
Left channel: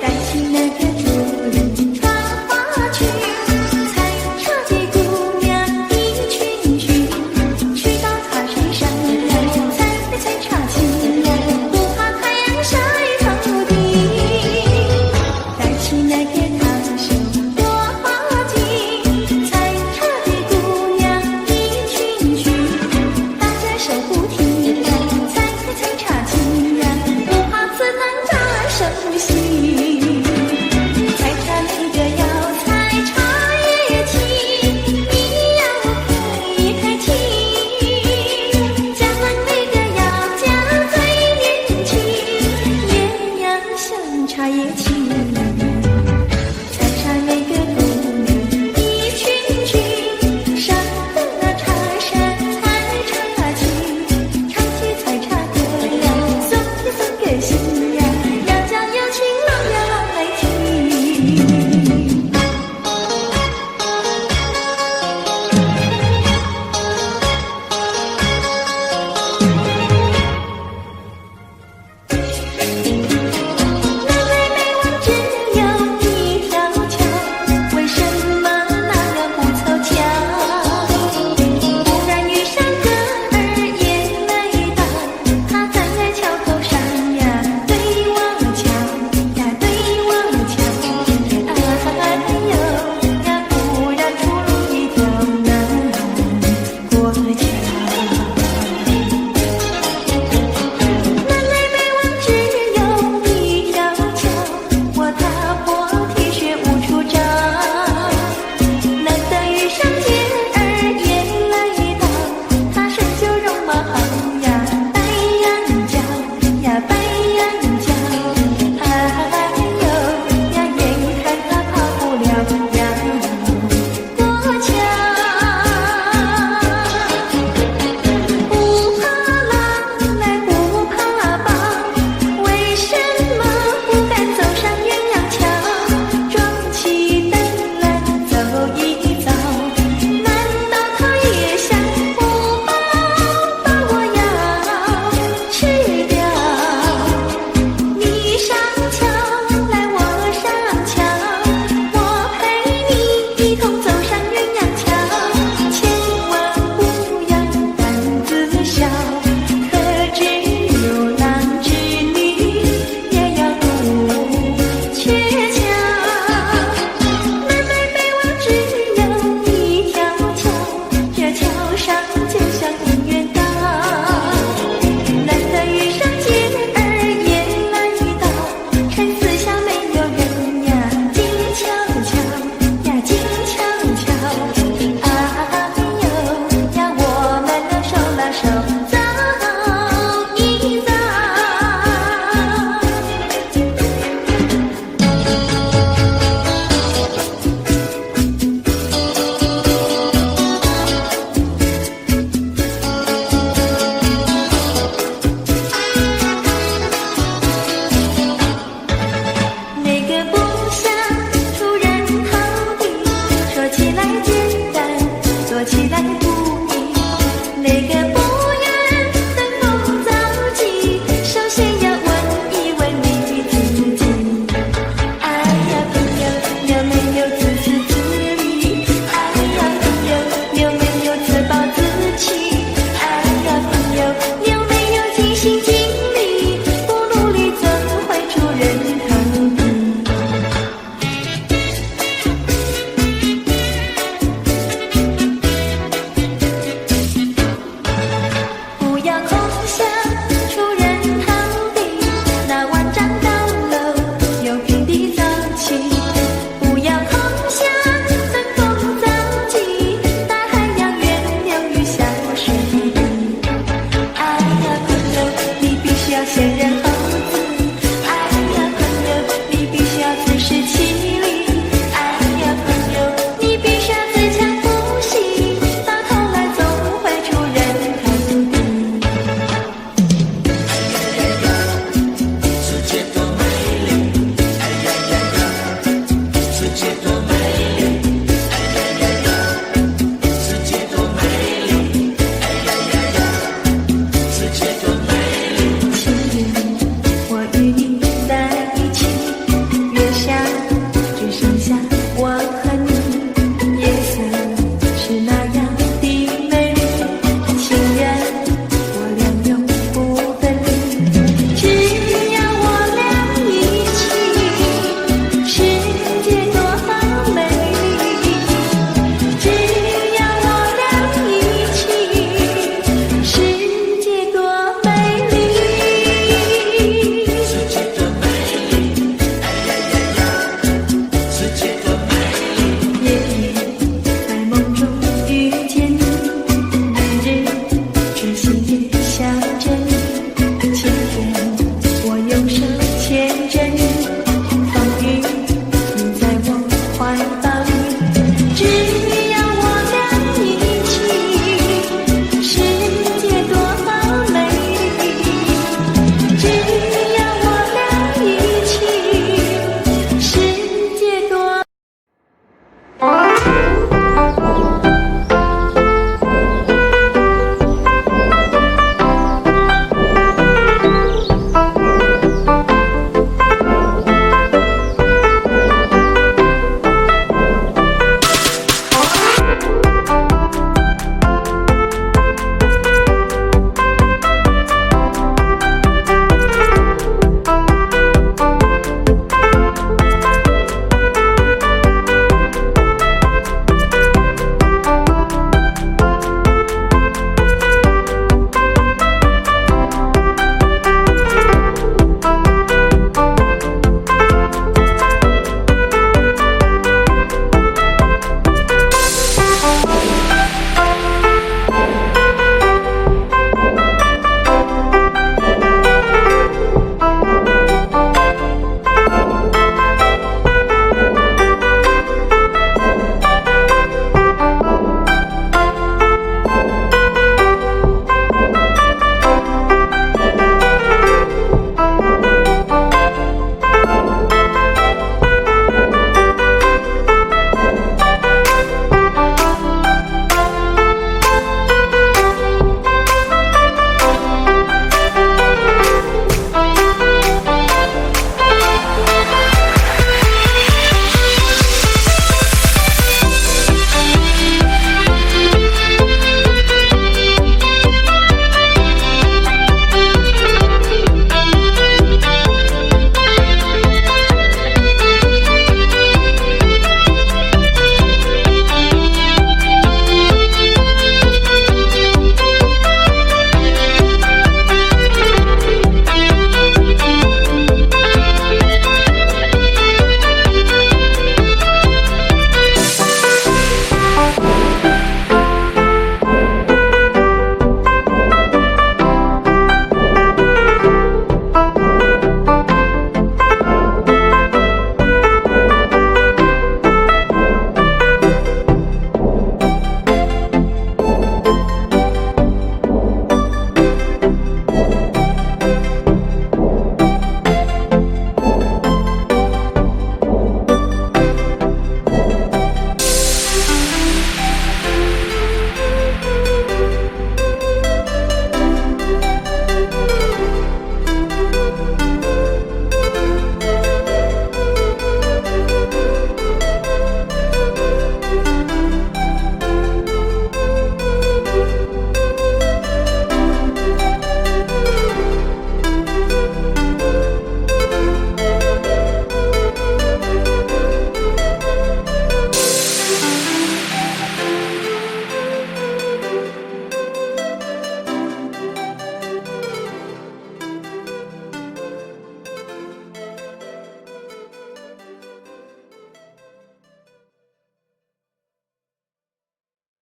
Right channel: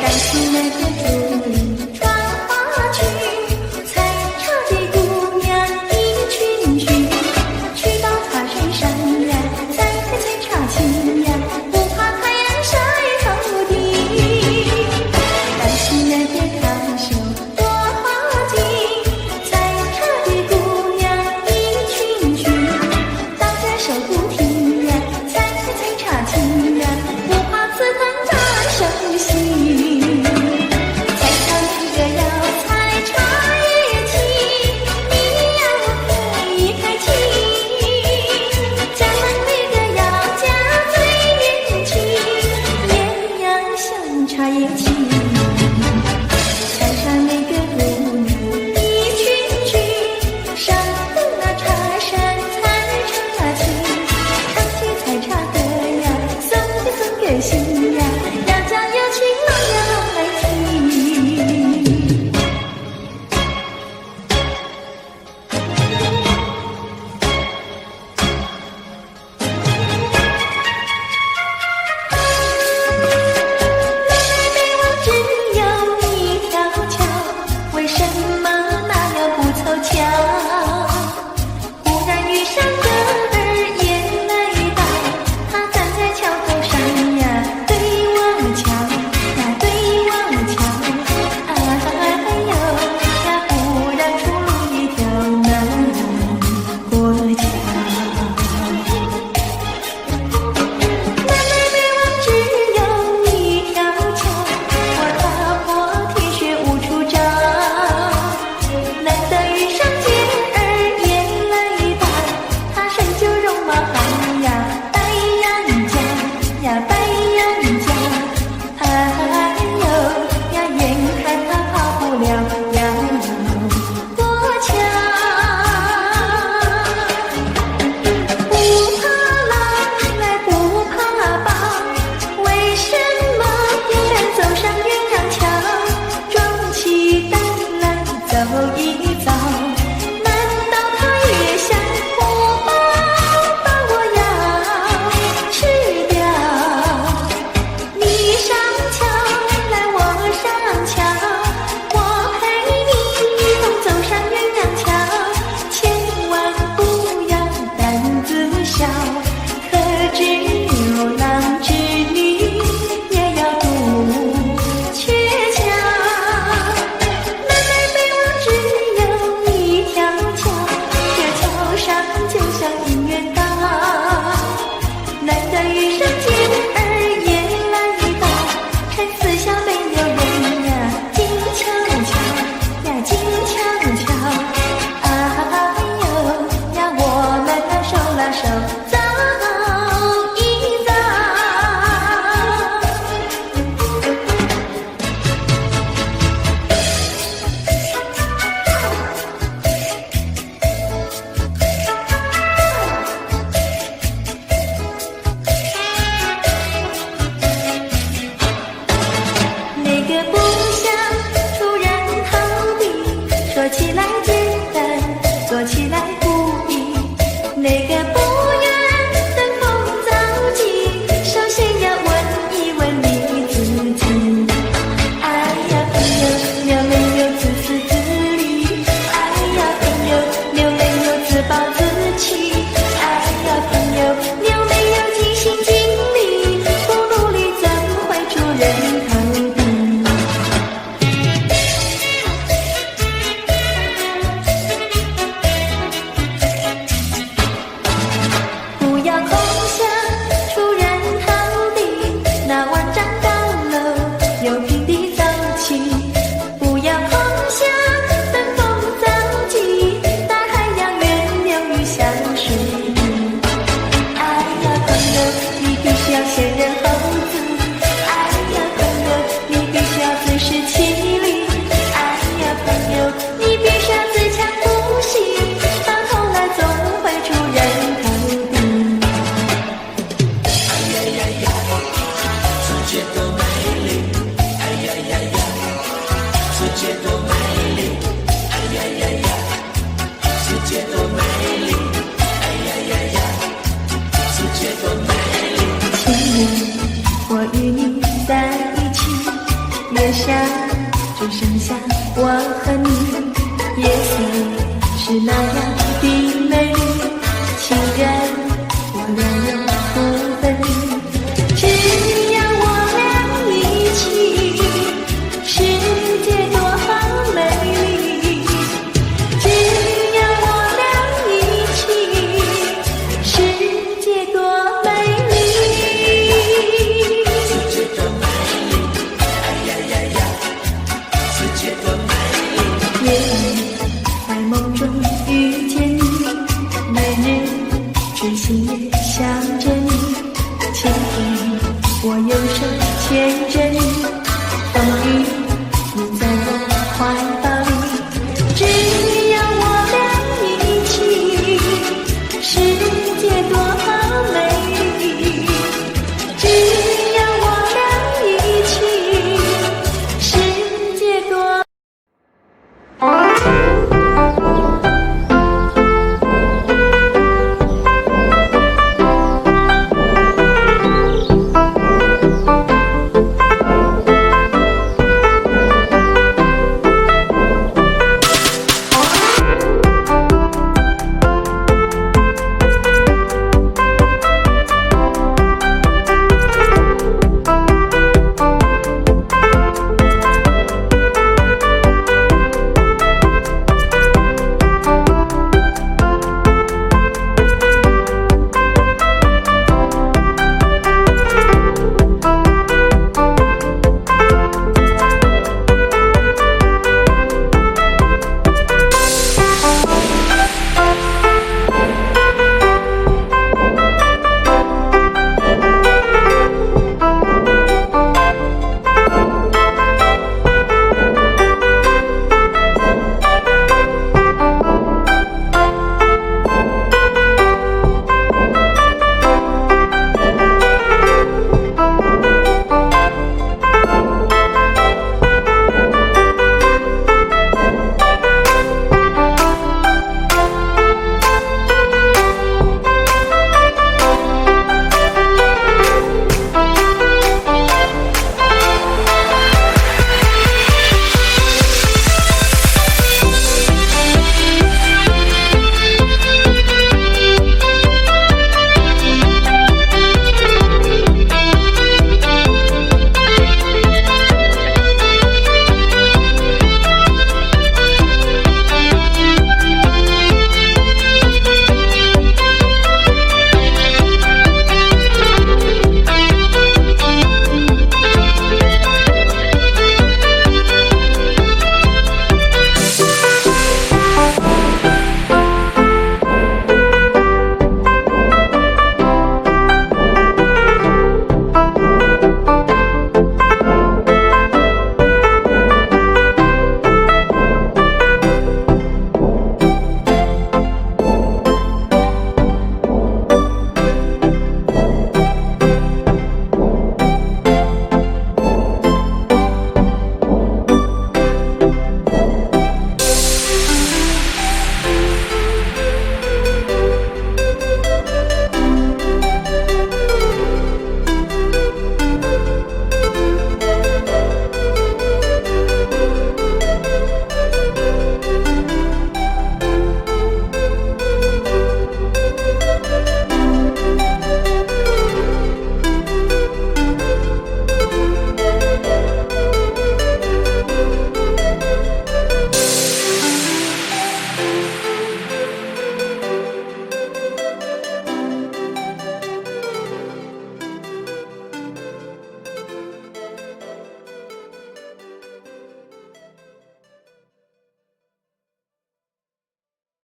单骑那个竹林穿花裙，采茶的姑娘一群群，去到茶水上呀，采茶青呀，不怕太阳晒头顶。单骑那个长袖多花襟，采茶的姑娘一群群，大家手不停呀，采茶青呀，不怕刺探在手心。采茶那个要采茶叶青，你要开气。家门那个要家最年轻，艳阳像茶叶青。采茶那个姑娘一群群，上等那茶山采茶青，唱起采茶歌呀，送给心呀，要叫有情郎呀来听。南北北往只有一条桥，为什么那样不凑巧？忽然遇上个儿也来到，他站在桥头上呀，对我瞧呀，对我瞧，哎呦呀，忽然出入一条南过桥。南来北往只有一条桥，我踏破铁鞋无处找。难得遇上姐儿也来到，她身就戎马汉呀，白羊角呀，白羊角，哎呦呀，眼看她跑不了呀过桥。不怕狼来不怕豹，为什么不敢走上鸳鸯桥？壮起胆来走一遭，难道他也想不饱把我要吃掉？你上桥来我上桥，我陪你一同走上鸳鸯桥，千万不要胆子小，可知牛郎织女也要渡鹊桥。南来北往只有一条桥，这桥上就像姻缘岛。难得遇上姐儿也来到，趁四下没有人呀，静悄悄呀，静悄悄。哎呦呀，我们那手拉手走一遭。那个不想出人头地，说起来简单，做起来不易。那个不愿登峰造极，首先要问一问你自己。哎呀朋友，你有没有自私自利？哎呀朋友，你有没有自暴自弃？哎呀朋友，你有没有尽心尽力？不努力怎会出人头地？不要空想出人头地，那万丈高楼有平地走起。不要空想登峰造极，大海洋源流于小水滴。哎呀朋友，你必须要先人后子。哎呀朋友，你必须要自食其力。哎呀朋友，你必须要自强不息，到头来总会出人头地。世界多美丽，哎呀呀呀！世界多美丽，哎呀呀呀！世界多美丽，哎呀呀呀！世界多美丽。情人，我与你在一起，月月下只剩下我和你，夜色是那样的